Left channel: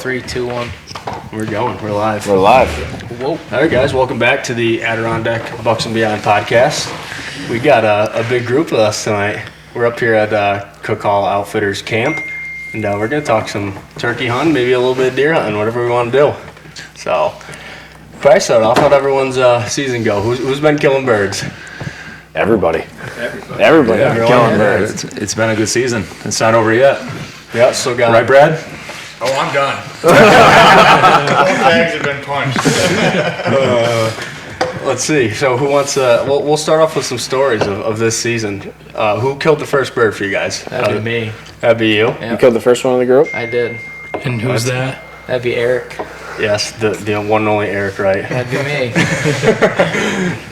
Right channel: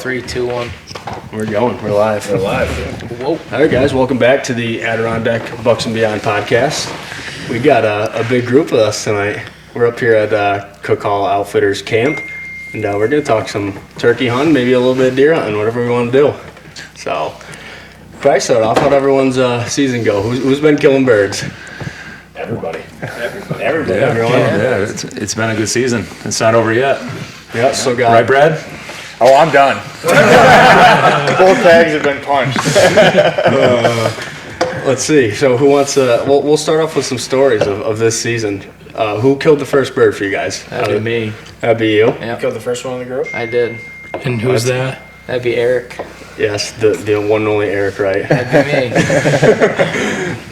3, 2, 1. We're going. We're live. We're live. Whoa. All right, guys. Welcome back to the Adirondack Bucks and Beyond podcast. We got a big group with us tonight. We're up here at Cooke Hollow Outfitters camp, and we're going to talk some turkey hunting, maybe a little bit of deer hunting, whatever we want to do. So, probably start off. How'd everyone's season go? Who's been killing birds? Everybody. Yeah, Everyone. Yeah, it's been a good season. It's not over yet. Yeah, still got Right, Brad? Oh, I'm done. Both bags have been punched. Let's see. So who wants to... We'll start off with some stories of this season. Who killed the first bird for you guys? That'd be me. That'd be you? Yeah. You killed the first one in the group? I did. And who's that? That'd be Eric. Yes, the one and only Eric Wright. That'd be me.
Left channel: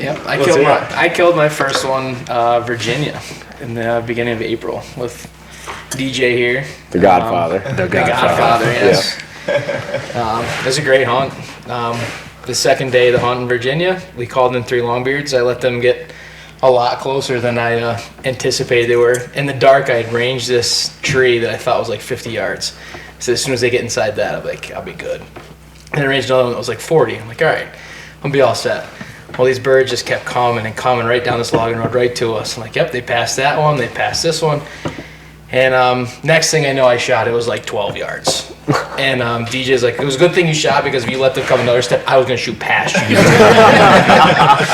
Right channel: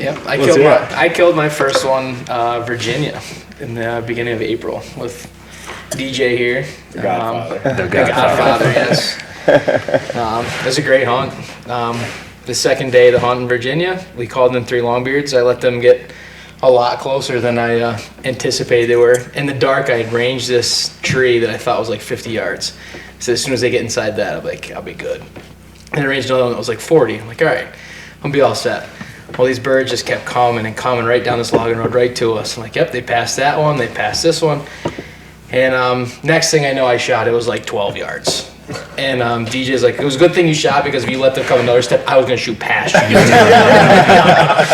Yep. What's I killed my first one, Virginia, in the beginning of April with DJ here. The Godfather. The Godfather, yes. It was a great hunt. The second day of the hunt in Virginia, we called in 3 longbeards. I let them get a lot closer than I anticipated they were. In the dark, I had ranged this tree that I thought was like 50 yards. So as soon as they get inside that, I'm like, I'll be good. And I ranged another one that was like 40. I'm like, all right, I'll be all set. Well, these birds just kept coming and coming right down this logging road right to us. I'm like, yep, they passed that one, they passed this one. And next thing I know, I shot, it was like 12 yards. And DJ's like, it was a good thing you shot because if you let them come another step, I was going to shoot past you.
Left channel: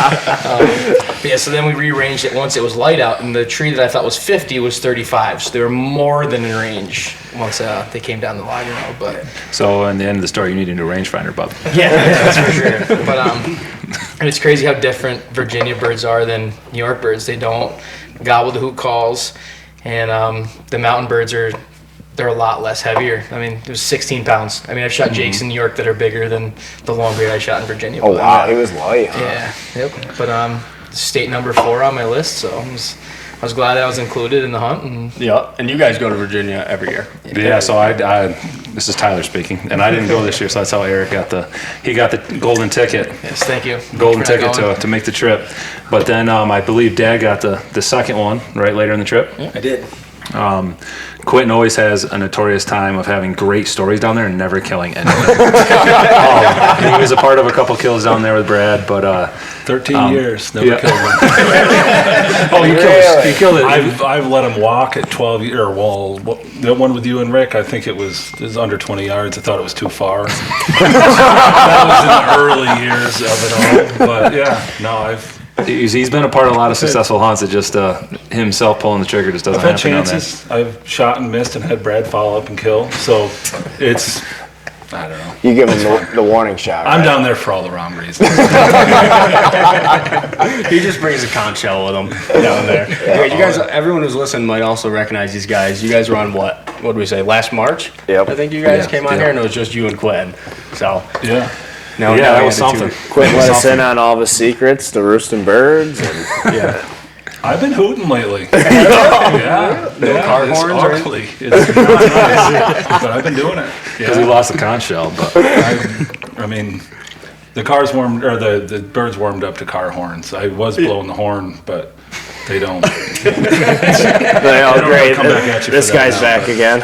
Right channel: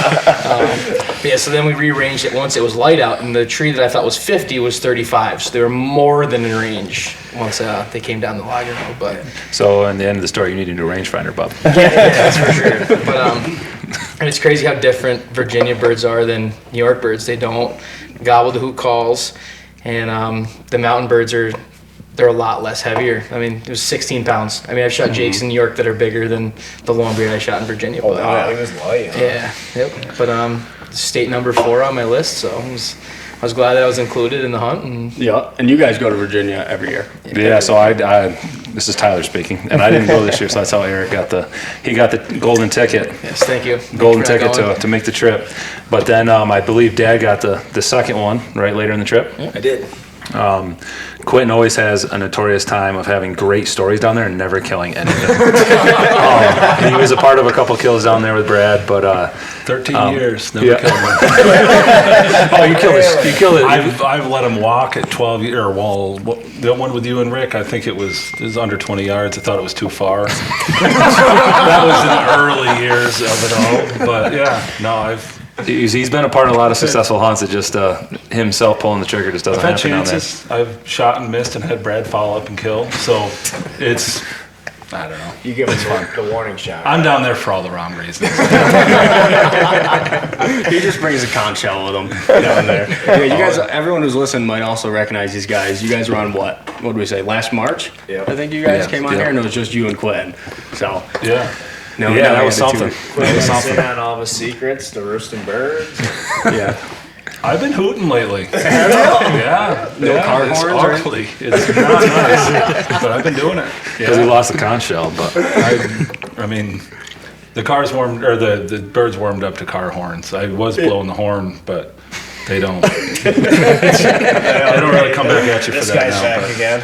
But yeah, so then we rearranged it once it was light out, and the tree that I thought was 50 was 35. So they were more than in range once they came down the logging road. But So, in the end of the story, you need a new rangefinder, bub. yeah, that's for sure. But and it's crazy how different Virginia birds are than New York birds. They don't gobble the hoot calls, and the mountain birds they're a lot less heavier. I mean, it was 16 pounds. I mean, I've shot jakes in New York that are bigger than the longbeard I shot in Virginia. Oh, but, wow. He was light. yeah, yep. But state number 4 on my list, so I was glad that I was included in the hunt. And Yeah, and you guys go to Virginia every year. Yeah, so I this is Tyler speaking, and I didn't go this year, so that's how Eric got the golden ticket. yes, thank you. Golden Thank you for ticket not to make the trip. But then I believe Dad got the second one, right, later in the trip. I did. Quinton always has a notorious time of having great stories down there and never killing anything. He was a part of a couple kills down there with Brad, but 13 years, never yeah. killed one. oh, you killed it. I've let him walk at 12 years. Well, the one with you and Rick, I think it was under 20 yards. I thought it was too far. That was in the early years of it all. But yeah, no, He's been a part of a lot of successful hunts. It just himself pulling the trigger just doesn't I've had happen down there. chances. I've shot and missed and had Brad follow up and kill. So it's, I don't know. You give him the warning shot. I'm down there for all the wrong reasons. He just brings a conch shell with him down there. Yeah, you guys, everyone who's listening might also recognize these guys. You guys were on what did we say, last March? Yep. I think you guys Yeah, came on yeah. here, and it was just you and Quinn. So, Yeah. now Yeah, that we was had the something. Quit That was letting us in something. on all of his secrets, the roosting birds. Yeah. I've been hooting lately. Yeah. No car it's horns or anything? ugly. It's not nice, but I've been doing it. Because he lost the conch shell, but I mean, the birds warmed up to car horns. I was blowing the horn, but they don't. They don't really come back at you This for that guy's now, back but- again.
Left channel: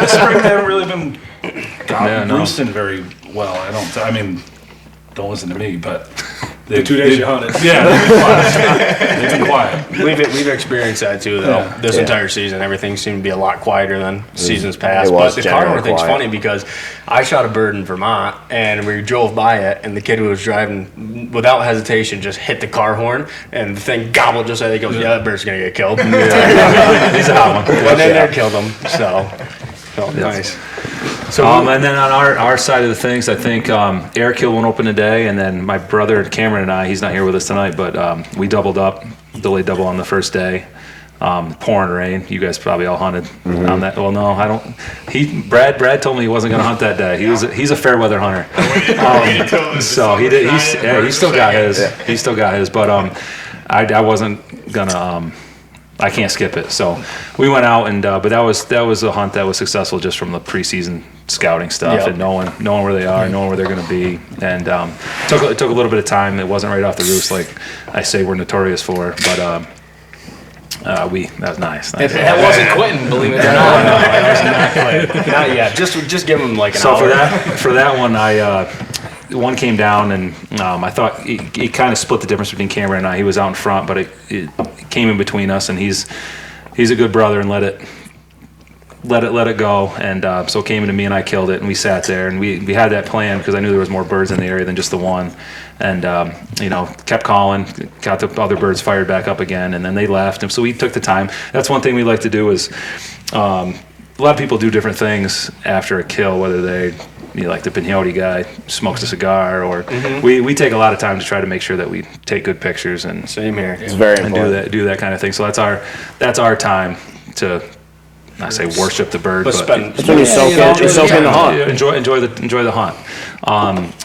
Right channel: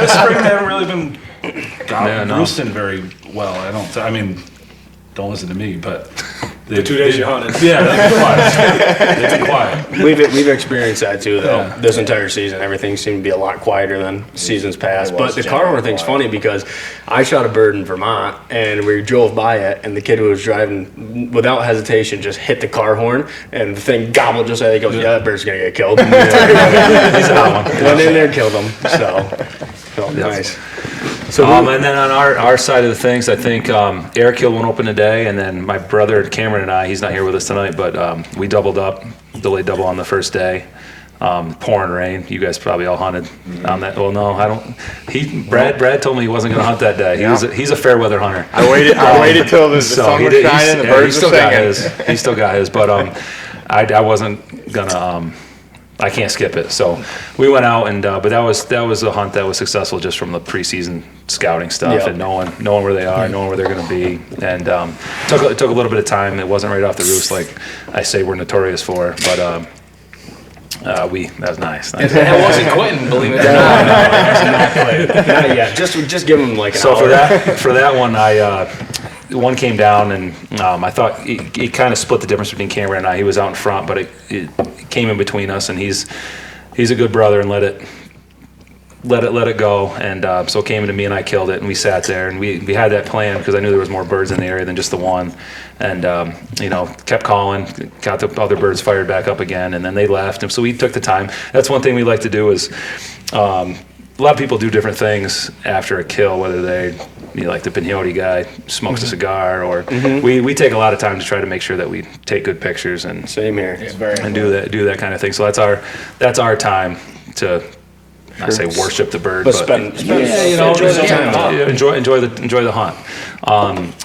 This spring they haven't really been roosting very well. I mean, don't listen to me, but The 2 days you hunted. Yeah, they've been quiet. We've experienced that too, though. Yeah. This entire season, everything seemed to be a lot quieter than seasons past. It was But the car horn generally thing's quiet. funny because I shot a bird in Vermont, and we drove by it, and the kid who was driving, without hesitation, just hit the car horn, and the thing gobbled just like he goes, "Yeah, that bird's gonna get killed." he's a hot one. Went in there, killed him. So, felt nice. So And then on our side of the things, I think Eric killed one open today, and then my brother Cameron and I, he's not here with us tonight, but we doubled up, delayed double on the first day. Pouring rain. You guys probably all hunted on that. Well, no, I don't. Brad told me he wasn't going to hunt that day. He's a fair weather hunter. I waited till the So sun he was did. shining, the He birds still were got singing. his. He still got his. But I wasn't gonna. I can't skip it. So we went out and but that was a hunt that was successful just from the preseason scouting stuff Yep. and knowing where they are, knowing where they're going to be, and it took a little bit of time. It wasn't right off the roost like I say we're notorious for, but That was nice. That wasn't Quinton, believe it or not. Not yet. Just give him like an So hour. for that one, one came down, and I thought it kind of split the difference between Cameron and I. He was out in front, but it came in between us, and he's a good brother and let it go. And so it came into me, and I killed it, and we sat there, and we had that plan because I knew there was more birds in the area than just the one, and kept calling, got the other birds fired back up again, and then they left, and so we took the time. That's one thing we like to do is. A lot of people do different things after a kill, whether like the peyote guy smokes a cigar, or we take a lot of time to try to make sure that we take good pictures and Same here. It's very and do that kind of thing. So that's our time to. I say worship the bird, but enjoy the hunt.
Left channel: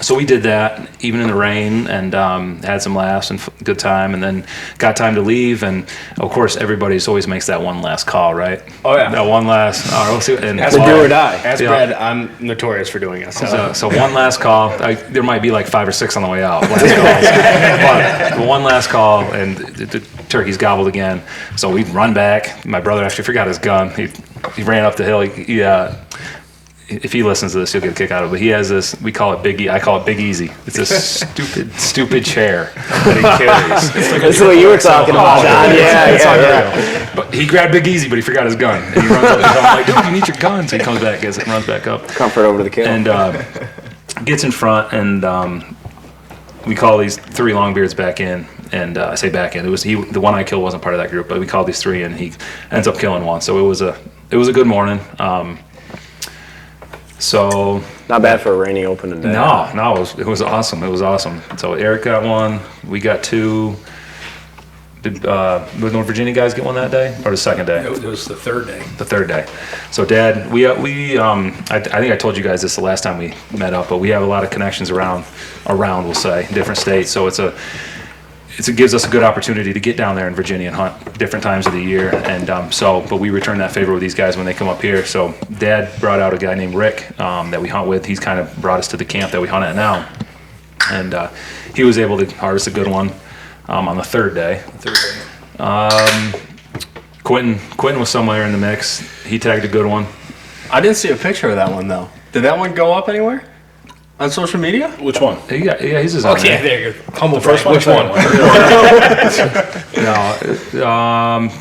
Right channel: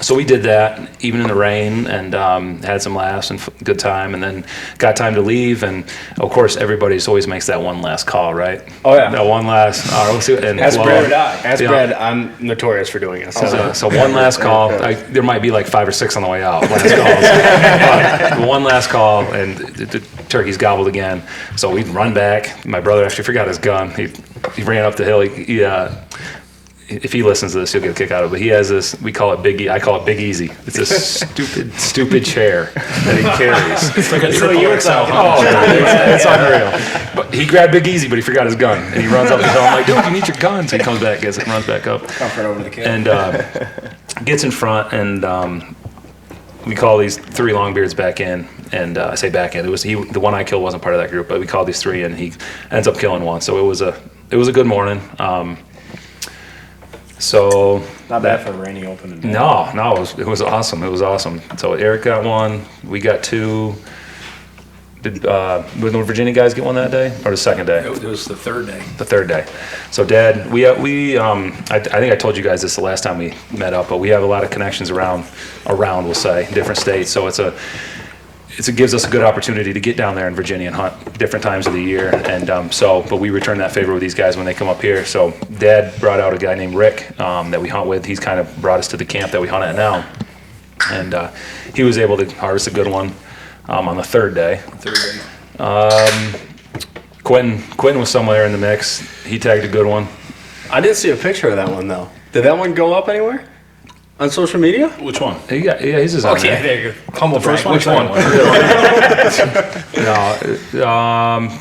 So we did that even in the rain, and had some laughs and good time, and then got time to leave. And of course, everybody's always makes that one last call, right? Oh yeah. That one last. And As Brad, I'm notorious for doing it. So one last call. There might be like 5 or 6 on the way out. But one last call, and the turkey's gobbled again. So we run back. My brother actually forgot his gun. He ran up the hill. If he listens to this, he'll get a kick out of it. But he has this. We call it Big E. I call it Big Easy. It's a stupid chair that he carries. It's like what you were talking about. It's unreal. But he grabbed Big Easy, but he forgot his gun, and he runs up the hill. I'm like, dude, you need your gun. So he comes back, gets it, and runs back up. Comfort over the kill. And gets in front, and we call these 3 longbeards back in, and I say back in. It was the one I killed wasn't part of that group, but we called these 3, and he ends up killing one. So it was a good morning. So not bad for a rainy opening day. No, it was awesome. It was awesome. So Eric got 1, we got 2. Did the Virginia guys get one that day, or the second day? It was the third day. The third day. So Dad, I think I told you guys this the last time we met up, but we have a lot of connections around we'll say, different states. So it gives us a good opportunity to get down there in Virginia and hunt different times of the year. And but we return that favor with these guys when they come up here. So Dad brought out a guy named Rick that we hunt with. He's kind of brought us to the camp that we hunt at now. And he was able to harvest a good one on the third day. Quinton was somewhere in the mix. He tagged a good one. I didn't see a picture of that one, though. Did that one go up anywhere? On social media? Which one? Yeah, he's just on there. There you go. Humble First brag. one. Which one? No, I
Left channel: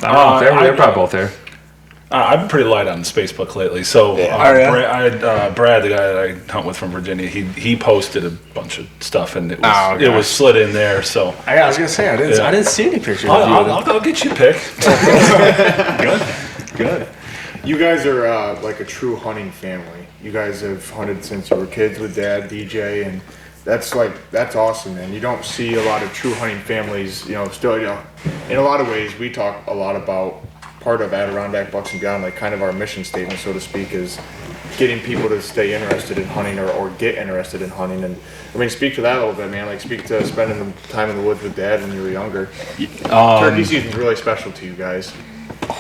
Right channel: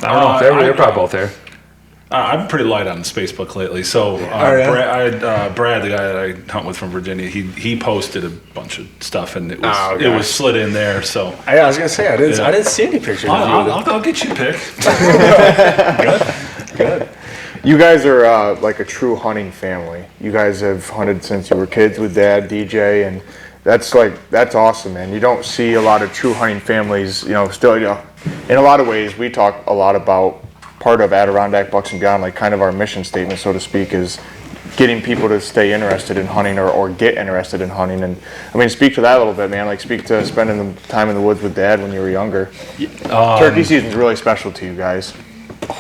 don't know. They're probably both there. I'm pretty light on Facebook lately. So Brad, the guy that I hunt with from Virginia, he posted a bunch of stuff, and it was slid in there. So I was gonna say I didn't see any pictures of you. I'll get you a pic. Good. You guys are like a true hunting family. You guys have hunted since you were kids with Dad, DJ, and that's awesome, man. You don't see a lot of true hunting families, still, in a lot of ways, we talk a lot about part of Adirondack Bucks and Beyond, like kind of our mission statement, so to speak, is getting people to stay interested in hunting or get interested in hunting. And I mean, speak to that a little bit, man. Like, speak to spending the time in the woods with Dad when you were younger. Turkey season's really special to you guys.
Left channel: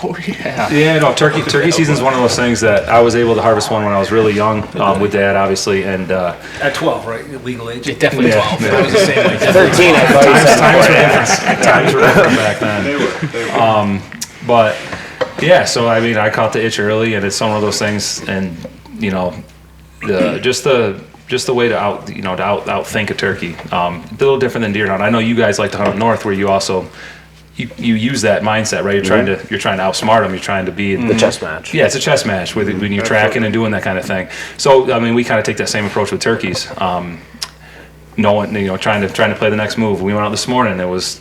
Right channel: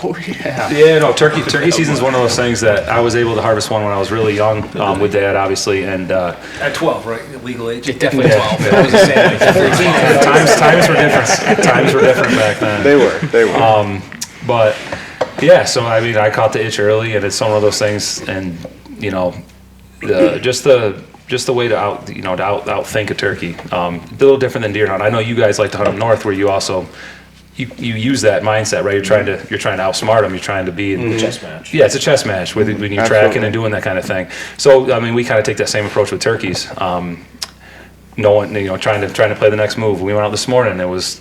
Oh yeah. Yeah, no, turkey season's one of those things that I was able to harvest one when I was really young with Dad, obviously, and At 12, right? Legal age? Definitely 12. Yeah. I was the same way. 13. times were different. Times were different back then. They were. But yeah, so I mean, I caught the itch early, and it's one of those things, and just the way to outthink a turkey. A little different than deer hunt. I know you guys like to hunt up north, where you also. You use that mindset, right? You're trying to outsmart them. You're trying to be The chess match. Yeah, it's a chess match when you're tracking and doing that kind of thing. So I mean, we kind of take that same approach with turkeys. Trying to play the next move. We went out this morning. It was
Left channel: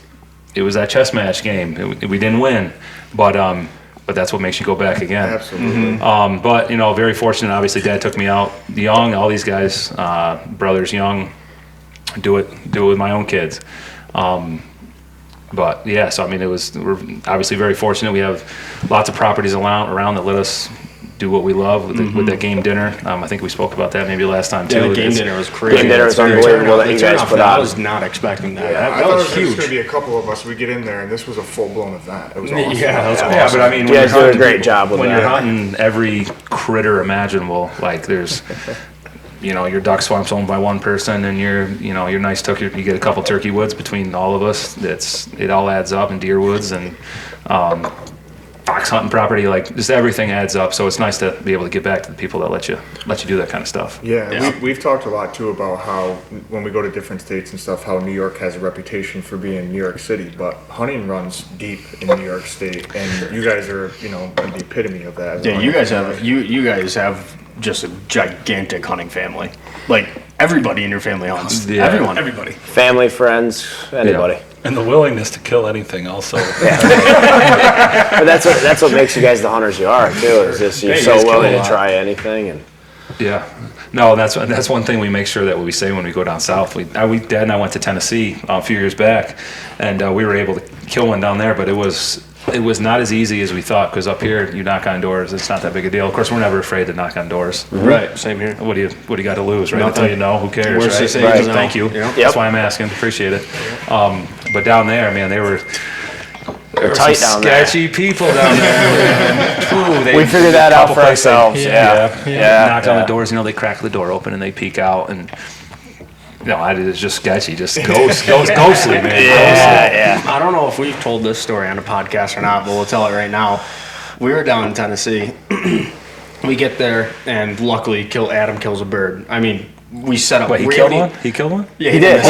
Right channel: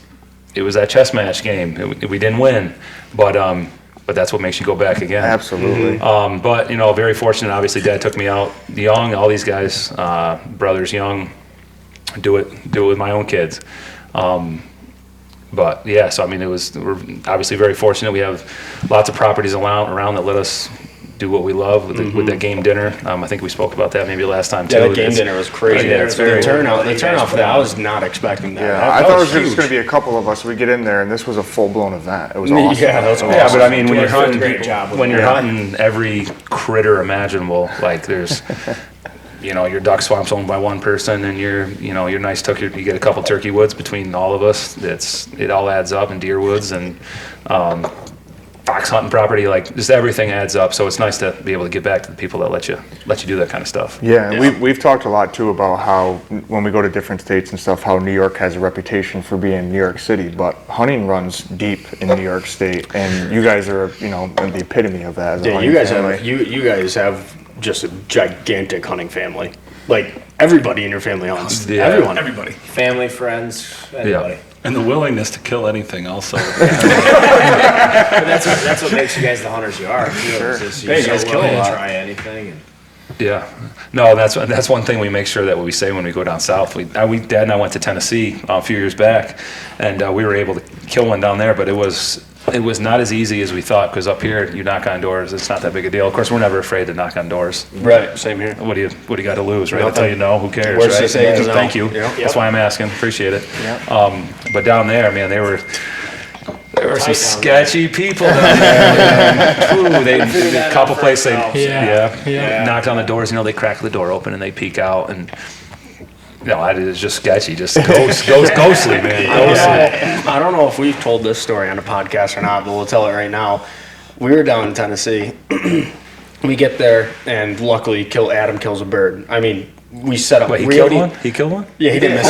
that chess match game. We didn't win, but that's what makes you go back again. Absolutely. But very fortunate. Obviously, Dad took me out young. All these guys, brothers young, do it with my own kids. But yeah, so I mean, we're obviously very fortunate. We have lots of properties around that let us do what we love with that game dinner. I think we spoke about that maybe last time too. Yeah, the game dinner was crazy. The turnout for that, I was not expecting that. Yeah, I That thought was it was huge. just going to be a couple of us. We get in there, and this was a full-blown event. It was awesome. Yeah, that was awesome. Yeah, but I mean, when Yeah, you're hunting, great job with when that. you're hunting every critter imaginable, like there's your duck swamp's owned by one person, and your nice you get a couple turkey woods between all of us. It all adds up, and deer woods and fox hunting property, like just everything adds up. So it's nice to be able to give back to the people that let you do that kind of stuff. Yeah. We've talked a lot too about how when we go to different states and stuff, how New York has a reputation for being New York City, but hunting runs deep in New York State, and you guys are the epitome of that. Yeah, you guys have just a gigantic hunting family. Like everybody in your family hunts. Yeah. Everybody. Family, friends, anybody. And the willingness to kill anything also. But that's what makes you guys the hunters you are too. Is just you're so willing to try anything. And Yeah, no, that's one thing we make sure that we say when we go down south. Dad and I went to Tennessee a few years back, and we were able to kill one down there, but it was not as easy as we thought, because up here you knock on doors, it's not that big a deal. Of course, we're never afraid to knock on doors. Right, same here. What do you got to lose, right? I'll tell you no, who cares, Worst right? to say is no. Thank you. Yeah. That's why I'm asking. Appreciate it. But down there, man, there were some sketchy people down there. Ooh, we figured that out for ourselves. Yeah. Knocked on the doors. They crack the door open and they peek out, and it's just sketchy, just ghostly, man. Yeah. I don't know if we've told this story on a podcast or not, but we'll tell it right now. We were down in Tennessee. We get there, and luckily, Adam kills a bird. I mean, we set up. Wait, he killed one? He killed one? Yeah, he did.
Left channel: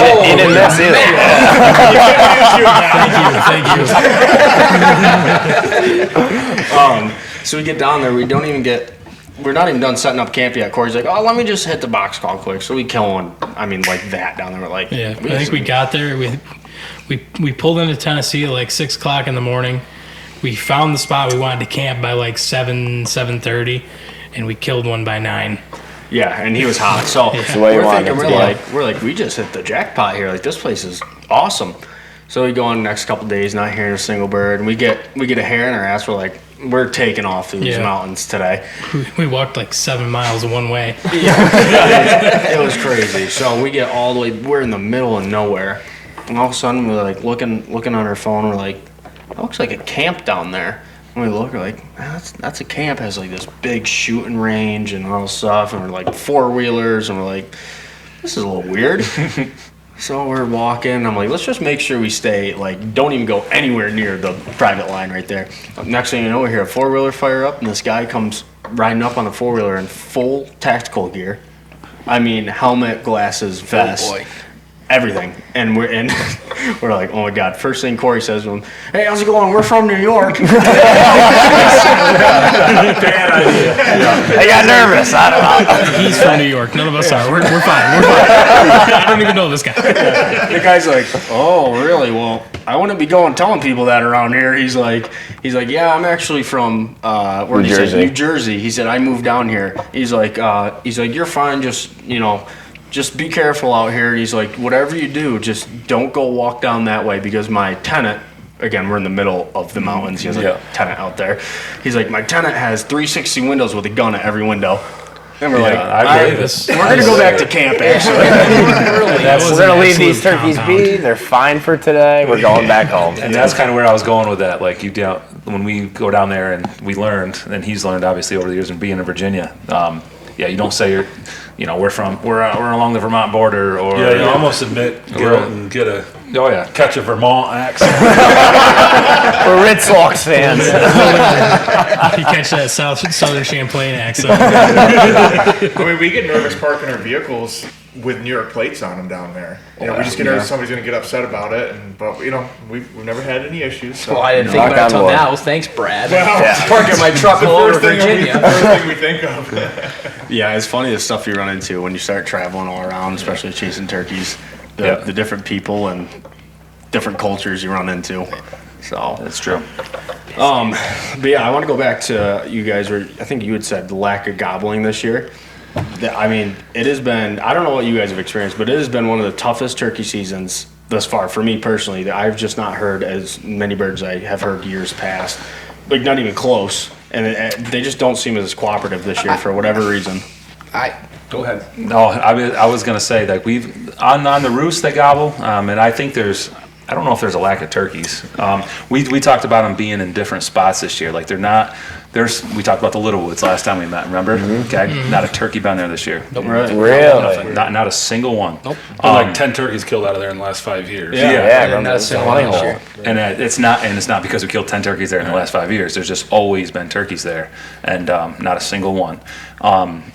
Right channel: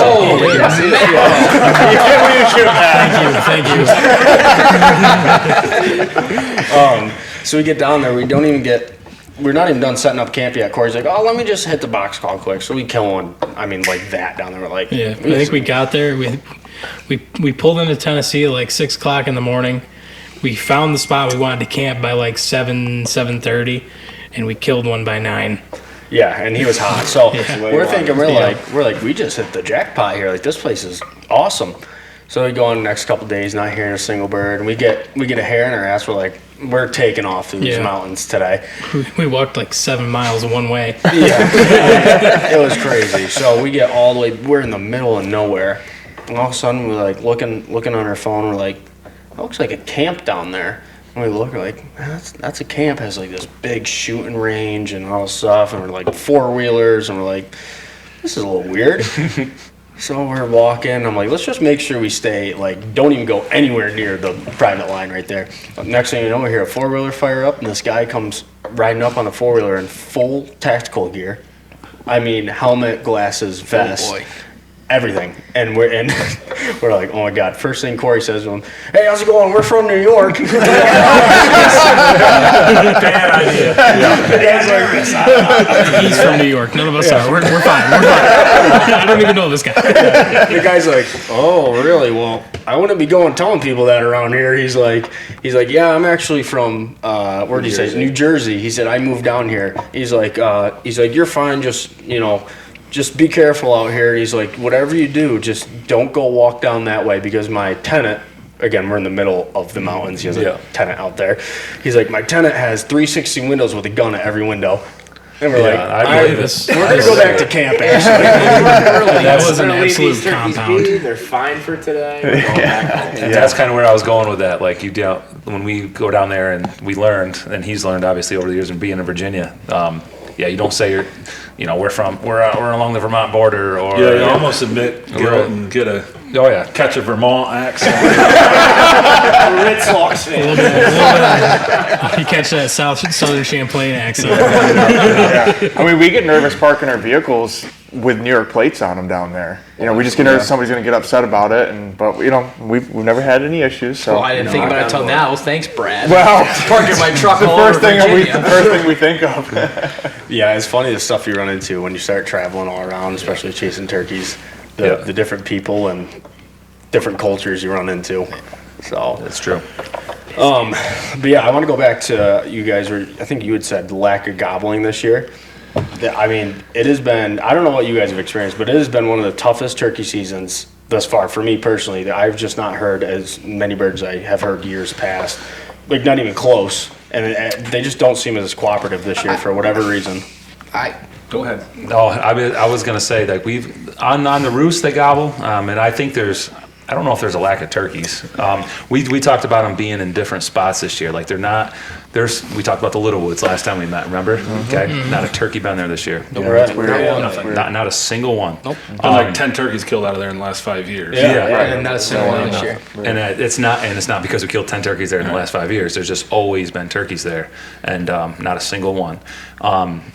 Thank you. So we get down there. We're not even done setting up camp yet. Corey's like, "Oh, let me just hit the box call quick." So we kill one. I mean, like that down there. We're like, I think we got there. We pulled into Tennessee at like 6 o'clock in the morning. We found the spot we wanted to camp by like 7:30, and we killed one by 9. Yeah, and he was hot. So we're thinking, we're like, we just hit the jackpot here. Like, this place is awesome. So we go on the next couple of days, not hearing a single bird, and we get a hair in our ass. We're like, we're taking off through these mountains today. We walked like 7 miles one way. Yeah, it was crazy. So we get all the way. We're in the middle of nowhere, and all of a sudden we're like looking on our phone. We're like, that looks like a camp down there. And we look, we're like, that's a camp. It has like this big shooting range and all this stuff, and we're like 4-wheelers, and we're like, this is a little weird. So we're walking. I'm like, let's just make sure we stay, like, don't even go anywhere near the private line right there. Next thing you know, we hear a 4-wheeler fire up, and this guy comes riding up on the 4-wheeler in full tactical gear. I mean, helmet, glasses, vest, everything. And we're like, oh my God. First thing Corey says to him, "Hey, how's it going? We're from New York." Bad idea. I got nervous. He's from New York. None of us are. We're fine. I don't even know this guy. The guy's like, "Oh, really? Well, I wouldn't be going telling people that around here." He's like, "Yeah, I'm actually from where did he say? New Jersey." He said, "I moved down here." He's like, "You're fine. Just be careful out here." He's like, "Whatever you do, just don't go walk down that way, because my tenant," again, we're in the middle of the mountains. He has a tenant out there. He's like, "My tenant has 360 windows with a gun at every window." And we're I believe this. We're going to go back to camp, actually. That was an We're gonna leave absolute these turkeys compound. be. They're fine for today. We're going back home. And that's kind of where I was going with that. Like when we go down there and we learned, and he's learned obviously over the years and being in Virginia. You don't say we're along the Vermont border, or You almost admit guilt and get a catch a Vermont accent. We're Red Sox fans. You catch that Southern Champlain accent. I mean, we get nervous parking our vehicles with New York plates on them down there. We just get nervous somebody's going to get upset about it, but we've never had any issues. So Well, I didn't think about it until now. Thanks, Brad. Well, Parking my truck all over Virginia. The first thing we think of. Yeah, it's funny the stuff you run into when you start traveling all around, especially chasing turkeys. The different people and different cultures you run into. So that's true. But yeah, I want to go back to you guys. I think you had said the lack of gobbling this year. I mean, it has been. I don't know what you guys have experienced, but it has been one of the toughest turkey seasons thus far for me personally. That I've just not heard as many birds I have heard years past. Like, not even close. And they just don't seem as cooperative this year for whatever reason. Go ahead. No, I was gonna say, like, we've on the roost they gobble, and I think there's I don't know if there's a lack of turkeys. We talked about them being in different spots this year. Like they're not. We talked about the Little Woods last time we met. Remember? Okay, not a turkey been there this year. Nope. Really? Nothing. Not a single one. Nope. Been like 10 turkeys killed out of there in the last 5 years. Yeah. And not a single one this year. And it's not because we killed 10 turkeys there in the last 5 years. There's just always been turkeys there, and not a single one.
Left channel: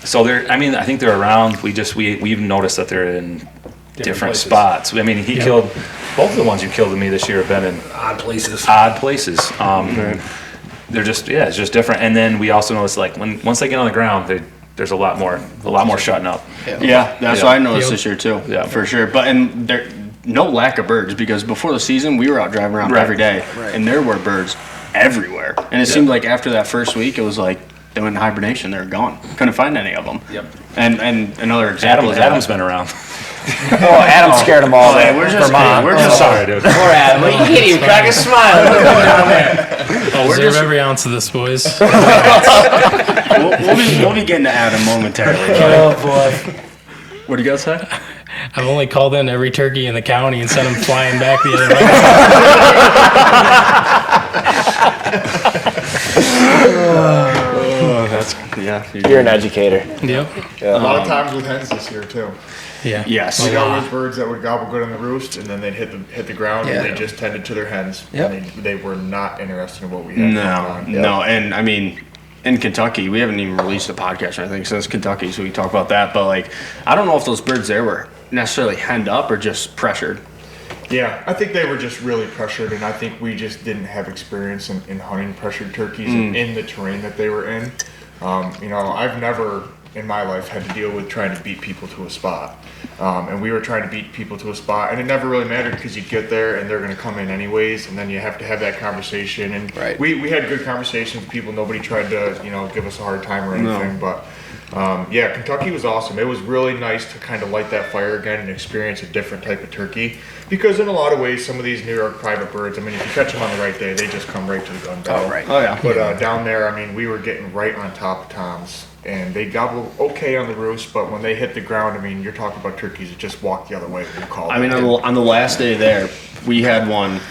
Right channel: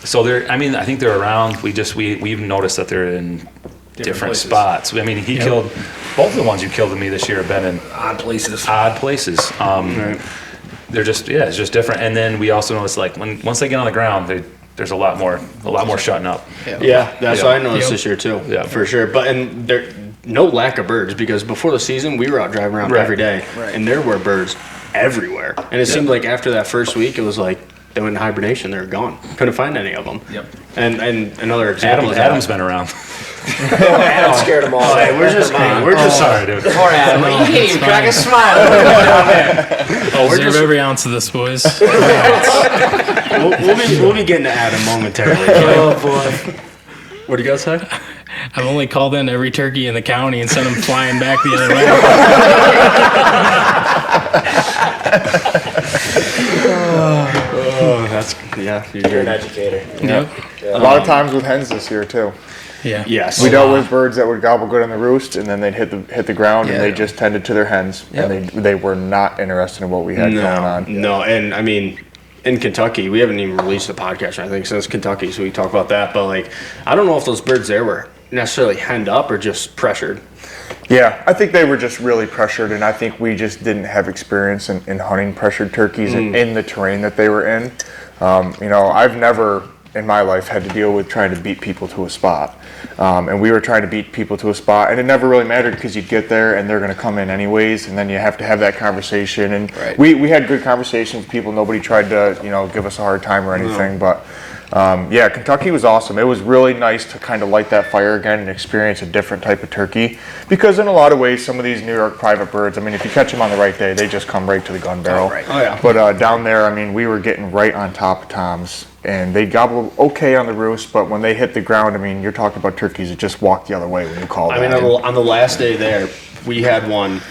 So they're. I mean, I think they're around. We've noticed that they're in different places. spots. I mean, he killed both of the ones you killed to me this year have been in Odd places. They're just it's just different. And then we also noticed like once they get on the ground, there's a lot more shutting up. Yeah, that's what I noticed this year too. Yeah. For sure. But and there no lack of birds because before the season we were out driving around every day, and there were birds everywhere. And it seemed like after that first week, it was like they went in hibernation. They were gone. Couldn't find any of them. Yep. And another example. Adam's been around. Oh, Adam scared them all. Hey, we're just Sorry, dude. Poor Adam. He can't even crack a smile. Deserve every ounce of this, boys. we'll be getting to Adam momentarily. Oh boy. What do you guys say? I've only called in every turkey in the county and sent them flying back the other way. You're an educator. Yep. A lot of times with hens this year too. Yeah. Yes. We dealt with birds that would gobble good on the roost, and then they'd hit the ground, Yeah. and they just tended to their hens. Yep. And they were not interested in what we had going on. No, and I mean, in Kentucky, we haven't even released a podcast or anything since Kentucky, so we talk about that. But like, I don't know if those birds there were necessarily henned up or just pressured. Yeah, I think they were just really pressured, and I think we just didn't have experience in hunting pressured turkeys in the terrain that they were in. I've never in my life had to deal with trying to beat people to a spot. And we were trying to beat people to a spot, and it never really mattered because you get there and they're going to come in anyways, and then you have to have that conversation. And Right. we had good conversations with people. Nobody tried to, give us a hard time or anything. But Kentucky was awesome. It was really nice to kind of light that fire again and experience a different type of turkey. Because in a lot of ways, some of these New York private birds, I mean, if you catch them on the right day, they just come right to the gun barrel. Oh, right. Oh, yeah. But down there, I mean, we were getting right on top of toms. And they gobble okay on the roost, but when they hit the ground, I mean, you're talking about turkeys that just walk the other way when you call them. I mean, on the last day there, we had one,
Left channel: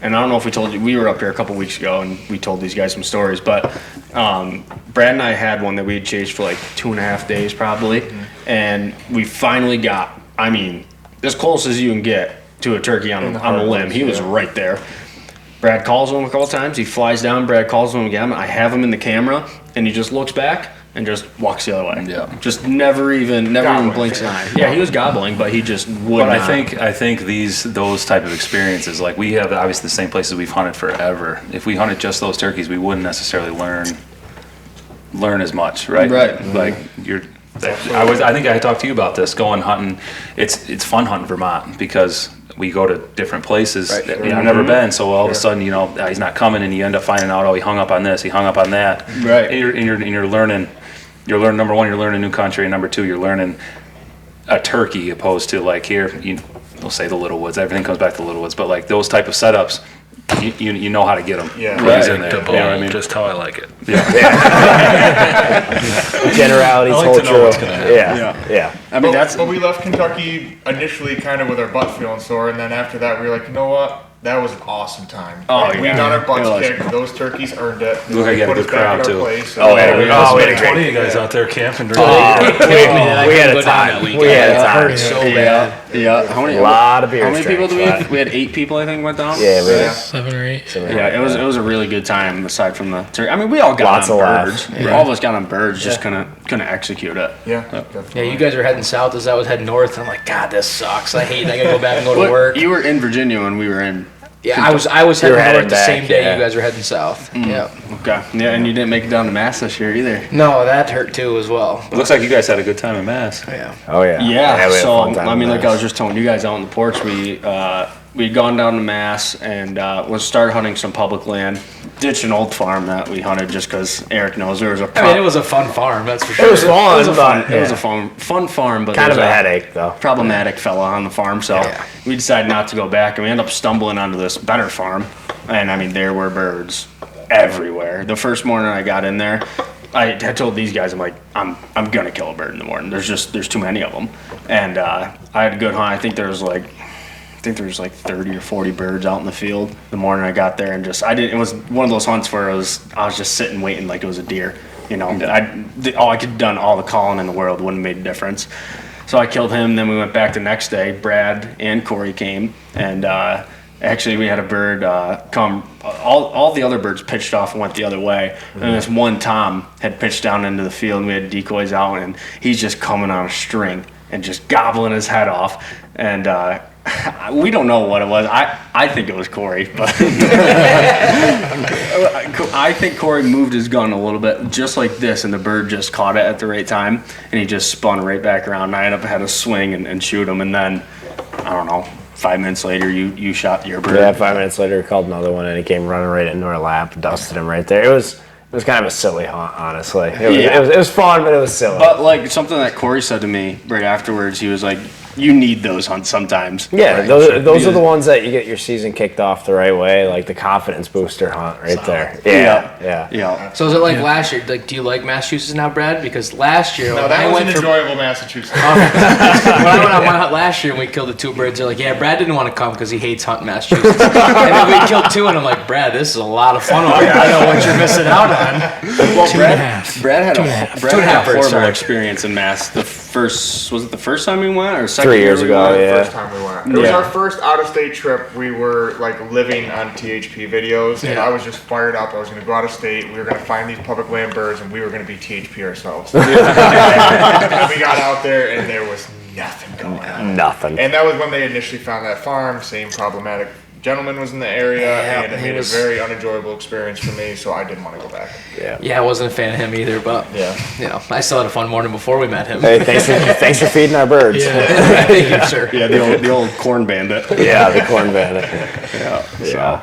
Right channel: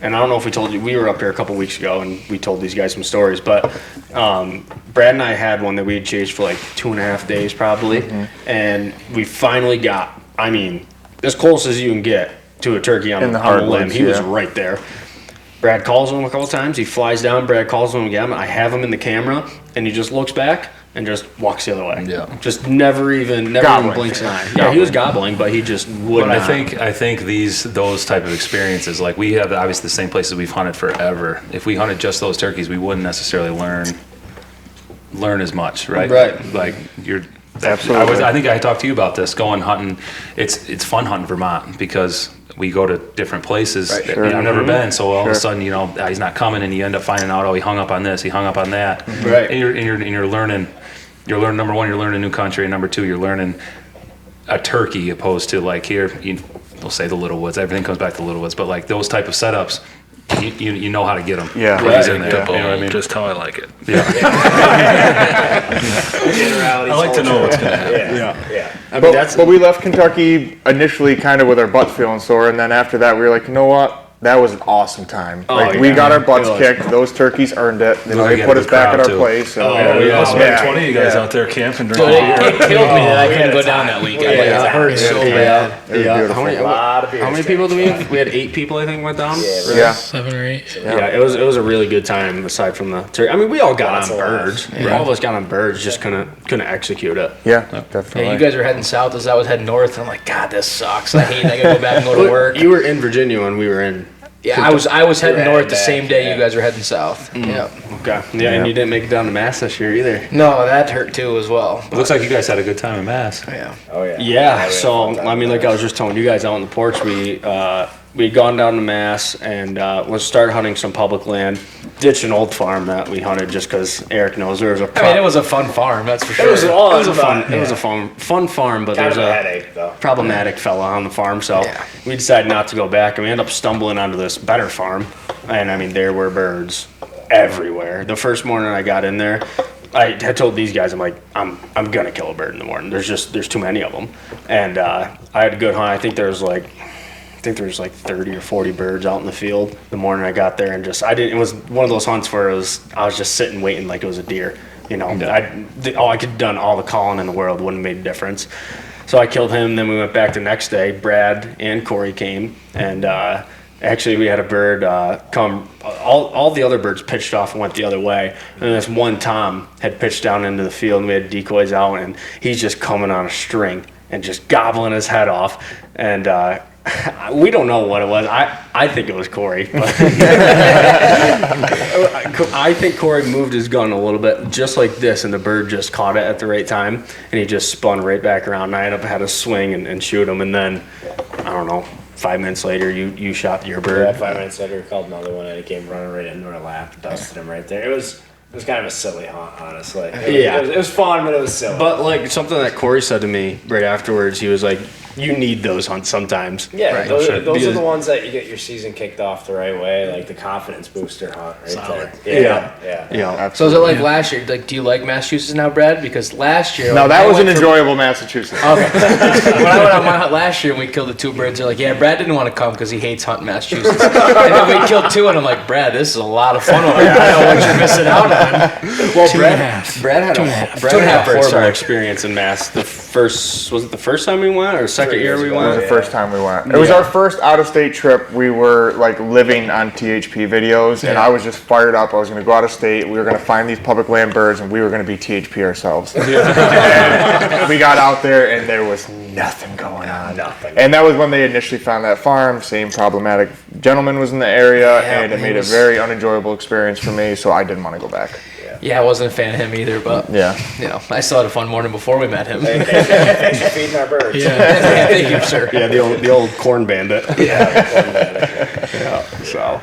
and I don't know if we told you, we were up here a couple weeks ago, and we told these guys some stories, but Brad and I had one that we had chased for like 2.5 days probably, and we finally got, I mean, as close as you can get to a turkey on the limb. He was right there. Brad calls him a couple times. He flies down. Brad calls him again. I have him in the camera, and he just looks back and just walks the other way. Yeah. Just never even blinks an eye. Yeah, he was gobbling, but he just would But not. I think those type of experiences, like we have obviously the same places we've hunted forever. If we hunted just those turkeys, we wouldn't necessarily learn as much, right? Right. Like I think I talked to you about this. Going hunting, it's fun hunting Vermont because we go to different places that I've never been. So all of a sudden, he's not coming, and you end up finding out, he hung up on this, he hung up on that. Right. And you're learning. You're learning, number one, you're learning a new country, and number two, you're learning a turkey opposed to like here, we'll say the Little Woods. Everything comes back to Little Woods, but like those type of setups, you know how to get them. Yeah. When he's in there. You know what I mean? Just how I like it. Generalities. I like to know what's going to happen. Yeah. I mean, But we left Kentucky initially kind of with our butts feeling sore, and then after that we were like, you know what? That was an awesome time. We got our butts kicked. Those turkeys earned it. Look, I They got put a us good back in crowd, our too. place. So There's been 20 of you guys out there camping during the year. It killed me that I couldn't go down that weekend. It hurt so bad. Yeah. How many How many people do we have? We had 8 people, I think, went down. Yeah. 7 or 8. Yeah, it was a really good time aside from the turkey. I mean, we all got Lots on of laughs. birds. All of us got on birds, just couldn't execute it. Yeah, definitely. Yeah, you guys were heading south as I was heading north. I'm like, God, this sucks. I hate it. I gotta go back and go to work. You were in Virginia when we were in. Yeah, I was heading heading north the back, same day yeah. you guys were heading south. Yeah. Okay. Yeah, and you didn't make it down to Mass this year either. No, that hurt too as well. It looks like you guys had a good time in Mass. Yeah. Oh yeah. Yeah, we had a so fun time I mean, with like I was just telling you guys out on the porch, we'd gone down to Mass and was started hunting some public land, ditched an old farm that we hunted just because Eric knows there was a. I mean, it was a fun farm, that's for sure. It was a fun farm, but kind there's of a headache though. problematic fella on the farm, so Yeah. we decided not to go back, and we ended up stumbling onto this better farm, and I mean, there were birds everywhere. The first morning I got in there, I had told these guys, I'm like, I'm gonna kill a bird in the morning. There's too many of them, and I had a good hunt. I think there was like think there was like 30 or 40 birds out in the field the morning I got there, and it was one of those hunts where I was just sitting waiting like it was a deer. You know, I could have done all the calling in the world, wouldn't have made a difference. So I killed him. Then we went back the next day. Brad and Corey came, and actually we had a bird come. All the other birds pitched off and went the other way, and this one Tom had pitched down into the field. And we had decoys out, and he's just coming on a string and just gobbling his head off. And we don't know what it was. I think it was Corey, but I think Corey moved his gun a little bit, just like this, and the bird just caught it at the right time, and he just spun right back around. And I ended up had to swing and shoot him, and then I don't know. 5 minutes later, you shot your bird. Yeah, 5 minutes later, called another one, and he came running right into our lap, dusted him right there. It was kind of a silly hunt, honestly. It was fun, but it was silly. But like something that Corey said to me right afterwards, he was like, "You need those hunts sometimes." Yeah, right? those are the ones that you get your season kicked off the right way, like the confidence booster hunt right there. Yeah. So is it like last year? Like, do you like Massachusetts now, Brad? Because last year, No, when that I was went an for- enjoyable Massachusetts. when I went on my hunt last year and we killed the 2 birds, they're like, yeah, Brad didn't want to come because he hates hunting Massachusetts. And then we killed 2, and I'm like, Brad, this is a lot of fun over here. I know what you're missing out on. Well, 2.5. Brad had a 2.5 birds, horrible sorry. experience in Mass. Was it the first time we went or second 3 year years we ago, went? yeah. First time we went. It was our first out-of-state trip. We were like living on THP videos, and I was just fired up. I was going to go out of state. We were going to find these public land birds, and we were going to be THP ourselves. And we got out there, and there was nothing going on. Nothing. And that was when they initially found that farm. Same problematic gentleman was in the area, and it made a very unenjoyable experience for me. So I didn't want to go back. Yeah, I wasn't a fan of him either, but I still had a fun morning before we met him. Hey, thanks for feeding our birds. Yeah. Thank you, sir. Yeah, the old corn bandit. Yeah, the corn bandit. So,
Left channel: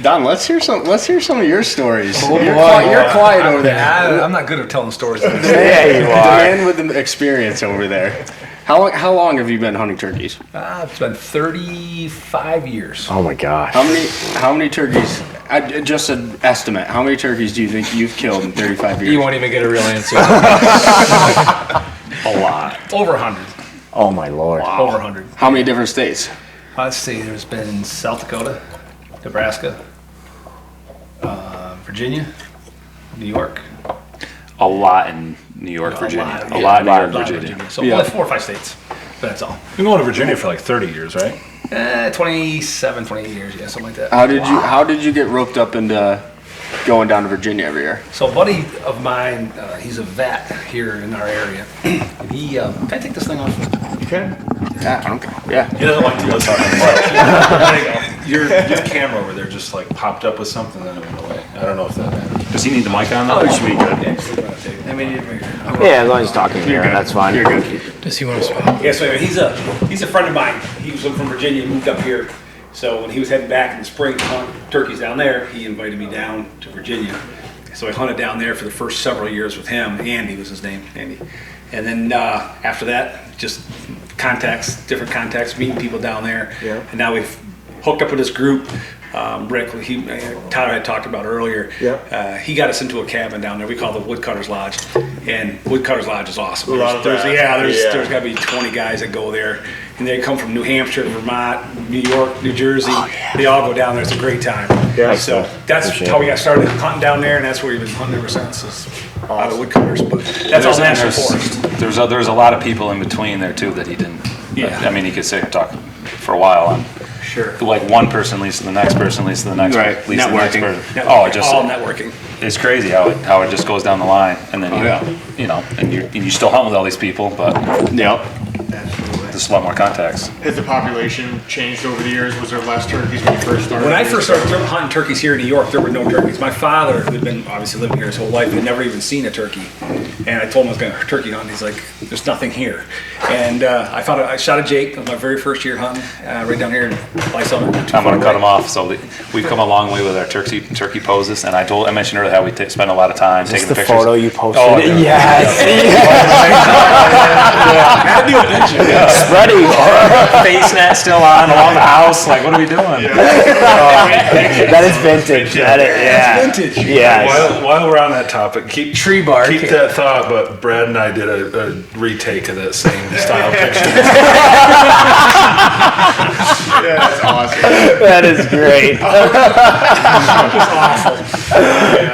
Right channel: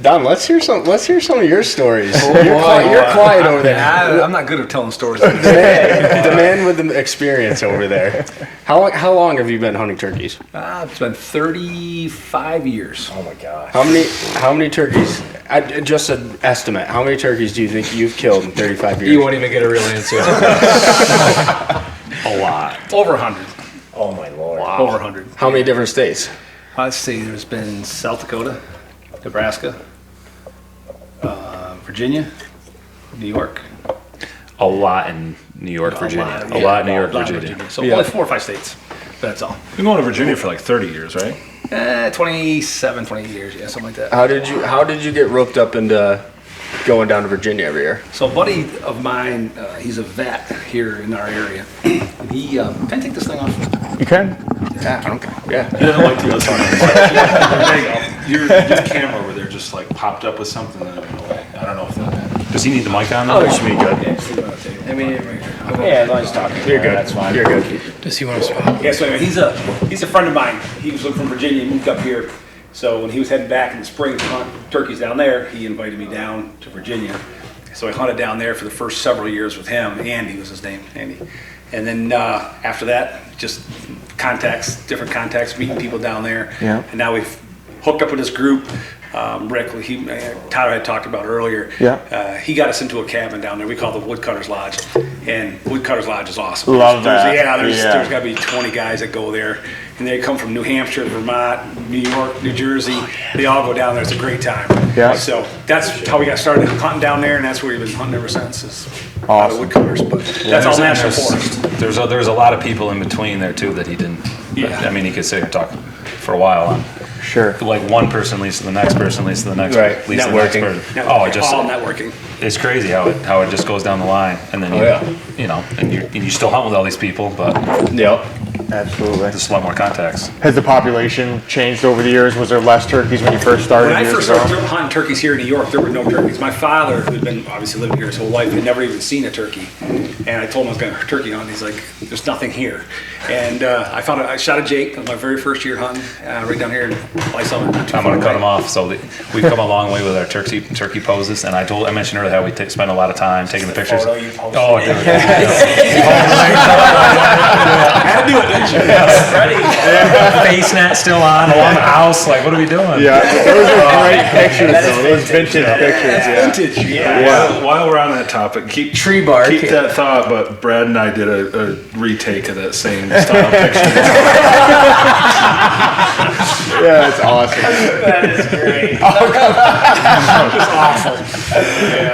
Don, let's hear some of your stories. Oh, you're quiet over there. I'm not good at telling stories. The man with the experience over there. How long have you been hunting turkeys? It's been 35 years. Oh my gosh. How many turkeys? Just an estimate. How many turkeys do you think you've killed in 35 years? You won't even get a real answer. A lot. Over 100. Oh my lord. Wow. Over 100. How many different states? Let's see. There's been South Dakota, Nebraska, Virginia, New York. A lot in New York, Virginia. A lot in New York, Virginia. So only 4 or 5 states. That's all. You've been going to Virginia for like 30 years, right? 27, 28 years, yeah, something like that. How did you get roped up into going down to Virginia every year? So a buddy of mine, he's a vet here in our area. And he, can I take this thing off? You can? Yeah, I don't care. Yeah. He doesn't like to go talking. Your camera over there just like popped up with something and it went away. I don't know if that. Does he need the mic on? Oh, though? it should be good. Yeah, as long as he's talking. You're good. That's fine. You're good. Does he want to swap? Yeah, so anyway, he's a friend of mine. He was from Virginia and moved up here. So when he was heading back in the spring to hunt turkeys down there, he invited me down to Virginia. So I hunted down there for the first several years with him. Andy was his name, Andy. And then after that, just different contacts, meeting people down there. Yeah. And now we've hooked up with this group. Rick, Tyler had talked about earlier. Yeah. He got us into a cabin down there. We call it the Woodcutter's Lodge, and Woodcutter's Lodge is awesome. Love that. There's got to be 20 guys that go there, and they come from New Hampshire, Vermont, New York, New Jersey. They all go down there. It's a great time. Yeah. So that's how we got started hunting down there, and that's where we've been hunting ever since. Is out of Woodcutters, but that's all national forest. There's a lot of people in between there too that he didn't. Yeah. I mean, he could sit here and talk for a while on. Sure. Like one person leads to the next person, leads to the next, Right. leads to the next Networking. person. Oh, it just all networking. it's crazy how it just goes down the line, and then and you still hunt with all these people, but Yep. Absolutely. just a lot more contacts. Has the population changed over the years? Was there less turkeys when you first started? When I years first ago? started hunting turkeys here in New York, there were no turkeys. My father, who'd been obviously living here his whole life, had never even seen a turkey. And I told him I was going to turkey hunt. He's like, "There's nothing here." And I shot a Jake on my very first year hunting right down here in Lysol. I'm gonna cut them off. So we've come a long way with our turkey poses, and I mentioned earlier how we spend a lot of time taking the pictures. Photo you posted. Oh, it? yeah. I had to do Face net still on along the house. Like, what are we doing? That is vintage. That's vintage. Yeah. While we're on that topic, keep Tree bark. Keep that thought. But Brad and I did a retake of that same style picture. Yeah, that's awesome. That is great.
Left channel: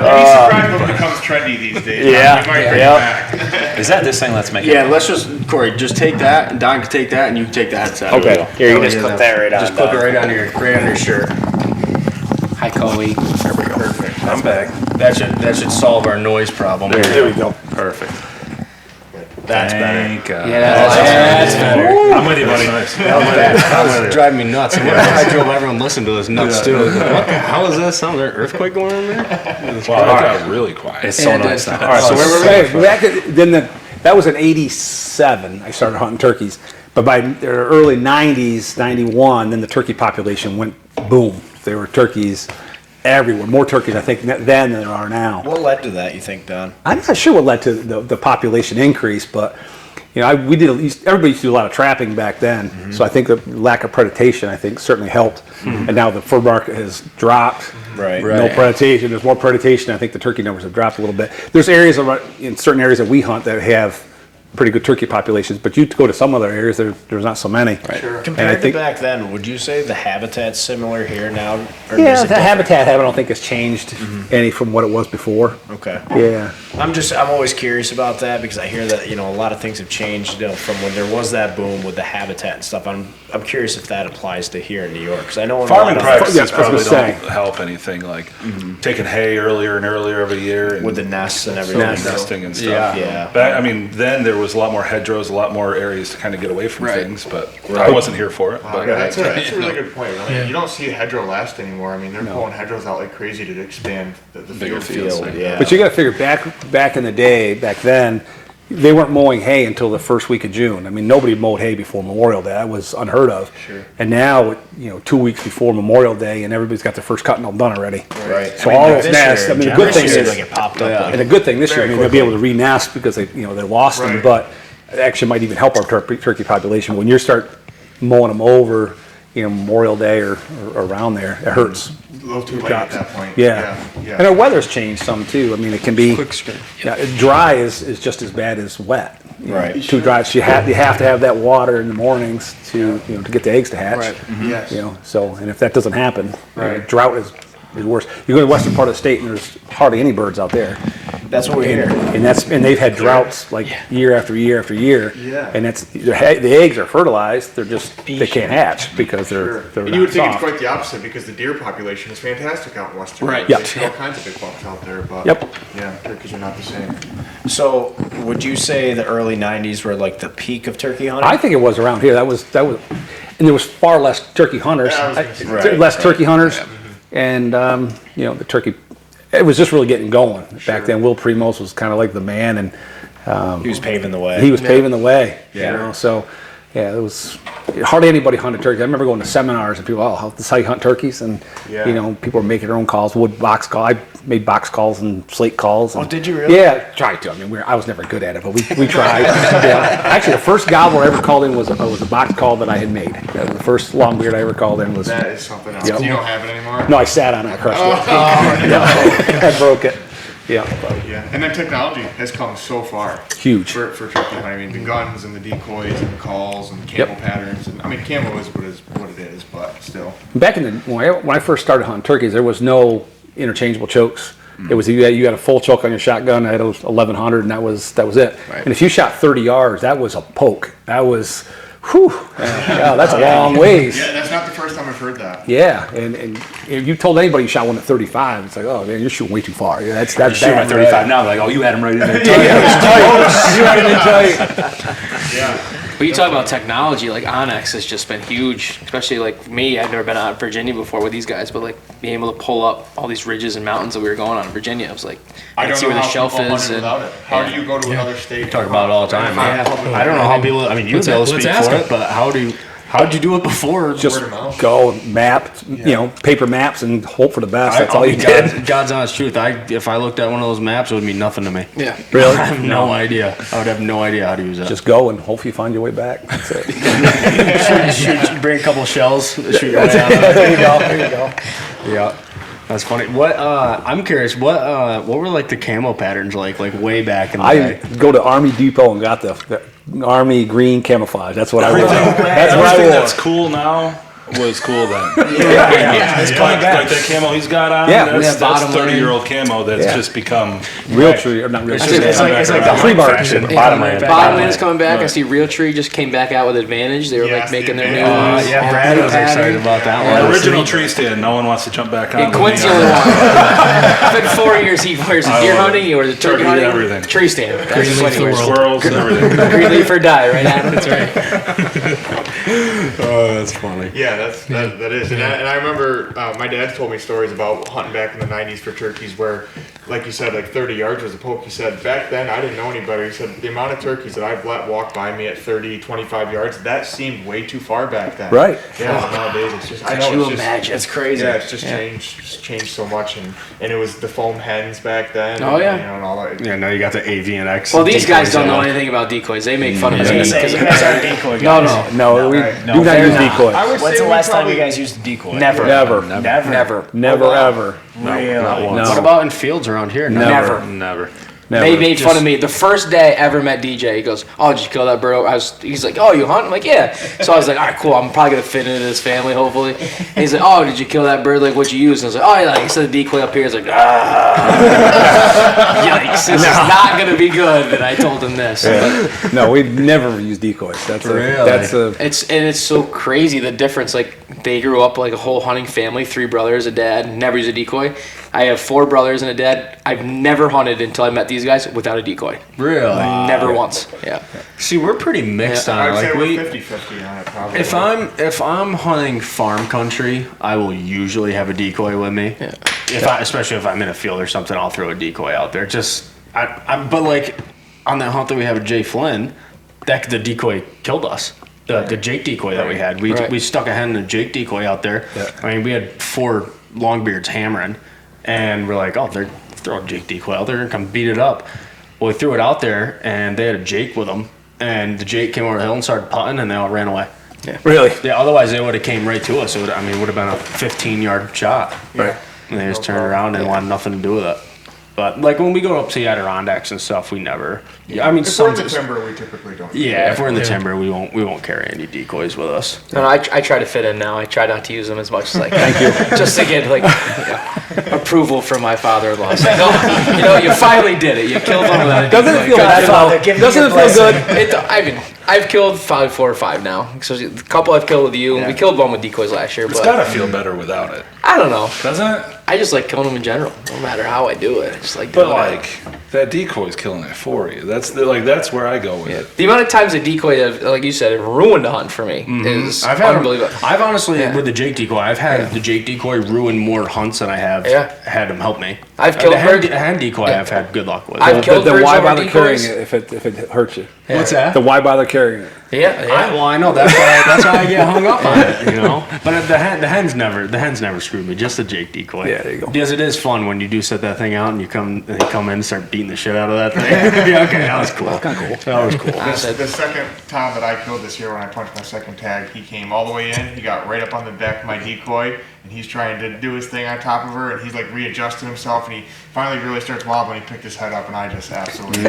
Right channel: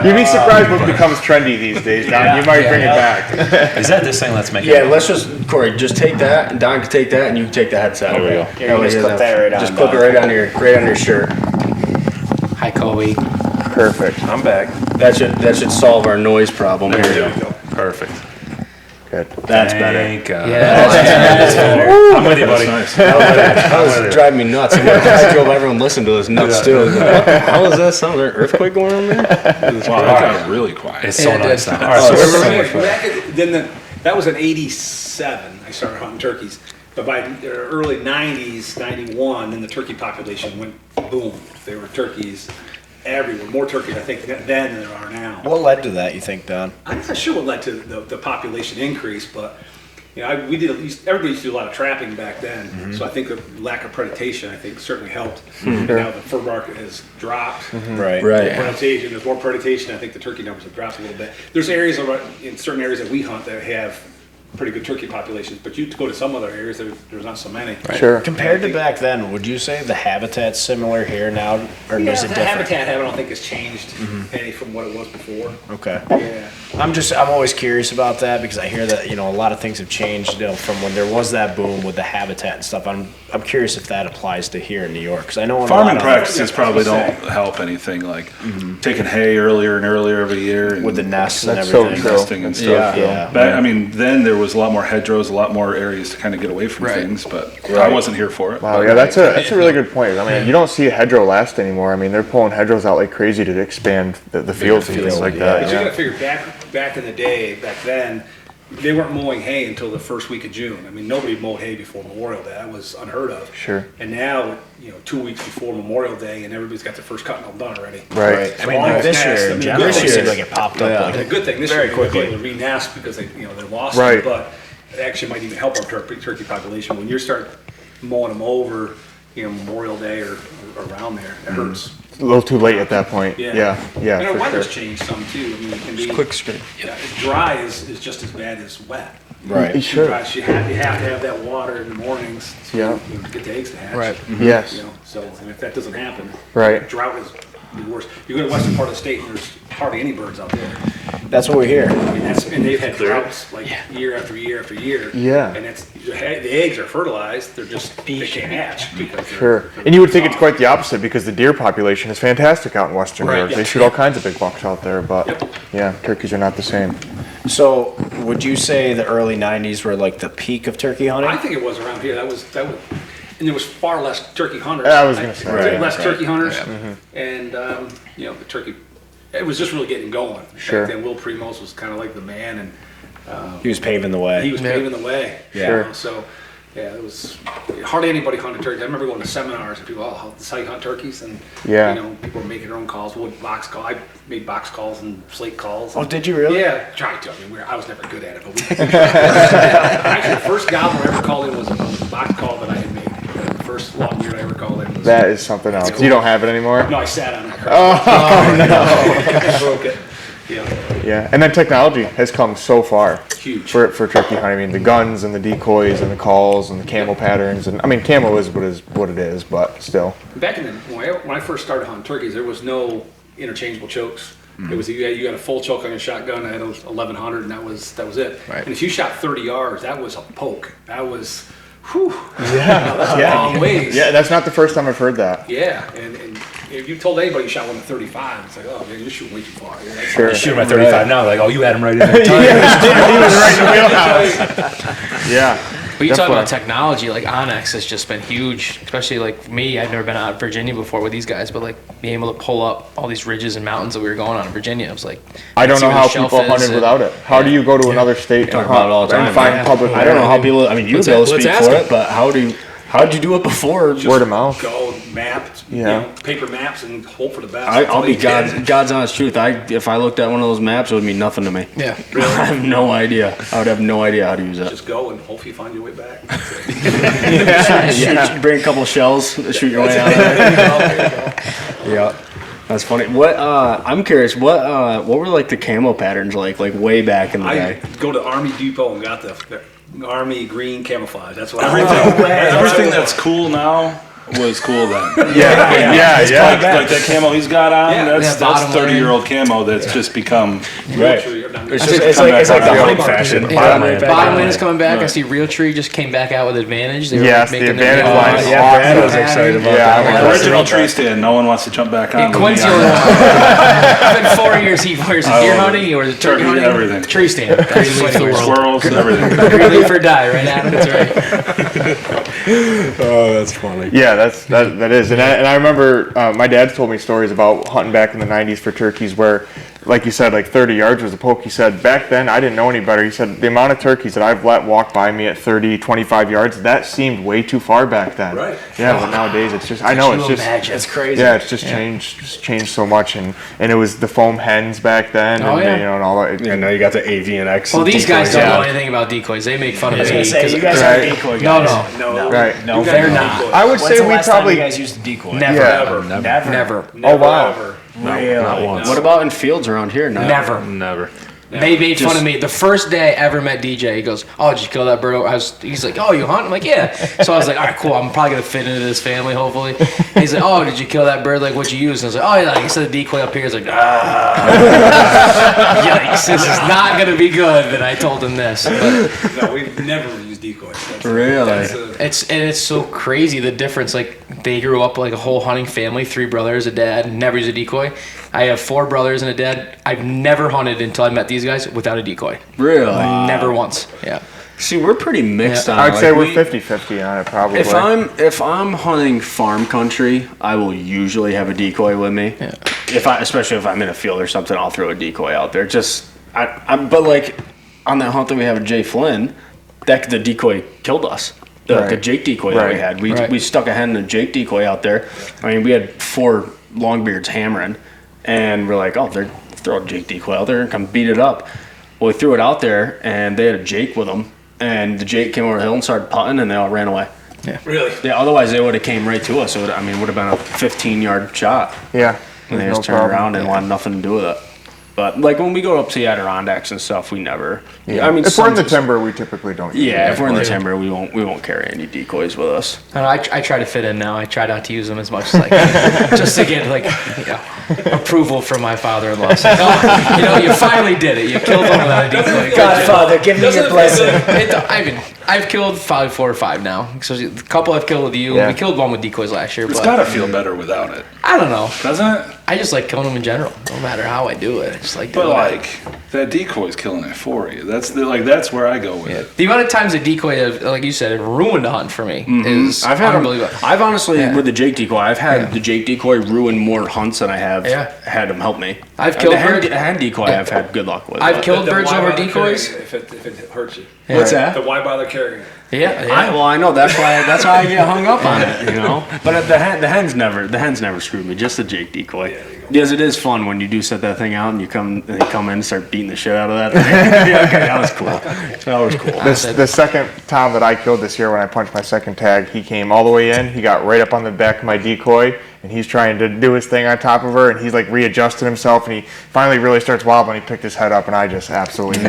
You'd be surprised what becomes trendy these days. Yeah. You might bring it back. Is that this thing? Let's make it. Yeah, let's just, Corey, just take that, and Don can take that, and you can take the headset. Okay. Here, you just clip that right on. Just clip it right on your shirt. Hi, Coley. Perfect. I'm back. That should solve our noise problem here. There we go. Perfect. That's better. Thank God. That's better. I'm with you, buddy. Nice. That was driving me nuts. I drove everyone listened to this nuts too. What the hell is this? Sounds like an earthquake going on there? Wow, that got really quiet. It's so nice now. All right, so That was in '87. I started hunting turkeys, but by the early '90s, '91, then the turkey population went boom. There were turkeys everywhere, more turkeys I think then than there are now. What led to that, you think, Don? I'm not sure what led to the population increase, but everybody used to do a lot of trapping back then. So I think the lack of predation, I think, certainly helped. And now the fur market has dropped. Right. No predation. There's more predation. I think the turkey numbers have dropped a little bit. There's areas in certain areas that we hunt that have pretty good turkey populations, but you go to some other areas, there's not so many. Sure. Compared to back then, would you say the habitat's similar here now, or Yeah, is it the different? habitat I don't think has changed any from what it was before. Okay. Yeah. I'm always curious about that because I hear that, a lot of things have changed, from when there was that boom with the habitat and stuff. I'm curious if that applies to here in New York, because I know in a Farming lot of practices Yeah, probably I was gonna don't help anything, like taking hay earlier and earlier every year. And with the nests and That's everything. so nesting and stuff. Yeah. Then there was a lot more hedgerows, a lot more areas to kind of get away from things, but I wasn't here for it. Wow, But yeah, that's a really good point. I mean, you don't see a hedgerow last anymore. I mean, they're pulling hedgerows out like crazy to expand the fields like that. But you got to figure back in the day, back then, they weren't mowing hay until the first week of June. I mean, nobody mowed hay before Memorial Day. That was unheard of. Sure. And now, 2 weeks before Memorial Day, and everybody's got their first cutting all done already. Right. I mean, all like those this nests, year, I mean, January good thing seems is- like it popped up. And the good thing this year, Very we'll be able to quickly. re-nest because they lost them, Right. but it actually might even help our turkey population. When you start mowing them over, Memorial Day or around there, it hurts. A little too late at that point. Yeah. Yeah. And our weather's changed some too. I mean, it can be Quick screen. dry is just as bad as wet. Right. It's too dry. So you have to have that water in the mornings to to get the eggs to hatch. Right. Yes. So and if that doesn't happen, Right. drought is the worst. You go to the western part of the state and there's hardly any birds out there. That's what we hear. And they've had droughts like year after year after year. Yeah. And the eggs are fertilized. They're just they can't hatch because Sure. they're And you would think it's soft. quite the opposite because the deer population is fantastic out in western New York. Yeah. They shoot all kinds of big bucks out there, but Yep. yeah, turkeys are not the same. So, would you say the early '90s were like the peak of turkey hunting? I think it was around here. That was, and there was far less turkey hunters. Yeah, I was gonna say that. Less turkey hunters, and the turkey. It was just really getting going Sure. back then. Will Primos was kind of like the man, and He was paving the way. he was paving the way. Yeah. So, it was hardly anybody hunted turkeys. I remember going to seminars and people, this is how you hunt turkeys, and Yeah. people were making their own calls, wood box call. I made box calls and slate calls. Oh, did you really? Yeah, tried to. I mean, I was never good at it, but we tried. Actually, the first gobbler I ever called in was a box call that I had made. The first longbeard I ever called in was. That is something else. You don't have it anymore? No, I sat on it. I crushed it. I broke it. Yeah. Yeah, and then technology has come so far. Huge. For turkey hunting. I mean, the guns and the decoys and the calls and the camo patterns. And I mean, camo is what it is, but still. Back in when I first started hunting turkeys, there was no interchangeable chokes. It was you had a full choke on your shotgun. I had a 1100, and that was it. Right. And if you shot 30 yards, that was a poke. That was, whew. Yeah, that's a long ways. Yeah, that's not the first time I've heard that. Yeah, and if you told anybody you shot one at 35, it's like, oh man, you're shooting way too far. Yeah, that's Shoot my 35 now. Like, oh, you had him right in there. Yeah. But you talk about technology, like Onyx has just been huge, especially like me. I've never been out of Virginia before with these guys, but like being able to pull up all these ridges and mountains that we were going on in Virginia, it was like I don't see know where the how shelf people is hunted and- without it. How do you go to another state? Talk about it all the time. and find public I don't know how people. I mean, you Let's be able to ask speak them. for it, but how How'd you do it before? Just Word of mouth. go map, paper maps, and hope for the best. That's I'll all be you did. God's honest truth. If I looked at one of those maps, it would mean nothing to me. Yeah. Really? I have no idea. I would have no idea how to use it. Just go and hopefully you find your way back. That's it. Bring a couple shells, shoot your way out of there. Yeah. That's funny. What I'm curious. What were like the camo patterns like way back in the I day? go to Army Depot and got the Army green camouflage. That's what I Everything that's cool now was cool then. It's coming back. Like that camo he's got on, Yeah, that's bottom 30-year-old camo that's just become. Realtree, or not It's Realtree. just like the hunting fashion. Bottom end is coming back. I see Realtree just came back out with Advantage. They were Yes, like making the their new Advantage. ones. Yeah, Brad was excited about that one. Original tree stand, no one wants to jump back on. Yeah, with Quinn's me the on only that. one. It's been 4 years. He wears a deer hunting, he wears a turkey Turkey, hunting, everything. tree stand. That's Green just what leaf he wears. Squirrels, everything. Green leaf or die, right, Adam? That's right. Oh, that's funny. Yeah, that is, and I remember my dad told me stories about hunting back in the '90s for turkeys, where, like you said, like 30 yards was a poke. He said back then I didn't know any better. He said the amount of turkeys that I've let walk by me at 30, 25 yards, that seemed way too far back then. Right. Yeah. Well, nowadays it's just I know it's just Imagine. It's crazy. yeah, it's just changed so much, and it was the foam hens back then. Oh, and, yeah. You know, and all that. Yeah, now you got the AVNX. Well, these guys don't know anything. anything about decoys. They make fun of I was me. gonna say, 'cause you guys aren't decoy No, guys. no. Right. No, They're they're not. not. I would When's say the we last time probably you guys used a decoy? Never. Never. Never. Ever. Really? Not once. What about in fields around here? No. Never. Never. They made fun of me. The first day I ever met DJ, he goes, "Oh, did you kill that bird?" He's like, "Oh, you hunt?" I'm like, "Yeah." So I was like, "All right, cool. I'm probably gonna fit into this family, hopefully." And he's like, "Oh, did you kill that bird? Like, what'd you use?" And I was like, "Oh, yeah, like, I said the decoy up here." He's like, "Yikes, this is not gonna be good." And I told him this. But No, we never use decoys. That's Really? it's so crazy the difference. Like, they grew up like a whole hunting family, 3 brothers, a dad, never used a decoy. I have 4 brothers and a dad. I've never hunted until I met these guys without a decoy. Really? Never once. Yeah. See, we're pretty mixed on it. I'd say Like, we're 50-50 on it probably. if I'm hunting farm country, I will usually have a decoy with me. Yeah. Especially if I'm in a field or something, I'll throw a decoy out there. But like on that hunt that we have with Jay Flynn, the decoy killed us. The Jake decoy that we had. We stuck a hen in a Jake decoy out there. Yeah. I mean, we had 4 longbeards hammering, and we're like, oh, they're throw a Jake decoy out there and come beat it up. Well, we threw it out there, and they had a Jake with them, and the Jake came over the hill and started putting, and they all ran away. Yeah. Really? Yeah. Otherwise, they would have came right to us. It would have been a 15-yard shot. Yeah. And they just turned around and wanted nothing to do with it. But like when we go up to the Adirondacks and stuff, we never. Yeah. I mean, if we're in the timber, we typically don't. Yeah, if we're in the timber, we won't carry any decoys with us. And I try to fit in now. I try not to use them as much as I can, just to get approval from my father-in-law. So, you finally did it. You killed one without a decoy. Godfather, give me your blessing. I've killed 4 or 5 now. So the couple I've killed with you. Yeah. We killed one with decoys last year. It's But gotta feel better without it, I don't know. doesn't it? I just like killing them in general, no matter how I do it. I just like But doing it. like that decoy's killing it for you. That's where I go with it. The amount of times a decoy, like you said, have ruined a hunt for me is unbelievable. I've honestly with the Jake decoy, I've had the Jake decoy ruin more hunts than I have had him help me. I've killed birds. The hen decoy. I've had good luck with. I've killed birds why over bother decoys. carrying it if it hurts you? What's that? The why bother carrying it? Yeah. I know that's why I get hung up on it, But the hens never screwed me. Just the Jake decoy. Yeah, there you go. Because it is fun when you do set that thing out and they come in and start beating the shit out of that thing. Yeah, okay, that was cool. That was cool. The second tom that I killed this year when I punched my second tag, he came all the way in. He got right up on the back of my decoy, and he's trying to do his thing on top of her, and he's like readjusting himself, and he finally really starts wobbling. He picked his head up, and I just absolutely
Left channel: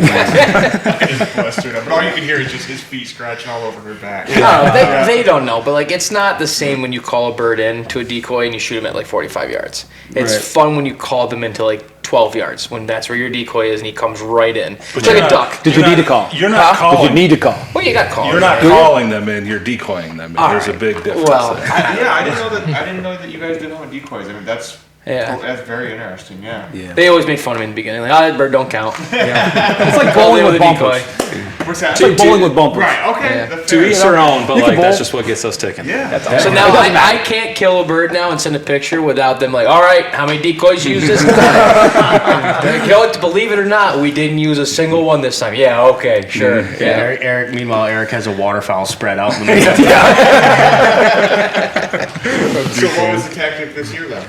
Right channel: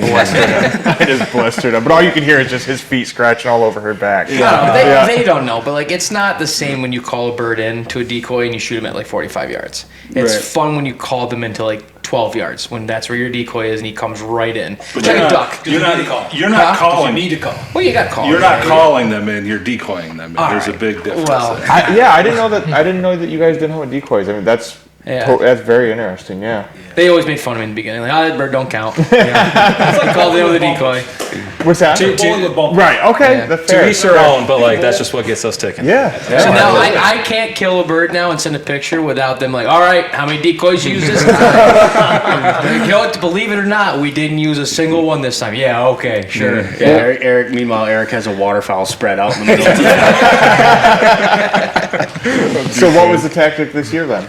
blistered him. But all you can hear is just his feet scratching all over her back. They don't know, but like it's not the same when you call a bird in to a decoy and you shoot him at like 45 yards. It's fun when you call them into like 12 yards when that's where your decoy is and he comes right in. It's like a duck. Did you need to call? You're not calling. You need to call. Well, you got called. You're not calling them in. You're decoying them in. There's a big difference. Well, there. I didn't know that. I didn't know that you guys didn't have decoys. I mean, that's Yeah. Oh, that's very interesting. Yeah. They always made fun of me in the beginning. Like, that bird don't count. It's like called in with a decoy. What's that? Bowling with bumpers. Right. Okay. Yeah. That's To fair. each their own, but like that's just what gets us ticking. Yeah. So now I can't kill a bird now and send a picture without them like, all right, how many decoys you use this time? Kill it, believe it or not, we didn't use a single one this time. Yeah, okay, sure. Yeah. Meanwhile, Eric has a waterfowl spread out in the middle. So what was the tactic this year then?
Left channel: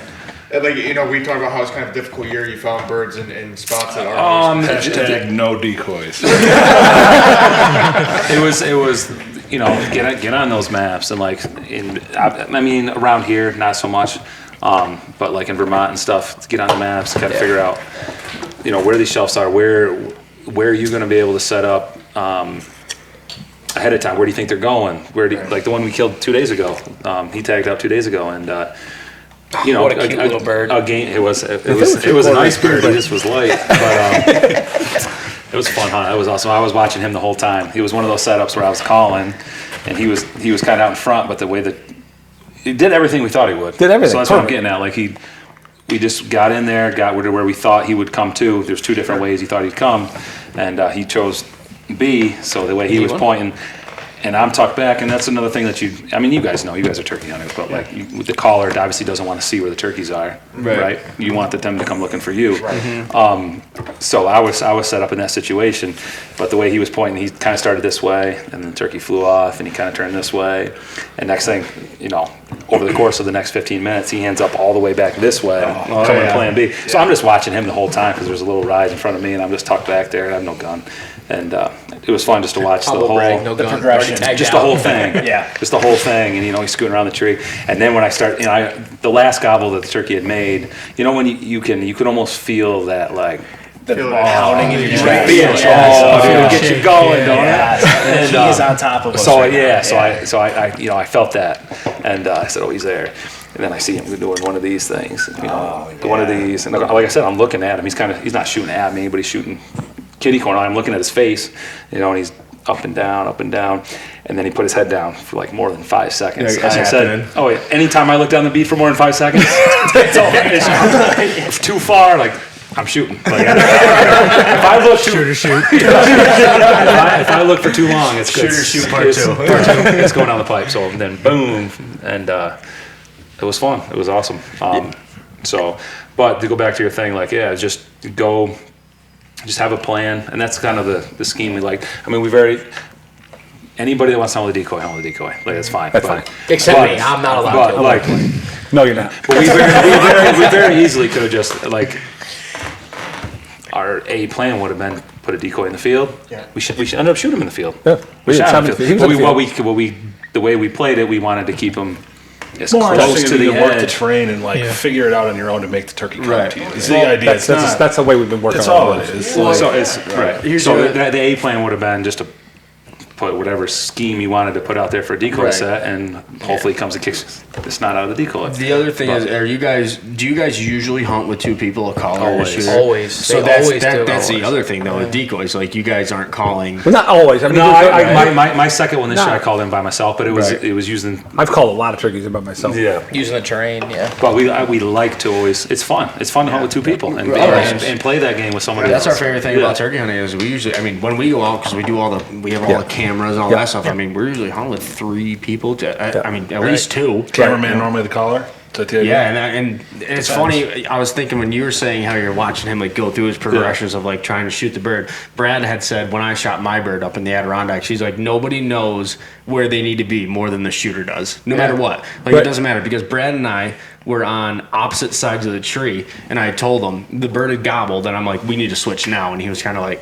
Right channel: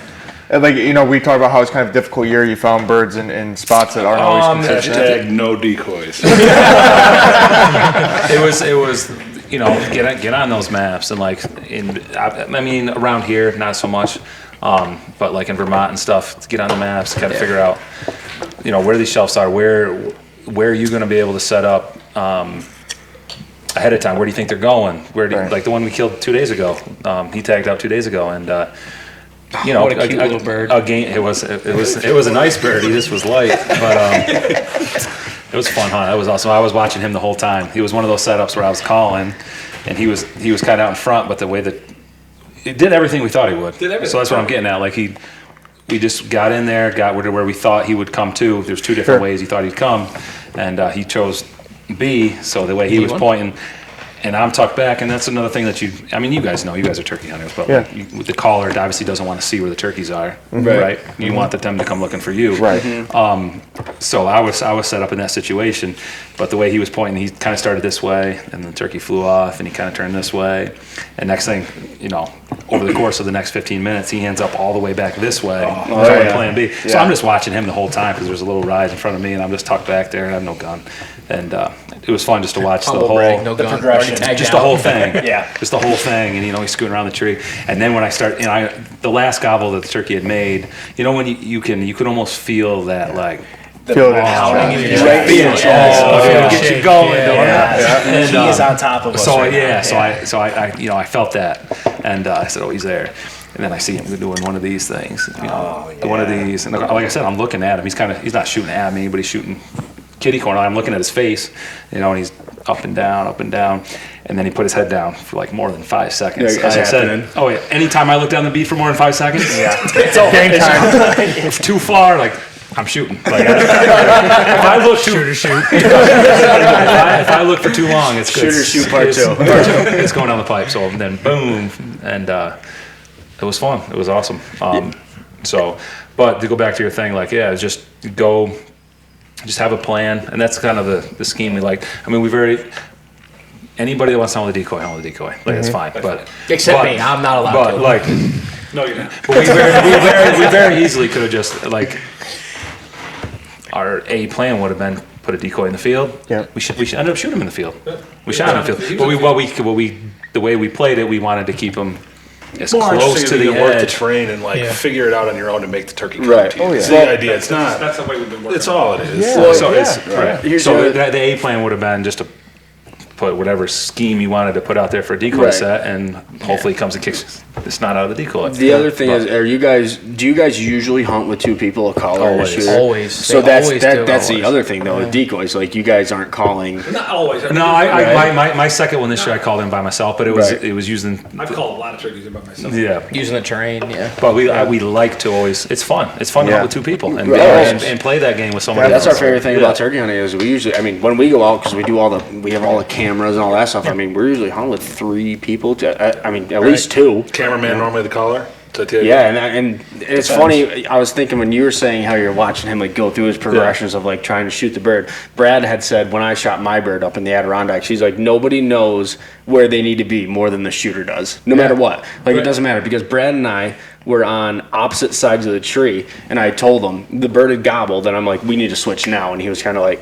And like, you know, we talked about how it's kind of a difficult year. You found birds in spots that aren't always Hashtag no decoys. It was, you know, get on those maps and like I mean around here not so much, but like in Vermont and stuff, get on the maps, kind of figure out, you know, where these shelves are, where are you going to be able to set up ahead of time. Where do you think they're going? Like the one we killed 2 days ago, he tagged out 2 days ago, and you know, what a cute little bird. It was a nice bird. He just was light, but it was a fun hunt. It was awesome. I was watching him the whole time. He was one of those setups where I was calling, and he was kind of out in front, but the way that he did everything we thought he would. Did everything. So that's what I'm getting at. Like we just got in there, got to where we thought he would come to. There's two different ways he thought he'd come, and he chose B. So the way he was pointing. And I'm tucked back, and that's another thing that you guys know, you guys are turkey hunters, but like with the caller, it obviously doesn't want to see where the turkeys are, right? You want them to come looking for you. Right. So I was set up in that situation, but the way he was pointing, he kind of started this way, and the turkey flew off, and he kind of turned this way, and next thing, you know, over the course of the next 15 minutes, he ends up all the way back this way, coming plan B. So I'm just watching him the whole time because there's a little rise in front of me, and I'm just tucked back there, and I have no gun. And it was fun just to watch the whole progression, just the whole thing, Yeah. just the whole thing, and you know he's scooting around the tree. And then when I start, you know, the last gobble that the turkey had made, you know, when you can almost feel that like Pounding in your right, chest. get you going, don't it? And he is on top of us. So right now. so I you know I felt that, and I said, oh, he's there. And then I see him doing one of these things, you know, one of these, and like I said, I'm looking at him. He's not shooting at me, but he's shooting kitty corner. I'm looking at his face, you know, and he's up and down, and then he put his head down for like more than 5 seconds. Yeah, As I said, oh yeah, anytime I look down the beat for more than 5 seconds, it's too far. Like I'm shooting. Like, if I look if I look for too long, it's shoot part two. It's going down the pipe. So then boom, and it was fun. It was awesome. So, but to go back to your thing, like just go. Just have a plan, and that's kind of the scheme we like. I mean, anybody that wants to hunt with a decoy, hunt with a decoy. Like, that's fine. Except me, I'm not allowed but, to. Like, No, you're not. but we very easily could have just, like, our plan would have been put a decoy in the field. Yeah. We should end up shooting him in the field. Yeah. We shot him in the field. But the way we played it, we wanted to keep him as close to the work the edge. terrain and like Yeah. figure it out on your own to make the turkey come Right. to you. Oh, yeah. It's the idea. It's That's not. the way we've been working. It's on all it is. So it's right. Here's So the- the A plan would have been just to put whatever scheme you wanted to put out there for a decoy Right. set, and hopefully it comes and kicks the snot out of the decoy. The other thing is, do you guys usually hunt with two people, a caller and a Always. shooter? Always. So They that's always do. that's the other thing though. With decoys, like you guys aren't calling. But not always. I mean, No, there's- my second one this year I called in by myself, but it was using I've called a lot of turkeys in by myself. Using the terrain, yeah. But we like to always. It's fun. It's fun to hunt with two people and, Right. and play that game with somebody That's else. our favorite thing about turkey hunting is we usually, I mean, when we go out because we have all the cameras and all that stuff. I mean, we're usually hunting with 3 people. I mean, at least 2. Cameraman normally the caller. Is that the idea? Yeah, and it's funny. I was thinking when you were saying how you're watching him like go through his progressions of like trying to shoot the bird. Brad had said when I shot my bird up in the Adirondack, she's like nobody knows where they need to be more than the shooter does, no matter what. Like it doesn't matter because Brad and I were on opposite sides of the tree, and I told him the bird had gobbled, and I'm like, we need to switch now, and he was kind of like.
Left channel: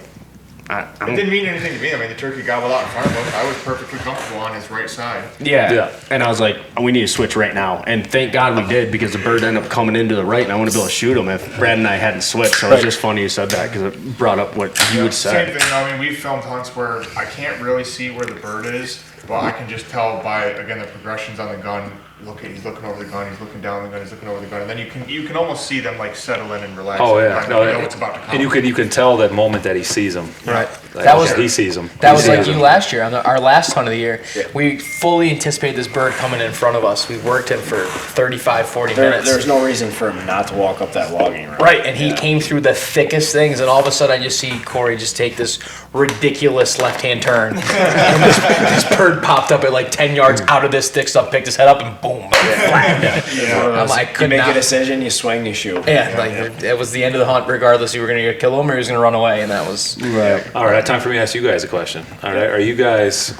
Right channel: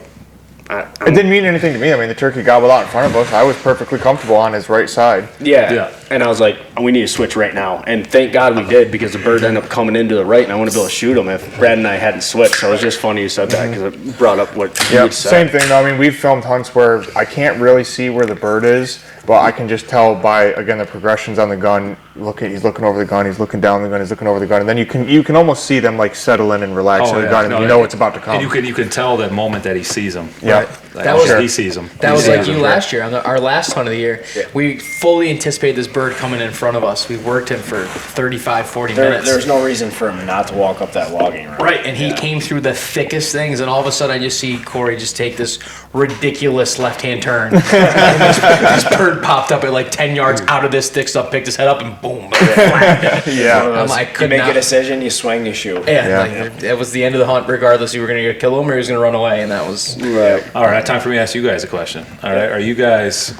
It didn't mean anything to me. I mean, the turkey gobbled out in front of us. I was perfectly comfortable on his right side. Yeah. And I was like, we need to switch right now. And thank God we did because the bird ended up coming into the right and I wouldn't be able to shoot him if Brad and I hadn't switched. So it was just funny you said that because it brought up what you would say. Same thing though. I mean, we've filmed hunts where I can't really see where the bird is, but I can just tell by, again, the progressions on the gun. He's looking over the gun, he's looking down the gun, he's looking over the gun. And then you can almost see them like settle in and relax on the gun and you know it's about to come. And you can tell that moment that he sees him. Yeah. Right. That was he sees them. That was like you last year on our last hunt of the year. Yeah. We fully anticipated this bird coming in front of us. We worked him for 35, 40 minutes. There's no reason for him not to walk up that logging road. Right, and he came through the thickest things, and all of a sudden I just see Corey just take this ridiculous left-hand turn. And this bird popped up at like 10 yards out of this thick stuff, picked his head up, and boom, flat. Yeah. I'm like, You make a decision, you swing, you shoot. Yeah, like that was the end of the hunt. Regardless, you were going to kill him or he was going to run away, and that was Right. All right, time for me to ask you guys a question. All right, are you guys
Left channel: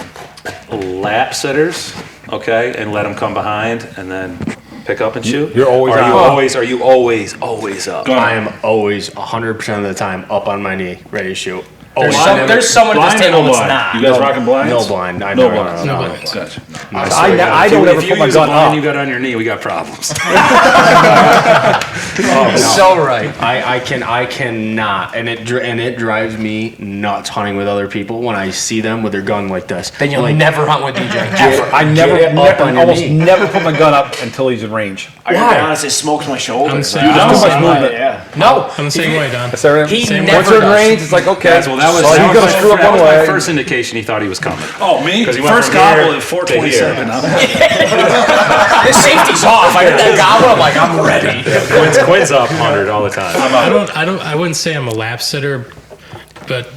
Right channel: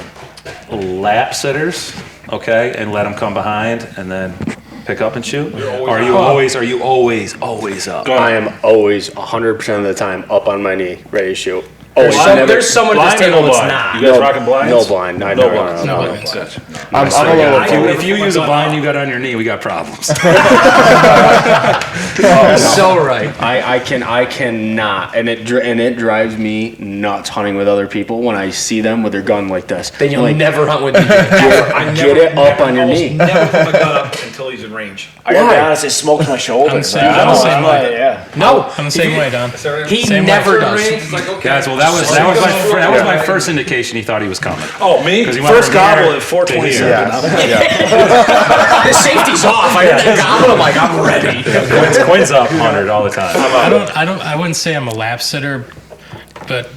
lap sitters? Okay, and let them come behind and then pick up and shoot. You're always Or are you always up? I am always 100% of the time up on my knee, ready to shoot. There's someone at this Blind or table no that's blind? not. You guys rocking blinds? No blind. No blinds. No No blinds. blinds. If you use a blind, you got on your knee, we got problems. So right. I cannot, and it drives me nuts hunting with other people when I see them with their gun like this. Then you'll Like, never hunt with DJ. get it up on your almost knee. never put my gun up until he's in range. I gotta be honest, it smokes my shoulder. I'm the same way. Yeah. No, I'm the same way, Don. he Same never way. does. It's like, okay. Guys, well, that was my first indication he thought he was coming. Oh, me? 'Cause he went First from here gobble at to 427. The safety's off. I heard that gobble. I'm like, I'm ready. Quinn's up 100 all the time. I wouldn't say I'm a lap sitter, but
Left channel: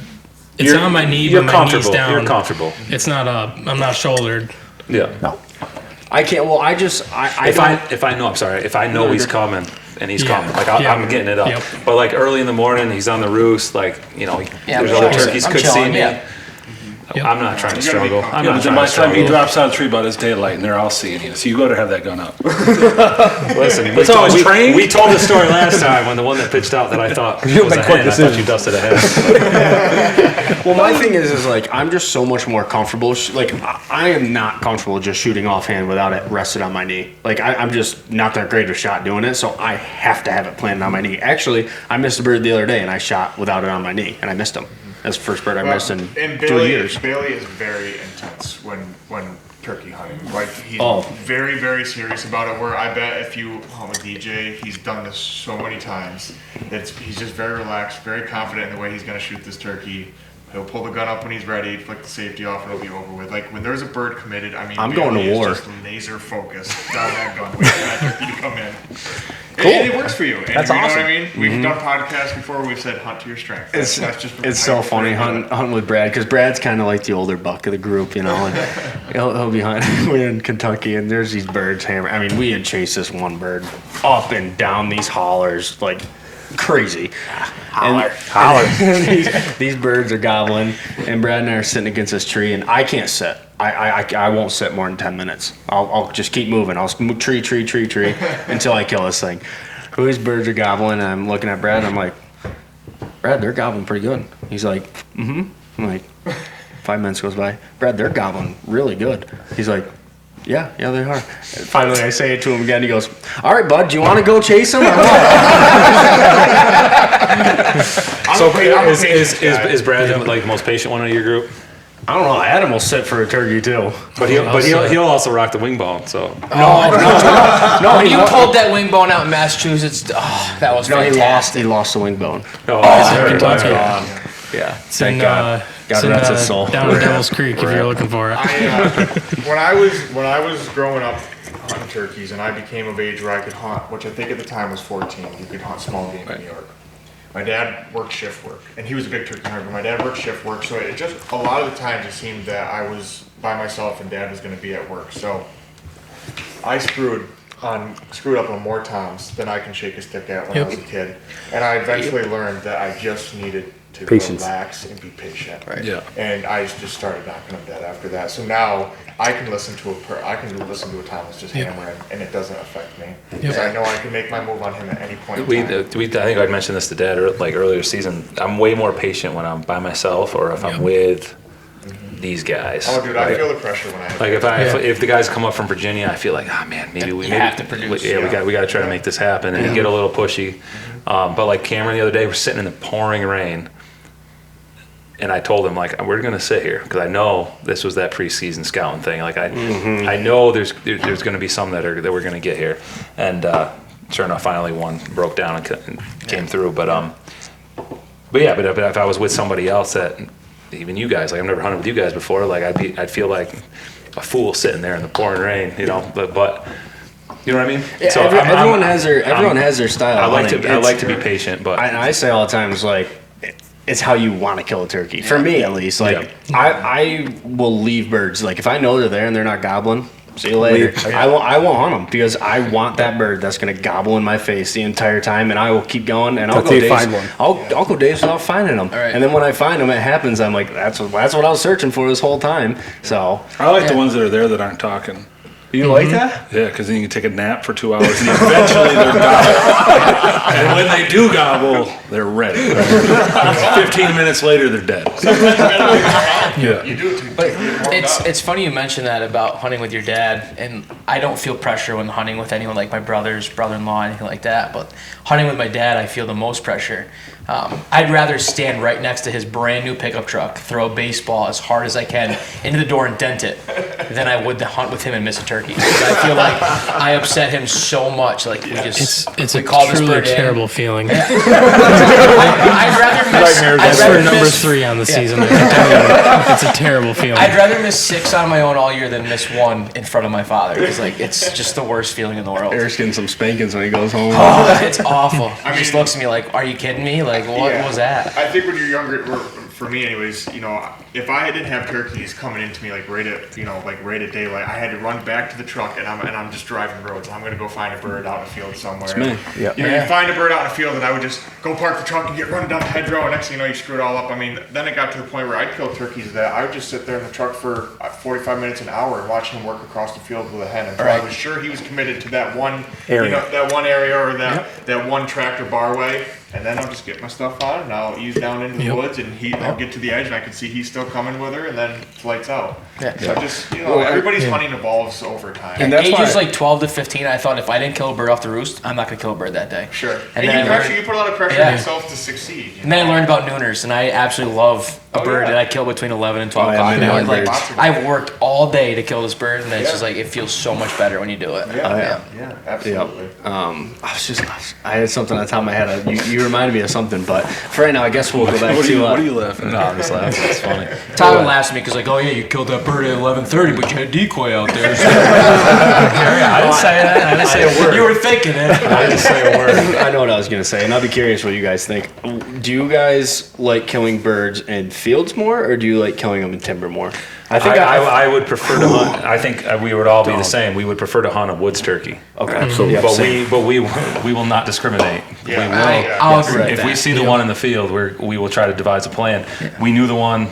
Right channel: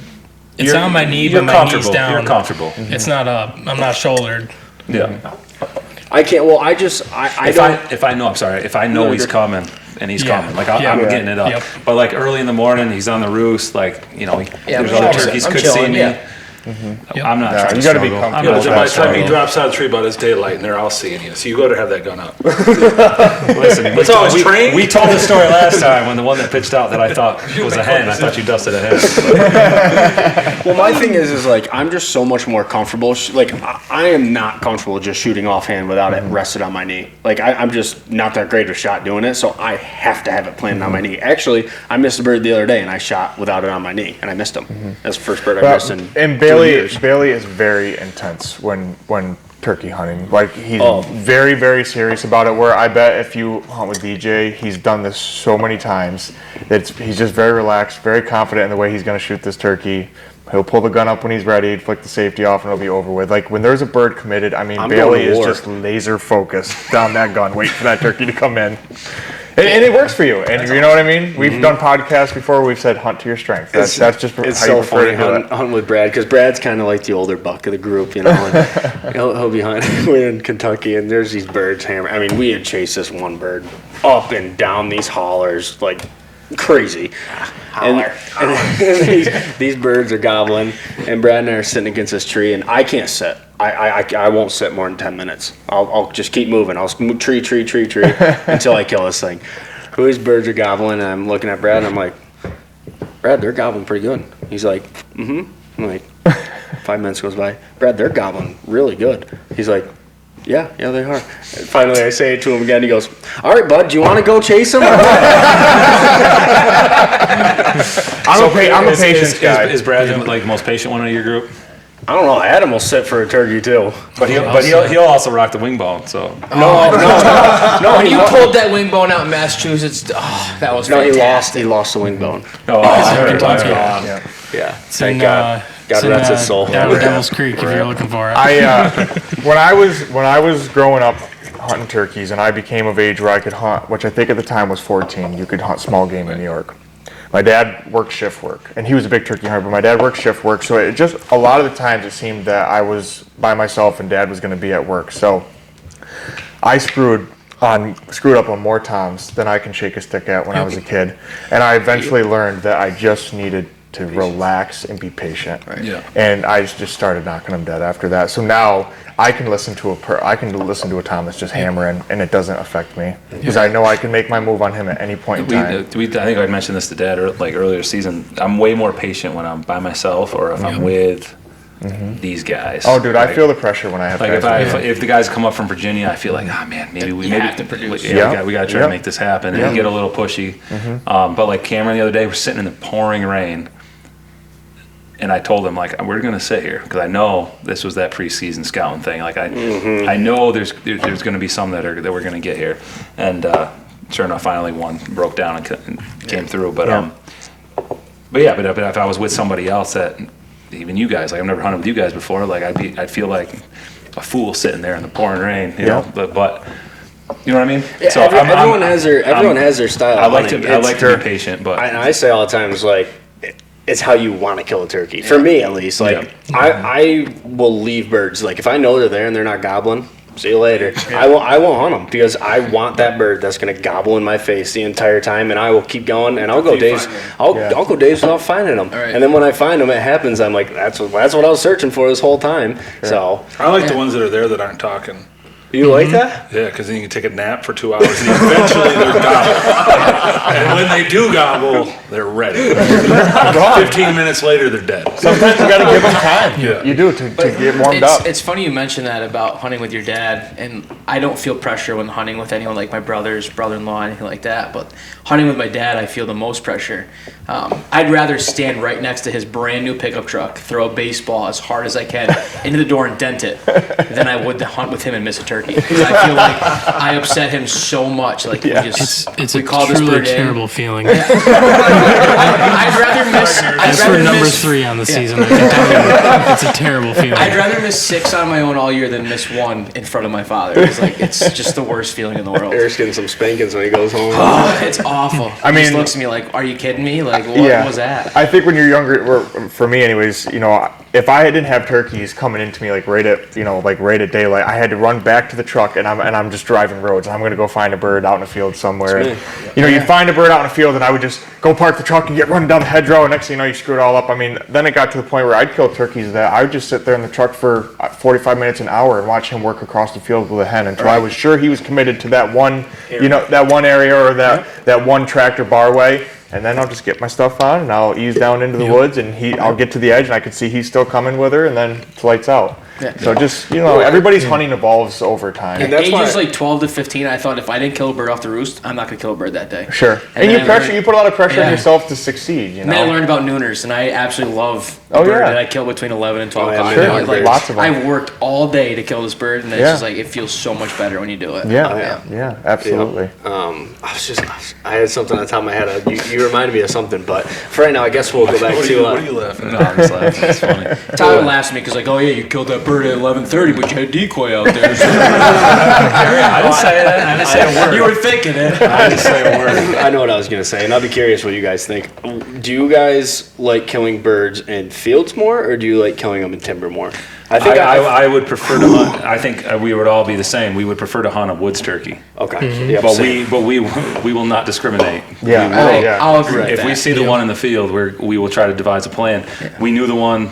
it's on my knee, You're but my knee's comfortable. down. You're comfortable. It's not up. I'm not shouldered. Yeah. I can't. Well, I don't. If I know he's coming and he's coming, like I'm getting it up. Yep. But like early in the morning, he's on the roost, like there's other turkeys I'm could chilling, see me. yeah. I'm not trying to You gotta be struggle. I'm Yeah, not but then trying by to the time he struggle. drops out of the tree, but it's daylight, and they're all seeing you. So you better have that gun up. Listen, That's how I was trained. we told the story last time when the one that pitched out that I thought was a hen. I thought you dusted a hen. Well, my thing is like I'm just so much more comfortable. Like I am not comfortable just shooting offhand without it rested on my knee. Like I'm just not that great of a shot doing it, so I have to have it planted on my knee. Actually, I missed a bird the other day and I shot without it on my knee, and I missed him. That's the first bird I missed in 3 years. Bailey is very intense when turkey hunting. Like he's Oh. very, very serious about it. Where I bet if you hunt with DJ, he's done this so many times that he's just very relaxed, very confident in the way he's going to shoot this turkey. He'll pull the gun up when he's ready, flick the safety off, and it'll be over with. Like when there's a bird committed, I mean, I'm Bailey going to is war. just laser focused on that gun, waiting for that turkey to come in. And it works for you. And you know what I mean? We've done podcasts before. We've said hunt to your strength. That's just It's how so you prefer funny to do it. hunting with Brad because Brad's kind of like the older buck of the group, you know. And he'll be hunting. We're in Kentucky, and there's these birds hammer. I mean, we had chased this one bird up and down these hollers like crazy. And these birds are gobbling, and Brad and I are sitting against this tree, and I can't sit. I won't sit more than 10 minutes. I'll just keep moving. I'll move tree until I kill this thing. These birds are gobbling, and I'm looking at Brad, and I'm like, Brad, they're gobbling pretty good. He's like, mm-hmm. I'm like, 5 minutes goes by. Brad, they're gobbling really good. He's like, yeah, they are. And finally, I say it to him again. He goes, all right, bud, do you want to go chase them or what? Is Brad like the most patient one of your group? I don't know. Adam will sit for a turkey, too. But he'll also rock the wing bone. So No, When you pulled that wing bone out in Massachusetts, that was fantastic. he lost the wing bone. Kentucky. Yeah, It's in, thank God. God rest his soul. Down at Devil's Creek if you're looking for it. When I was growing up hunting turkeys and I became of age where I could hunt, which I think at the time was 14, you could hunt small game in New York. My dad worked shift work, and he was a big turkey hunter, but my dad worked shift work, so it just, a lot of the times it seemed that I was by myself and Dad was going to be at work. So I screwed up on more times than I can shake a stick at when I was a kid. And I eventually learned that I just needed to relax and be patient. Right. Yeah. And I just started knocking them dead after that. So now I can listen to a Tom that's just hammering, and it doesn't affect me because I know I can make my move on him at any point in time. I think I mentioned this to Dad earlier season. I'm way more patient when I'm by myself or if I'm with these guys. Oh, dude, I feel the pressure when I have if the guys come up from Virginia, I feel like, maybe we have to produce. We got to try to make this happen and get a little pushy. But like Cameron the other day, we're sitting in the pouring rain. And I told him, like, we're going to sit here because I know this was that preseason scouting thing. Like, I know there's going to be some that we're going to get here. And sure enough, finally one broke down and came through. But if I was with somebody else that even you guys. Like I've never hunted with you guys before. Like I'd feel like a fool sitting there in the pouring rain, you know. But you know what I mean? Yeah, So everyone has their style. I of like hunting. to be patient, but I say all the time, it's like, it's how you want to kill a turkey. For me, at least. Like, Yeah. I will leave birds. Like, if I know they're there and they're not gobbling, see you later. I won't hunt them because I want that bird that's going to gobble in my face the entire time, and I will keep going, and I'll go days. I'll go days without finding them. Right. And then when I find them, it happens. I'm like, that's what I was searching for this whole time. So, I like the ones that are there that aren't talking. you like that? Yeah, because then you can take a nap for 2 hours and eventually they're gobble. And when they do gobble, they're ready. 15 minutes later, they're dead. Yeah. You do to get warmed up. It's funny you mentioned that about hunting with your dad, and I don't feel pressure when hunting with anyone like my brothers, brother-in-law, anything like that. But hunting with my dad, I feel the most pressure. I'd rather stand right next to his brand new pickup truck, throw a baseball as hard as I can into the door and dent it, than I would to hunt with him and miss a turkey. Because I feel like I upset him so much. Like It's we a call this truly bird in. terrible feeling. I'd rather miss. That's for number 3 on the season. I can tell you, it's a terrible feeling. I'd rather miss 6 on my own all year than miss 1 in front of my father. It's just the worst feeling in the world. Eric's getting some spankings when he goes home. Oh, it's awful. I He just mean- looks at me like, "Are you kidding me? Like, what was that?" I think when you're younger, or for me anyways, you know, if I didn't have turkeys coming into me like right at daylight, I had to run back to the truck and I'm just driving roads. I'm gonna go find a bird out in a field somewhere. me. You know, you find a bird out in a field and I would just go park the truck and get running down the hedgerow, and next thing you know, you screw it all up. I mean, then it got to the point where I'd kill turkeys that I would just sit there in the truck for 45 minutes, an hour, and watch him work across the field with a hen until I was sure he was committed to that one, that one area or that one tractor barway. And then I'll just get my stuff on and I'll ease down into the woods, and I'll get to the edge and I can see he's still coming with her, and then it's lights out. Yeah. So just, everybody's hunting evolves over time. And that's ages like 12 to 15, I thought if I didn't kill a bird off the roost, I'm not gonna kill a bird that day. Sure. And then you put a lot of pressure on yourself to succeed. And then I learned about nooners, and I absolutely love a bird that I kill between 11 and 12 o'clock. yeah, Like, lots of them. I've worked all day to kill this bird, and it's just like it feels so much better when you do it. Yeah, absolutely. I had something on the top of my head. You reminded me of something, but for right now, I guess we'll go back to. What are you laughing no, at? I'm just laughing. It's funny. Tyler laughs at me because like, oh yeah, you killed that bird at 11:30, but you had decoy out there. I didn't say that. I didn't say a word. You were thinking it. I didn't say a word. I know what I was gonna say, and I'll be curious what you guys think. Do you guys like killing birds in fields more, or do you like killing them in timber more? I think I would prefer to hunt. I think we would all be the same. We would prefer to hunt a woods turkey. Okay, But we will not discriminate. Yeah. We will. I'll agree with If we that. see the one in the field, we will try to devise a plan. We knew the one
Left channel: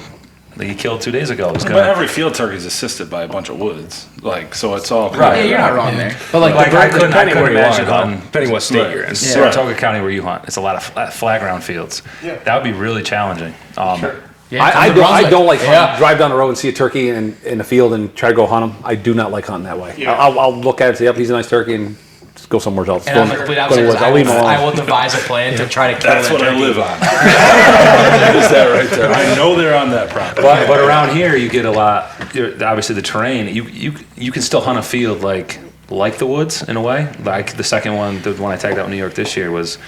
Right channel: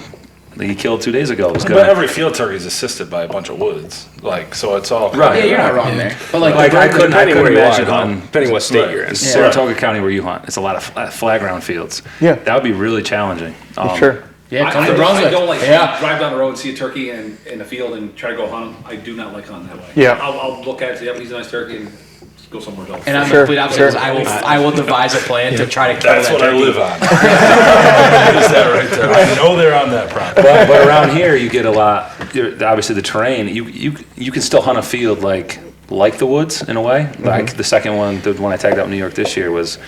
that he killed 2 days ago was But going. every field turkey is assisted by a bunch of woods. Like, so it's all Right. Yeah, you're not wrong there. But like, Like the I bird- couldn't imagine hunting, hunting. depending what state you're in. Saratoga County where you hunt, it's a lot of flat ground fields. Yeah. That would be really challenging. Sure. yeah, I don't like Yeah. drive down the road and see a turkey in a field and try to go hunt him. I do not like hunting that way. Yeah. I'll look at it and say, yep, he's a nice turkey, and just go somewhere else. And I'm the complete opposite. I will devise a plan to try to kill That's that what I turkey. live on. That is that right there. I know they're on that property. But around here you get a lot. Obviously the terrain. You can still hunt a field like the woods in a way. Like the second one, the one I tagged out in New York this year was.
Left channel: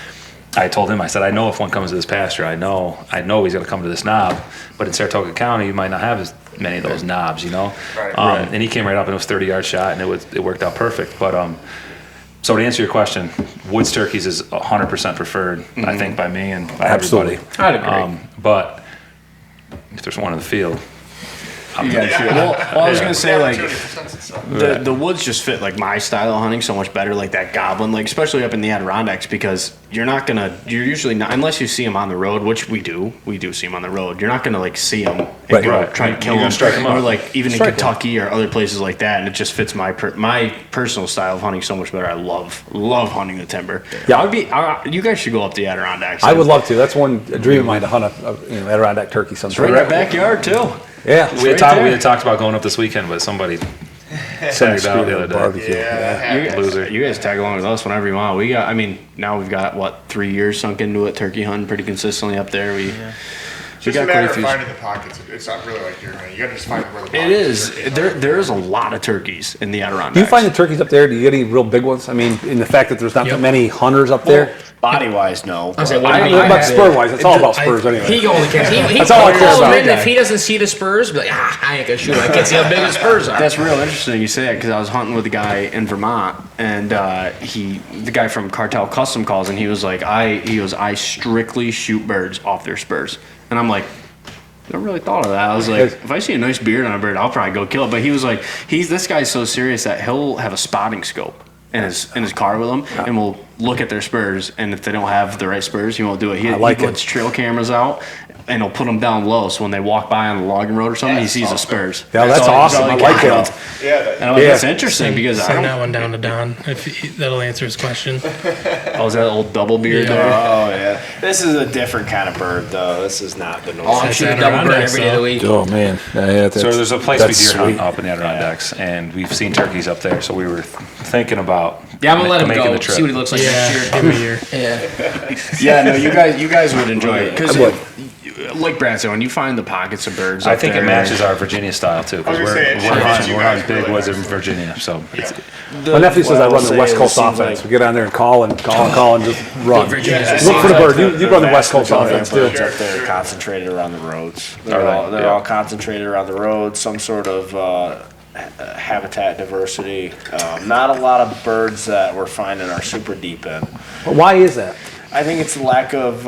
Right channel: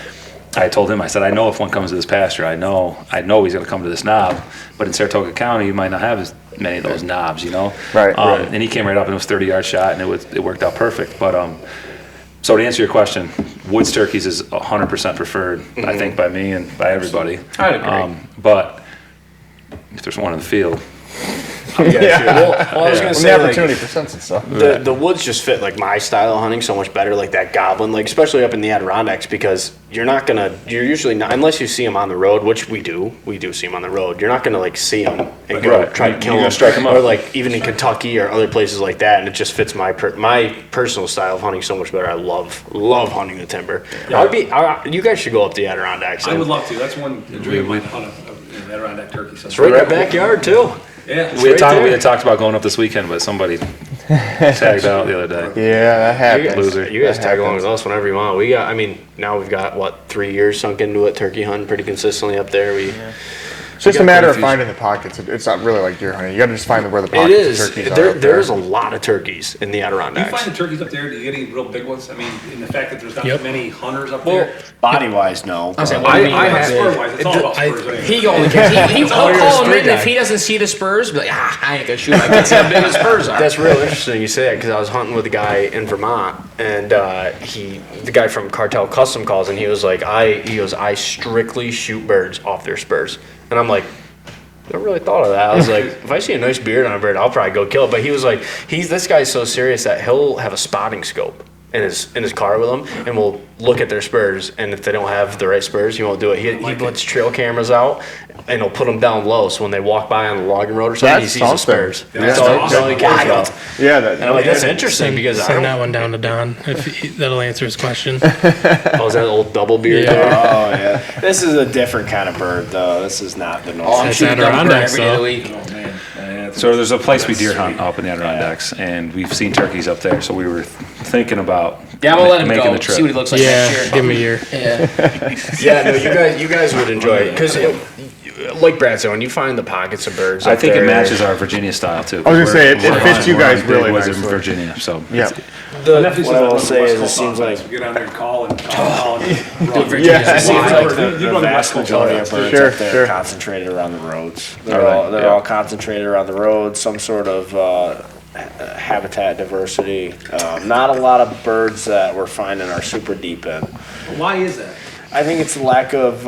I told him, I said, I know if one comes to this pasture, I know he's going to come to this knob. But in Saratoga County, you might not have as many of those knobs, you know. Right. And he came right up and it was 30-yard shot, and it worked out perfect. But so to answer your question, woods turkeys is 100% preferred, I think, by me and by everybody. I'd agree. But if there's one in the field, Well, I was gonna say, When the like, opportunity presents itself. the woods just fit like my style of hunting so much better, like that goblin, like especially up in the Adirondacks, because you're usually not, unless you see them on the road, which we do see them on the road. You're not gonna like see them and go right. try to kill You're gonna them, strike 'em or up. like even in Kentucky or other places like that. And it just fits my personal style of hunting so much better. I love hunting the timber. Yeah, you guys should go up the Adirondacks. I would love to. That's one dream of mine, to hunt an Adirondack turkey sometime. It's right in our backyard too. Yeah, we had talked about going up this weekend, but somebody tagged out the other day. Yeah, that happens. Loser. You guys tag along with us whenever you want. Now we've got 3 years sunk into it, turkey hunting pretty consistently up there. just a matter of finding the pockets. It's not really like deer hunting. You got to just find where the It pockets is. of turkeys are. There's a lot of turkeys in the Do Adirondacks. you find the turkeys up there? Do you get any real big ones? I mean, in the fact that there's not Yep. many hunters up there. Body wise, no. I said, but- what do you mean? I spur wise, it's all about spurs anyway. He only cares. He'll all you're call him a in spur if guy. he doesn't see the spurs. Be like, I ain't gonna shoot. I can't see how big his spurs are. That's real interesting you say that because I was hunting with a guy in Vermont and the guy from Cartel Custom calls and he was like, I strictly shoot birds off their spurs. And I'm like, never really thought of that. I was like, if I see a nice beard on a bird, I'll probably go kill it. But he was like, this guy's so serious that he'll have a spotting scope in his car with him and will look at their spurs. And if they don't have the right spurs, he won't do it. He puts trail cameras out and he'll put them down low. So when they walk by on the logging road or something, he sees the spurs. That's all- awesome. all he I cares like about. that. Yeah, And I'm like, that's interesting because I Send don't. that one down to Don. That'll answer his question. Oh, is that old double beard Yeah. there? Oh yeah, this is a different kind of bird though. This is not the normal. I'm That's shooting double bird Adirondacks, every day of the though. week. Oh man. So there's a place we that's deer hunt sweet. up in the Adirondacks, and we've seen turkeys up there. So we were thinking about Yeah, I'm gonna let him making go. the trip. See what he looks like Yeah, next year. give him a year. Yeah. Yeah, no, you guys would enjoy it because, like Brad said, when you find the pockets of birds, I up think there, it matches our Virginia style too. I was gonna say, it fits you guys big really woods in nicely. Virginia. So Yeah. My nephew says I what run I'll the say West is it Coast seems offense. like- We get on there and call and just run. Virginia Yeah. just Look seems for like the bird. You run the West Coast majority of offense. birds Sure, up there sure. are concentrated around the roads. All right, They're yeah. all concentrated around the roads. Some sort of habitat diversity. Not a lot of birds that we're finding are super deep in. Why is that? I think it's the lack of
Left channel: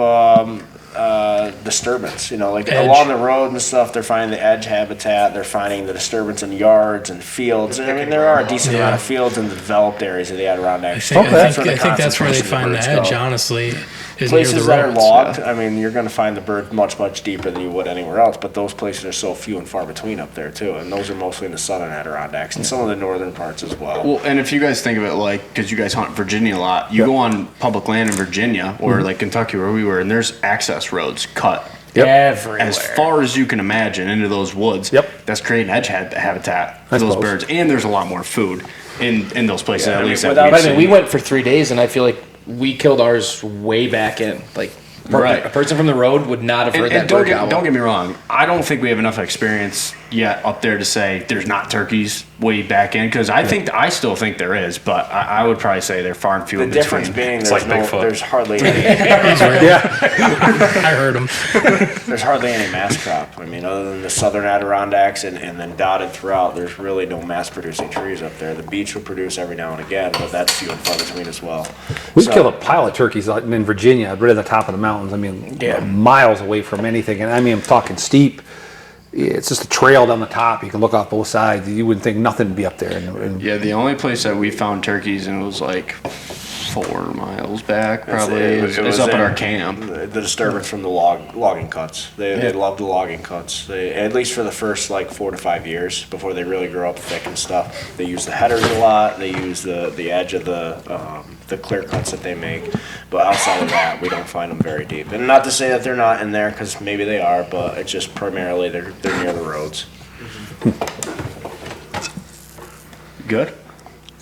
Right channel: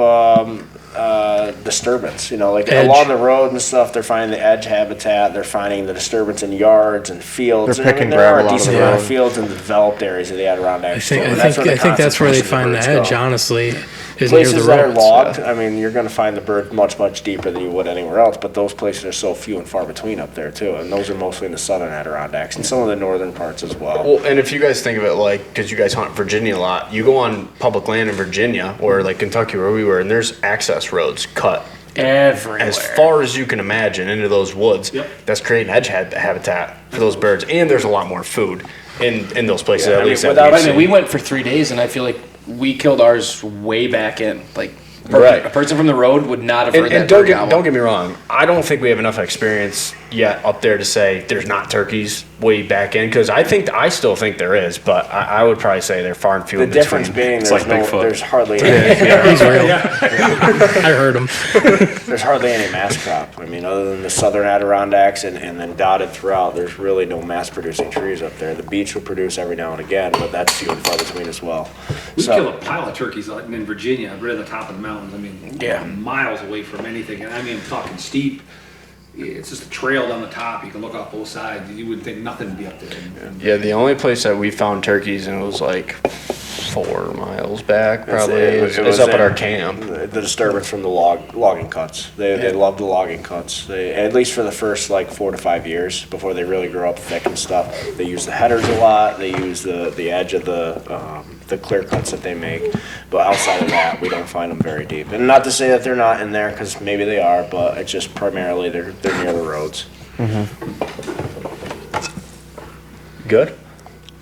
disturbance. Like Edge. along the road and stuff, they're finding the edge habitat. They're finding the disturbance in yards and fields. They're I mean, picking there are ground a a lot decent of amount them. of fields in the developed areas of the Adirondacks. I think that's where they find the edge, Honestly, honestly, is near the places that are roads. logged, I mean, you're going to find the bird much deeper than you would anywhere else. But those places are so few and far between up there too, and those are mostly in the southern Adirondacks and some of the northern parts as well. Well, and if you guys think of it like, because you guys hunt Virginia a lot, you go on public land in Virginia or like Kentucky where we were, and there's access roads cut everywhere. as far as you can imagine into those woods. Yep. That's creating edge habitat for those birds, and there's a lot more food in those places. Yeah, at I mean, least that without- we've I mean, seen. we went for 3 days, and I feel like we killed ours way back in. Like, Right. a person from the road would not have heard And, that and don't, bird get, gobble. don't get me wrong, I don't think we have enough experience yet up there to say there's not turkeys way back in, because I still think there is, but I would probably say they're far and few The in between. difference being It's there's like Bigfoot. there's hardly any, He's real. I heard him. there's hardly any mass crop. I mean, other than the southern Adirondacks and then dotted throughout, there's really no mass producing trees up there. The beach will produce every now and again, but that's few and far between as well. We So- kill a pile of turkeys out in Virginia, right at the top of the mountains. I mean, miles away from anything. And I mean, I'm talking steep. It's just a trail down the top. You can look off both sides. You wouldn't think nothing would be up there. And Yeah, the only place that we found turkeys, and it was like 4 miles back, That's probably. it. It was up at in our camp. The disturbance from the logging cuts. They love the logging cuts. At least for the first like 4 to 5 years before they really grow up thick and stuff. They use the headers a lot. They use the edge of the clear cuts that they make. But outside of that, we don't find them very deep. And not to say that they're not in there, because maybe they are, but it's just primarily they're near the roads. Good.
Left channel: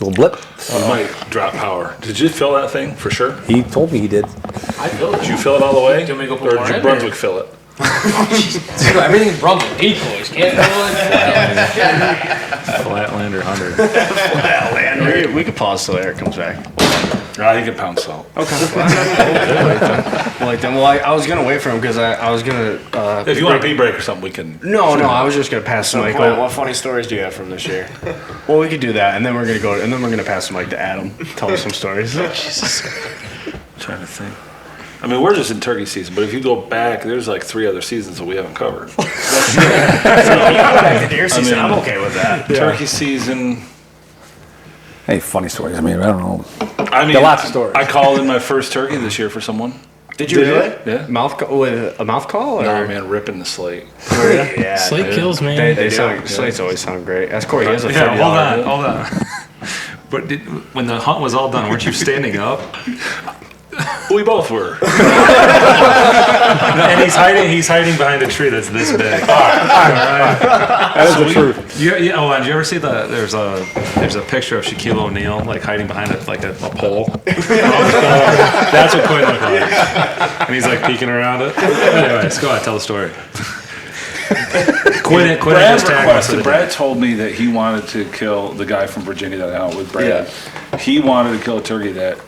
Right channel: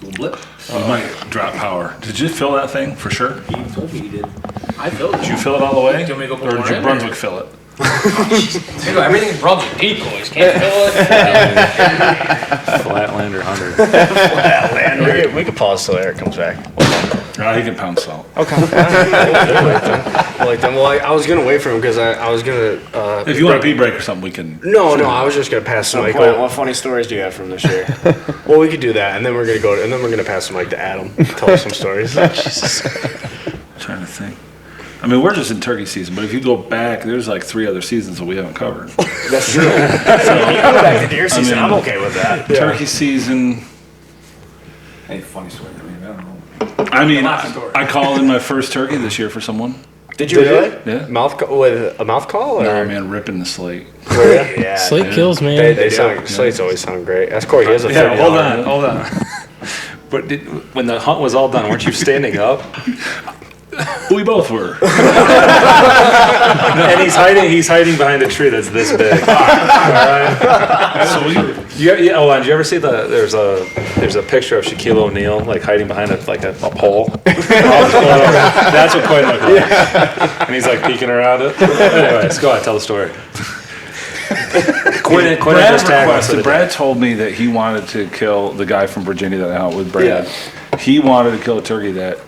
little blip. We might drop power. Did you fill that thing for sure? He told me he did. I filled it. Did you fill it all the way? Do you want me to go put Or more did New in, Brunswick fill it? Dude, everything's Brunswick. Decoys. Can't fill it. Flatlander 100. We could pause till Eric comes back. Ah, you can pound salt. Okay. Well, I was gonna wait for him because I was gonna. If you want a pee break or something, we can. No, I was just gonna pass the mic. What funny stories do you have from this year? Well, we could do that, and then we're gonna pass the mic to Adam. Tell us some stories. Trying to think. I mean, we're just in turkey season, but if you go back, there's like 3 other seasons that we haven't covered. That's true. Back to deer season, mean, I'm okay with that. Turkey season. Hey, funny stories. I mean, I don't know. I mean, lots of stories. I called in my first turkey this year for someone. Did you really? Yeah. With a mouth call, or Nah, man, ripping the slate. Yeah. Slate kills, man. they sound, slates always sound great. That's Corey. He has a Yeah, $30. hold on. But when the hunt was all done, weren't you standing up? We both were. And he's hiding behind a tree that's this big. All right. Did you ever see there's a picture of Shaquille O'Neal like hiding behind a pole? That's what Quinton looked like. And he's like peeking around it. Anyways, go ahead, tell the story. Quinton just tagged us. Brad told me that he wanted to kill the guy from Virginia that I out with Brad. Yeah. He wanted to kill a turkey that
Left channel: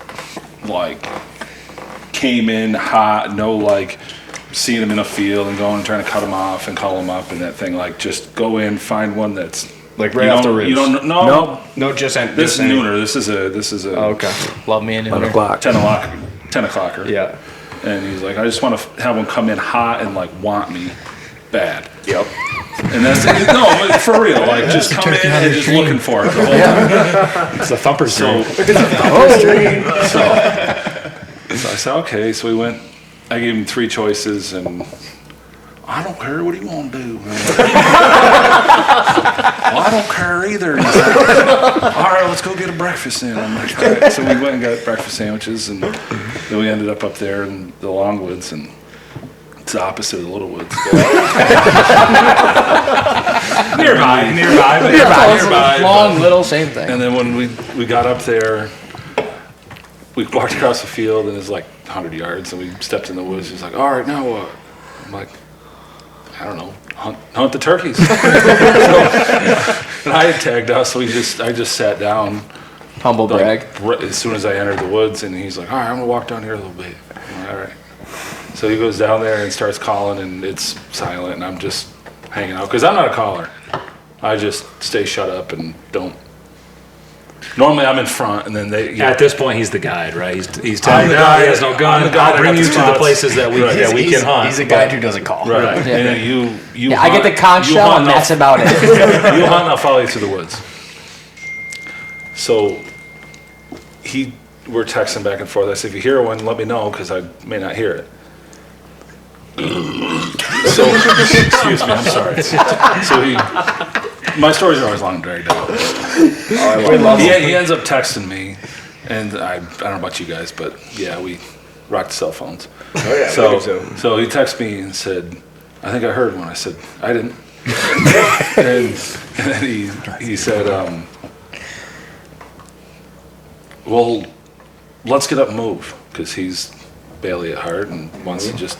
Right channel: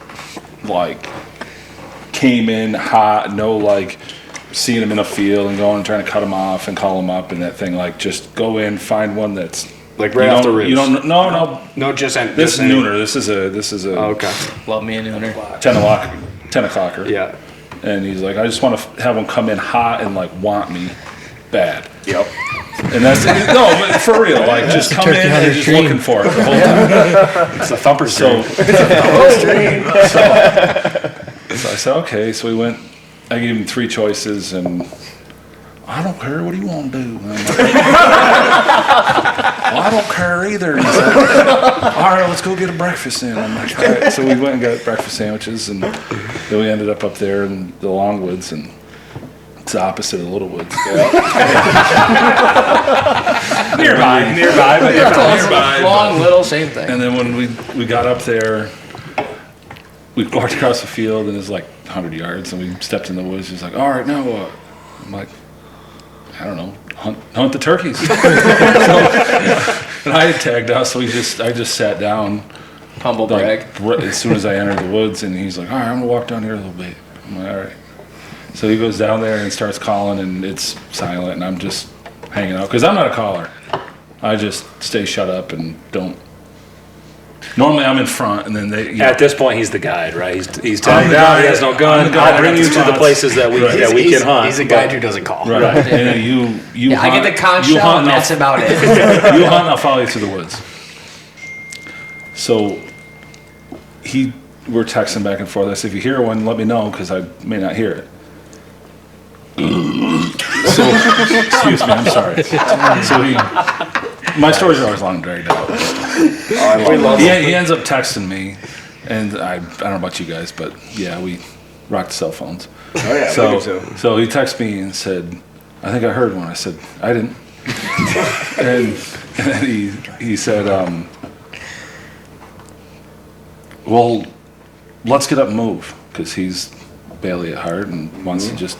like came in hot, no like seeing him in a field and going and trying to cut him off and call him up and that thing. Like just go in, find one that's like right off the ribs. You don't no just this is nooner. This is a okay. Love me a nooner. 10 o'clocker. Yeah. And he's like, I just want to have him come in hot and like want me bad. Yep. And that's no, but for real. Like just come in and just looking for it the whole time. It's a thumper's dream. So I said, okay. So we went. I gave him 3 choices, and I don't care. What do you want to do? Well, I don't care either. He's like, all right, let's go get a breakfast then. I'm like, all right. So we went and got breakfast sandwiches, and then we ended up there in the Longwoods, and it's the opposite of the Little Woods. nearby. Long, little, same thing. And then when we got up there, we walked across the field, and it's like 100 yards, and we stepped in the woods. He's like, all right, now what? I'm like, I don't know, hunt the turkeys. And I had tagged us, so I just sat down. Humble brag. As soon as I entered the woods, and he's like, all right, I'm going to walk down here a little bit. I'm like, all right. So he goes down there and starts calling, and it's silent, and I'm just hanging out. Because I'm not a caller. I just stay shut up and don't. Normally I'm in front, and then they. At this point, he's the guide, right? He's tagged out. He has no gun. I'll bring you to the places that we can hunt. He's a guide who doesn't call. Right. And you yeah, I get the conch shell, and that's about it. You hunt, I'll follow you to the woods. So we're texting back and forth. I said, if you hear one, let me know, because I may not hear it. So, excuse me, I'm sorry. So my stories are always long and dragged out. He ends up texting me, and I don't know about you guys, but yeah, we rocked cell phones. Oh yeah, so he texted me and said, I think I heard one. I said, I didn't. and then he said, well, let's get up and move, because he's Bailey at heart and wants to just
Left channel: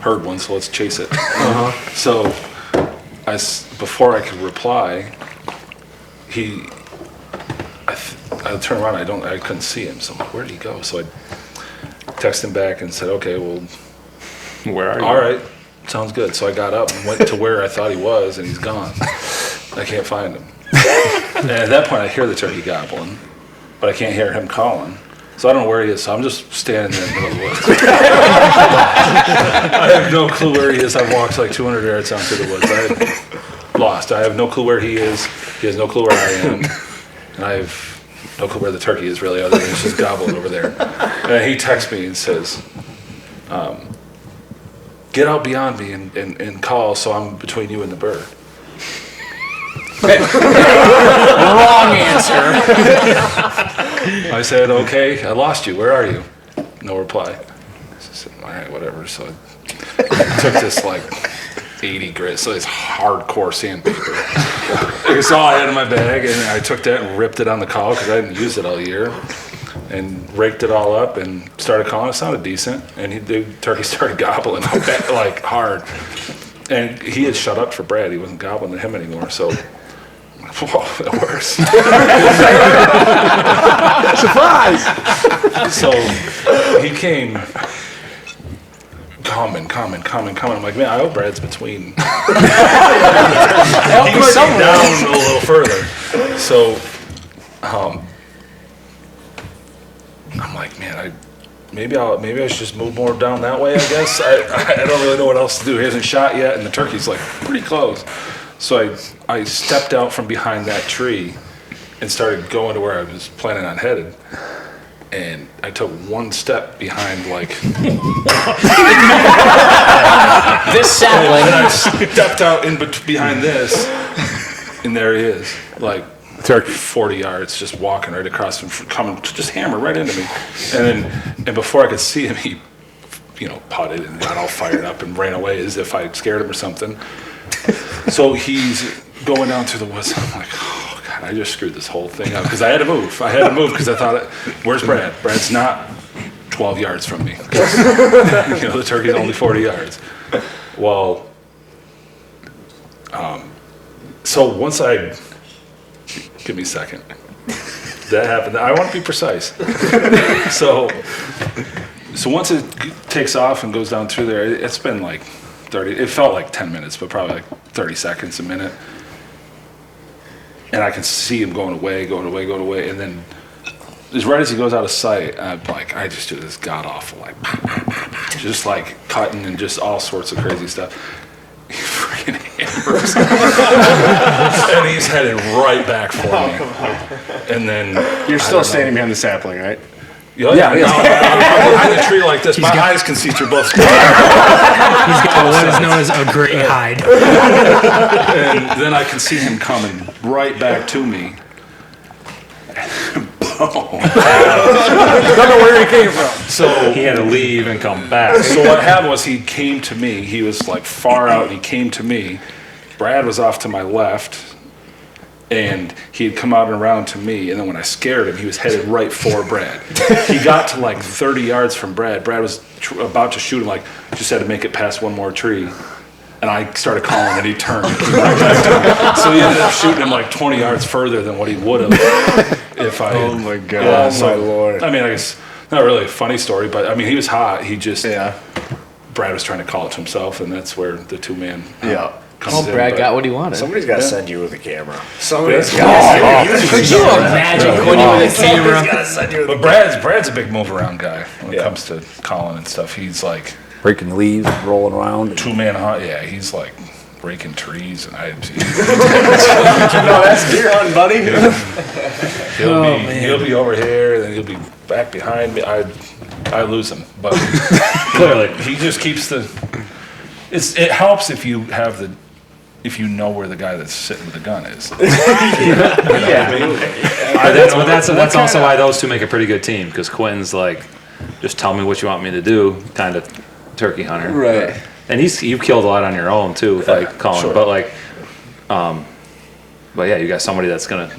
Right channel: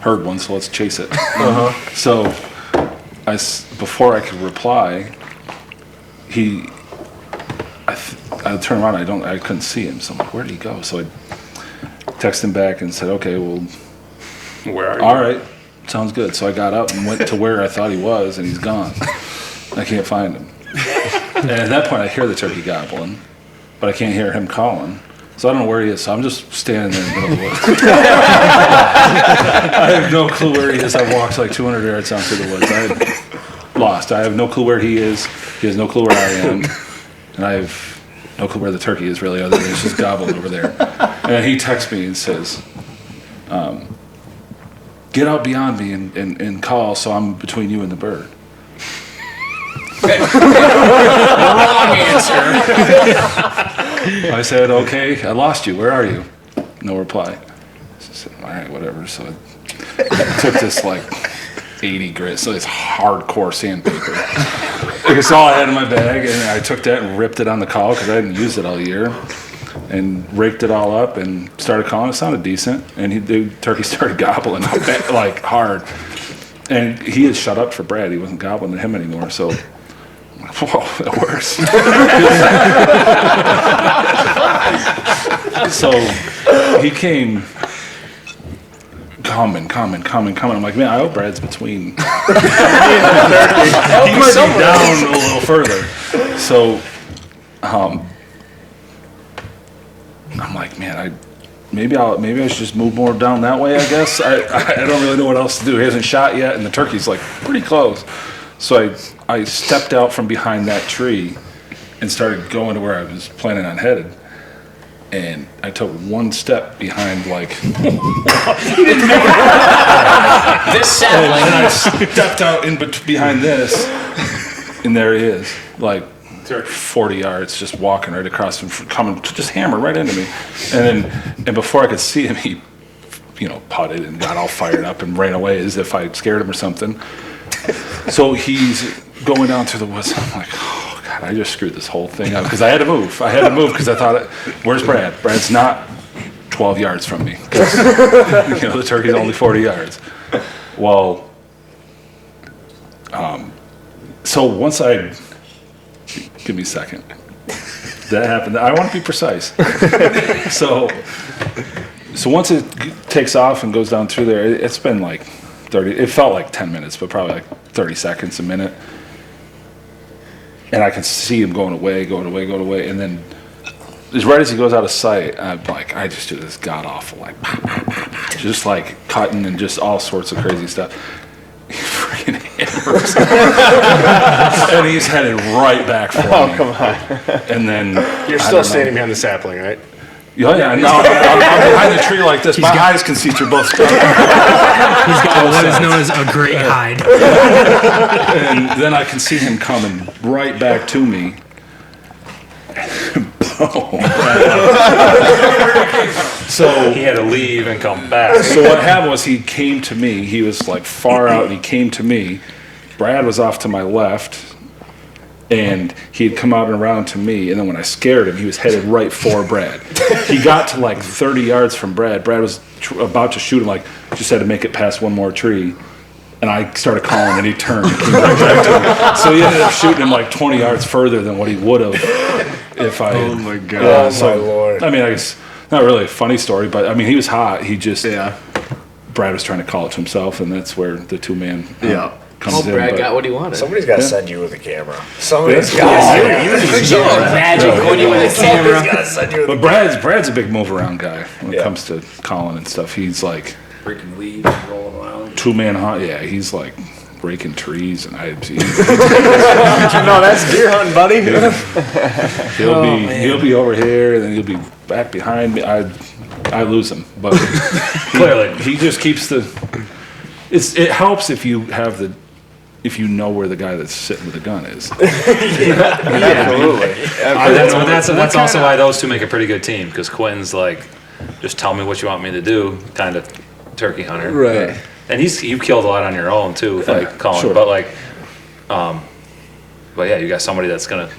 heard one, so let's chase it. So before I could reply, I turned around, I couldn't see him, so I'm like, where did he go? So I texted him back and said, okay, well, Where are you? all right, sounds good. So I got up and went to where I thought he was, and he's gone. I can't find him. And at that point, I hear the turkey gobbling, but I can't hear him calling. So I don't know where he is, so I'm just standing there in the middle of the woods. I have no clue where he is. I've walked like 200 yards down through the woods. I'm lost. I have no clue where he is. He has no clue where I am. And I have no clue where the turkey is, really, other than it's just gobbling over there. And then he texts me and says, get out beyond me and call, so I'm between you and the bird. Wrong answer. I said, okay, I lost you. Where are you? No reply. I said, all right, whatever. So I took this like 80 grit, so it's hardcore sandpaper. It's all I had in my bag, and I took that and ripped it on the call because I hadn't used it all year, and raked it all up and started calling. It sounded decent, and the turkey started gobbling like hard. And he had shut up for Brad. He wasn't gobbling at him anymore, so. Whoa, that works. Surprise! So he came coming. I'm like, man, I hope Brad's between. He was down a little further. So I'm like, man, maybe I should just move more down that way, I guess. I don't really know what else to do. He hasn't shot yet, and the turkey's like pretty close. So I stepped out from behind that tree and started going to where I was planning on headed. And I took one step behind, like... This sapling. And I stepped out behind this, and there he is. Like, turkey 40 yards, just walking right across and coming to just hammer right into me. And before I could see him, he, putted and got all fired up and ran away as if I scared him or something. So he's going down through the woods. I'm like, oh God, I just screwed this whole thing up because I had to move. Because I thought, where's Brad? Brad's not 12 yards from me. The turkey's only 40 yards. Well, so once give me a second. That happened. I want to be precise. So once it takes off and goes down through there, it's been like 30, it felt like 10 minutes, but probably like 30 seconds, a minute. And I can see him going away. And then right as he goes out of sight, I'm like, I just do this god-awful, like, just like cutting and just all sorts of crazy stuff. He freaking hammers. And he's headed right back for me. And then You're still standing behind the sapling, right? Oh, yeah. No, I'm behind the tree like this. My eyes can see through both. He's got what is known as a great hide. And then I can see him coming right back to me. So He had to leave and come back. So what happened was he came to me. He was like far out, and he came to me. Brad was off to my left, and he had come out and around to me. And then when I scared him, he was headed right for Brad. He got to like 30 yards from Brad. Brad was about to shoot him, like just had to make it past one more tree. And I started calling, and he turned and came right back to me. So he ended up shooting him like 20 yards further than what he would have if I. Oh my God! Yeah, so, my Lord! I mean, I guess not really a funny story, but I mean, he was hot. He just Brad was trying to call it to himself, and that's where the two-man comes in. Brad but- got what he wanted. Somebody's got to send you with a camera. Somebody's got to Could you imagine Quinton with a camera? got to send you with a But Brad's a big move around guy when it comes to calling and stuff. He's like Breaking leaves, rolling around. two-man hunt. Yeah, he's like breaking trees, and No, that's deer hunting, buddy. he'll be over here, and then he'll be back behind me. I lose him, but Clearly. he just keeps the. It helps if you have if you know where the guy that's sitting with the gun is. That's also why those two make a pretty good team, because Quinn's like, just tell me what you want me to do, kind of turkey hunter. Right. And you've killed a lot on your own too, like calling. Sure. But like, but yeah, you got somebody that's gonna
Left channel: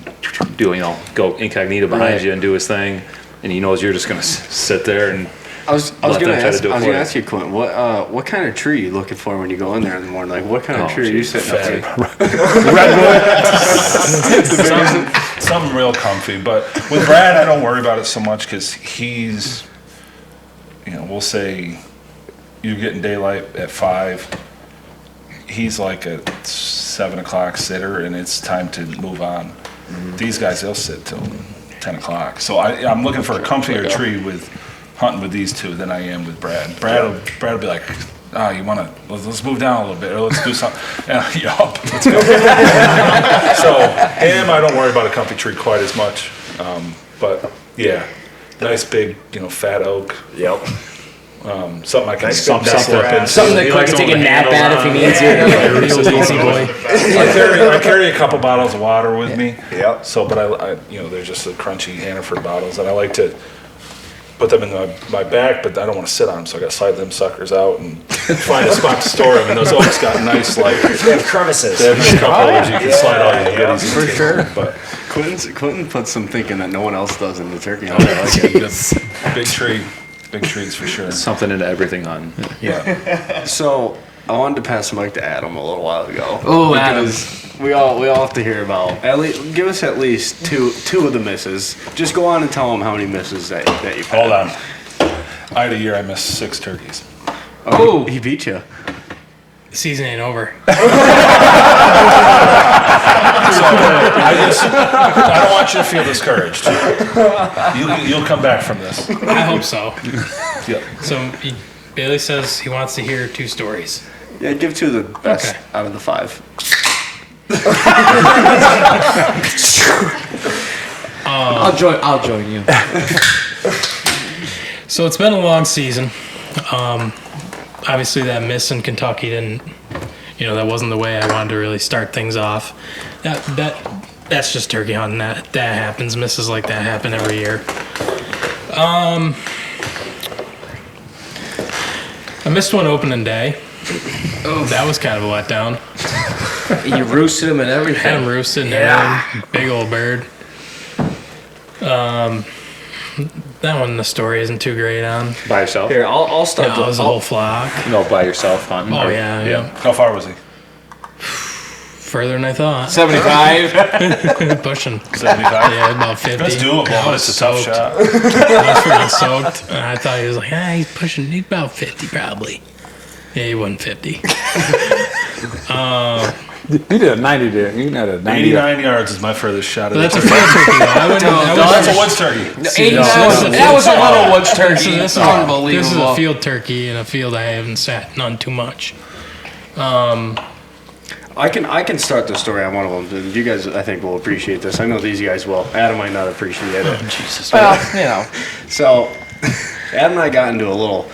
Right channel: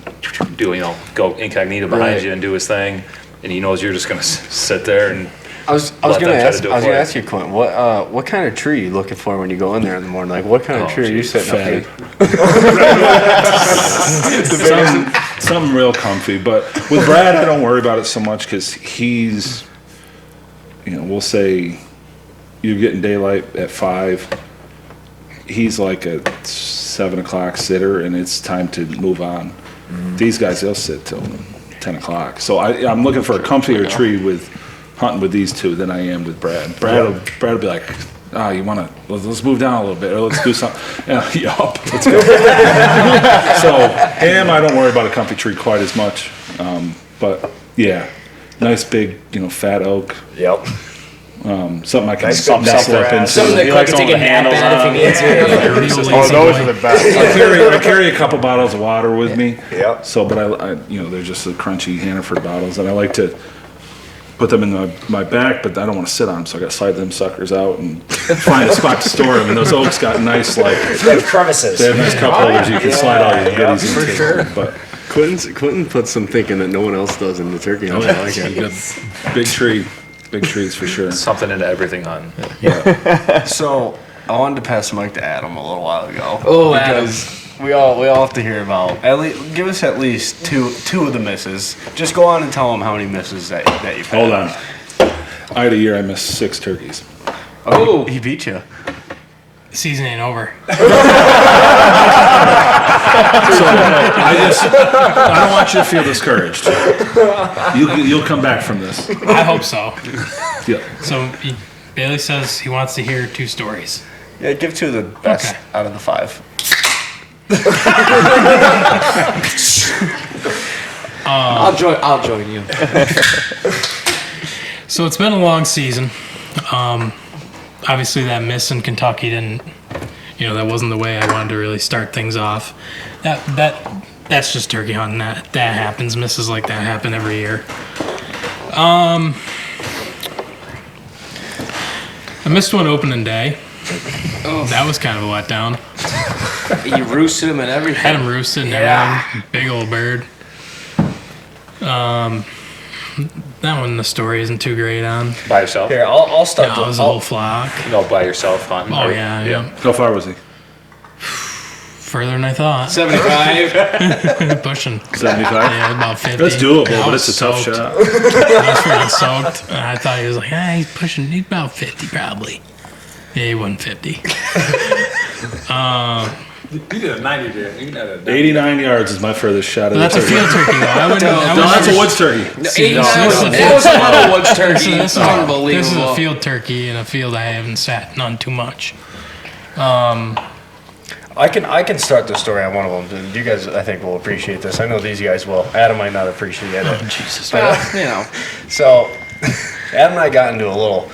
go incognito behind you and do his thing, and he knows you're just gonna sit there and. I was Let gonna them try to ask. do it I was for gonna you. ask you, Quentin. What kind of tree are you looking for when you go in there in the morning? Like, what kind of Oh, tree are you geez, sitting up something, something real comfy. But with Brad, I don't worry about it so much because he's, we'll say you're getting daylight at 5. He's like a 7 o'clock sitter, and it's time to move on. These guys, they'll sit till 10 o'clock. So I'm looking for a comfier tree with hunting with these two than I am with Brad. Brad will be like, you want to, let's move down a little bit, or let's do something. Yup, let's go. So him, I don't worry about a comfy tree quite as much. But yeah, nice big, fat oak. Yep. Something I can Nice big nestle up into. Something that Quinn can take a nap at if he needs to. I carry a couple bottles of water with me. Yep. So, but I they're just the crunchy Hannaford bottles, and I like to put them in my back, but I don't want to sit on them, so I got to slide them suckers out and find a spot to store them. And those oaks got nice, like They have crevices. they have nice cup holders you can slide all your goodies into. For sure. But Quentin puts some thinking that no one else does in the turkey. I yeah, like it. big trees for sure. Something into everything hunting. Yeah. So I wanted to pass the mic to Adam a little while ago. Oh, Adam. because we all have to hear about give us at least two of the misses. Just go on and tell them how many misses that you've had. Hold on. I had a year I missed 6 turkeys. Oh, he beat you. Season ain't over. So I don't want you to feel discouraged. You'll come back from this. I hope so. Yeah. So Bailey says he wants to hear 2 stories. Yeah, give 2 of the best Okay. out of the 5. I'll join you. So it's been a long season. Obviously that miss in Kentucky didn't, that wasn't the way I wanted to really start things off. That that's just turkey hunting. That happens. Misses like that happen every year. I missed one opening day. Oh, that was kind of a letdown. You roosted him and everything. Had him roosted and everything. Big old bird. That one, the story isn't too great on. By yourself? Here, I'll start. No, it was a whole flock. No, by yourself hunting. Oh, yeah. How far was he? Further than I thought. 75. Pushing. 75? Yeah, about 50. That's doable, I but was it's a tough soaked. shot. I was freaking soaked. And I thought he was like, he's pushing. He's about 50 probably. Yeah, he wasn't 50. You did a 90 there. You had a 90. 89 yards is my furthest shot of But the that's a turkey. field turkey, though. I wouldn't. That's a woods turkey. 89 no. that was a little woods turkey. This is Unbelievable. This is a field turkey in a field I haven't sat none too much. I can start the story on one of them. You guys, I think, will appreciate this. I know these guys will. Adam might not appreciate it. Jesus. Well, So, Adam and I got into a little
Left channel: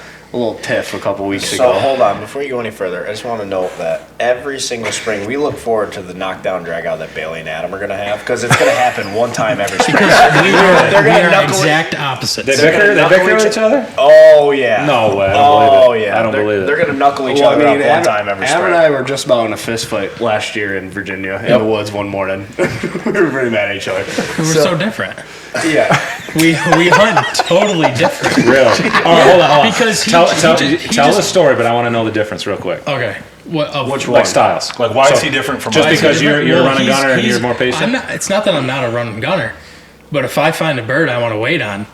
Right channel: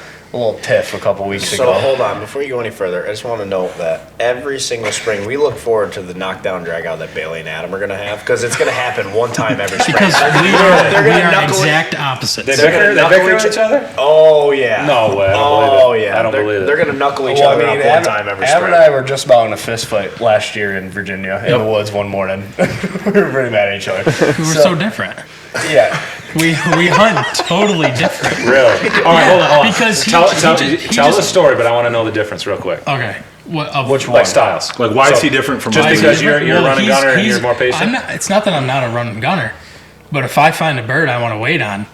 tiff a couple weeks So ago. hold on, before you go any further, I just want to note that every single spring we look forward to the knockdown drag out that Bailey and Adam are going to have because it's going to happen one time every spring. Because we They're gonna are knuckle exact opposites. They're gonna They knuckle bicker at each other? Oh yeah. No way, I don't Oh believe it. yeah. I don't They're- believe it. They're going to knuckle each Well, other up one Adam, time every Adam spring. and I were just about in a fist fight last year in Virginia in the woods one morning. We were pretty mad at each other. We're so different. Yeah. We hunt totally different. Really? All right, hold on. Because he tell just- the story, but I want to know the difference real quick. Okay. What? Which Like one? styles. Like, why is he different from Just us? because you're a running he's- gunner and he's- you're more patient? It's not that I'm not a running gunner, but if I find a bird I want to wait on,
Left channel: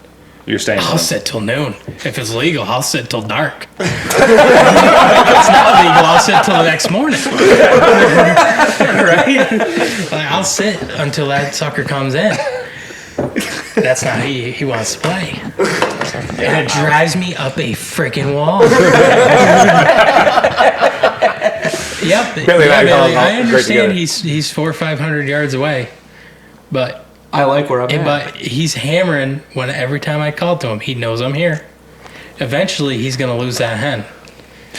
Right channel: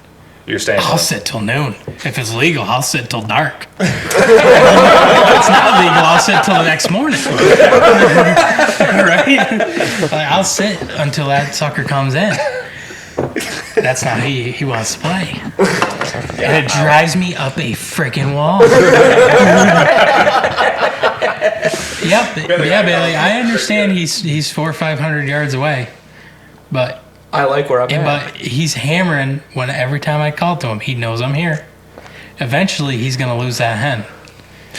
You're staying I'll with sit till noon. If it's legal, I'll sit till dark. If it's not legal, I'll sit till the next morning. Right? Like, I'll sit until that sucker comes in. That's not who he wants to play. And it drives me up a freaking wall. Bailey, I understand he's 400 or 500 yards away, but I like where I'm at. but he's hammering when every time I call to him, he knows I'm here. Eventually, he's gonna lose that hen,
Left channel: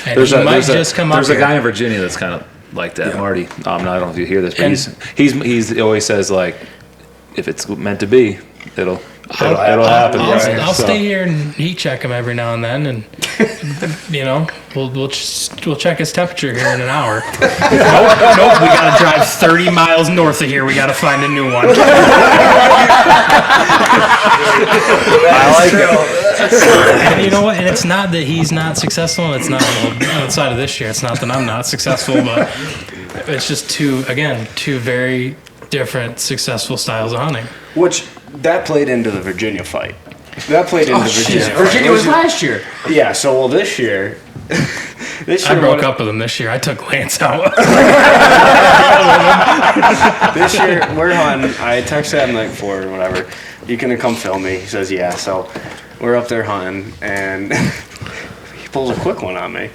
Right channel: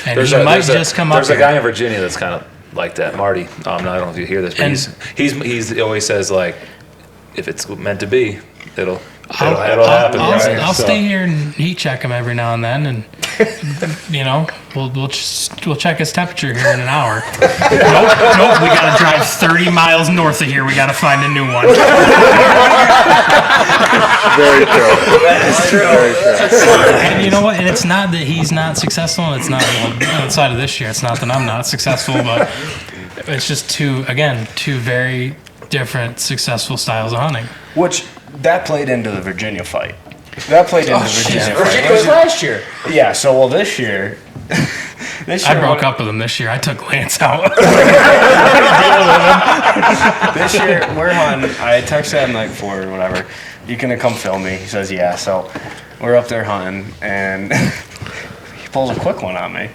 and he might just come up. There's a here. guy in Virginia that's kind of like that, Marty. I don't know if you hear this, but And- he always says like, if it's meant to be, it'll happen. right? I'll So- stay here and heat check him every now and then, and we'll check his temperature here in an hour. Nope, we gotta drive 30 miles north of here. We gotta find a new one. That's true. And you know what? And it's not that he's not successful. And it's not outside of this year. It's not that I'm not successful, but it's just two very different successul styles of hunting. Which, that played into the Virginia fight. That played into Virginia fight. Virginia was last year. Yeah, so this year... I broke up with him this year. I took Lance out. This year, we're hunting. I texted him like 4 or whatever. You gonna come film me? He says, yeah. So we're up there hunting, and he pulls a quick one on me.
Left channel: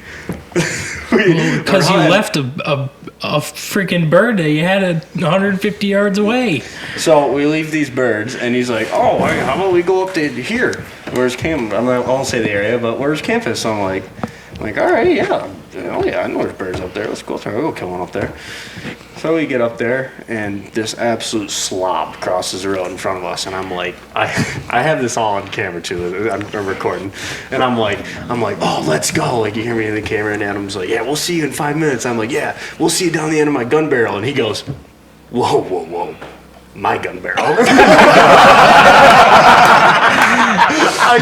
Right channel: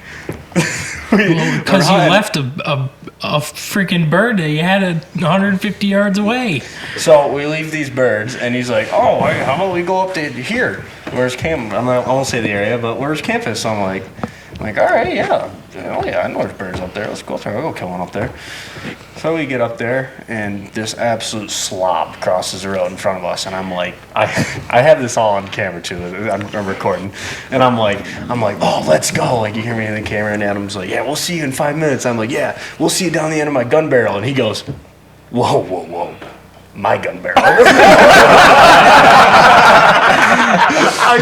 Because you left a freaking bird that you had 150 yards away. So we leave these birds, and he's like, "Oh, how about we go up to here? Where's camp? I won't say the area, but where's campus?" So I'm like, all right, yeah, oh yeah, I know there's birds up there. Let's go up there. I'll go kill one up there. So we get up there, and this absolute slob crosses the road in front of us, and I'm like, I have this all on camera too. I'm recording, and I'm like, oh, let's go. Like, you hear me in the camera, and Adam's like, yeah, we'll see you in 5 minutes. I'm like, yeah, we'll see you down the end of my gun barrel, and he goes, whoa, my gun barrel. I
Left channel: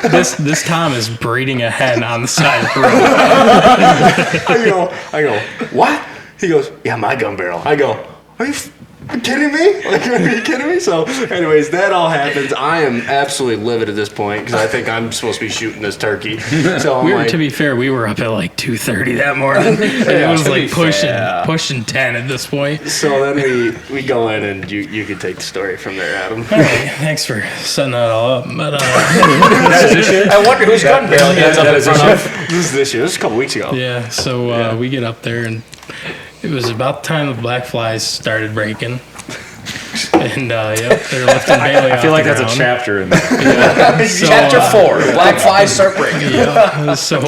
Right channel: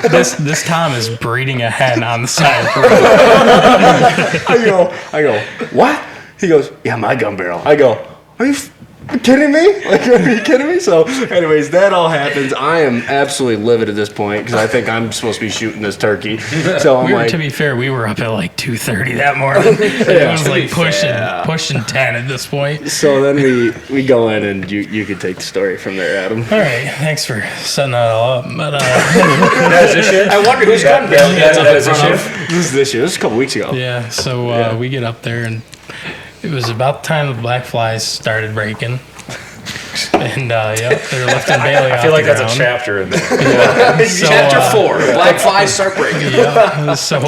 go, This Tom is breeding a hen on the side of the road. I go, what? He goes, yeah, my gun barrel. I go, are you kidding me? Like, are you kidding me? So, anyways, that all happens. I am absolutely livid at this point because I think I'm supposed to be shooting this turkey. So I'm like, To be fair, we were up at like 2:30 that morning. It was like pushing 10 at this point. so then we go in, and you can take the story from there, Adam. All right, thanks for setting that all up. But I wonder whose gun barrel he ends up in front of. This is this year. This is a couple weeks ago. yeah, so we get up there, and it was about the time the black flies started breaking. And they're lifting Bailey off I feel like the that's a ground. chapter in there. So, Chapter 4. Black flies start breaking. Yeah. So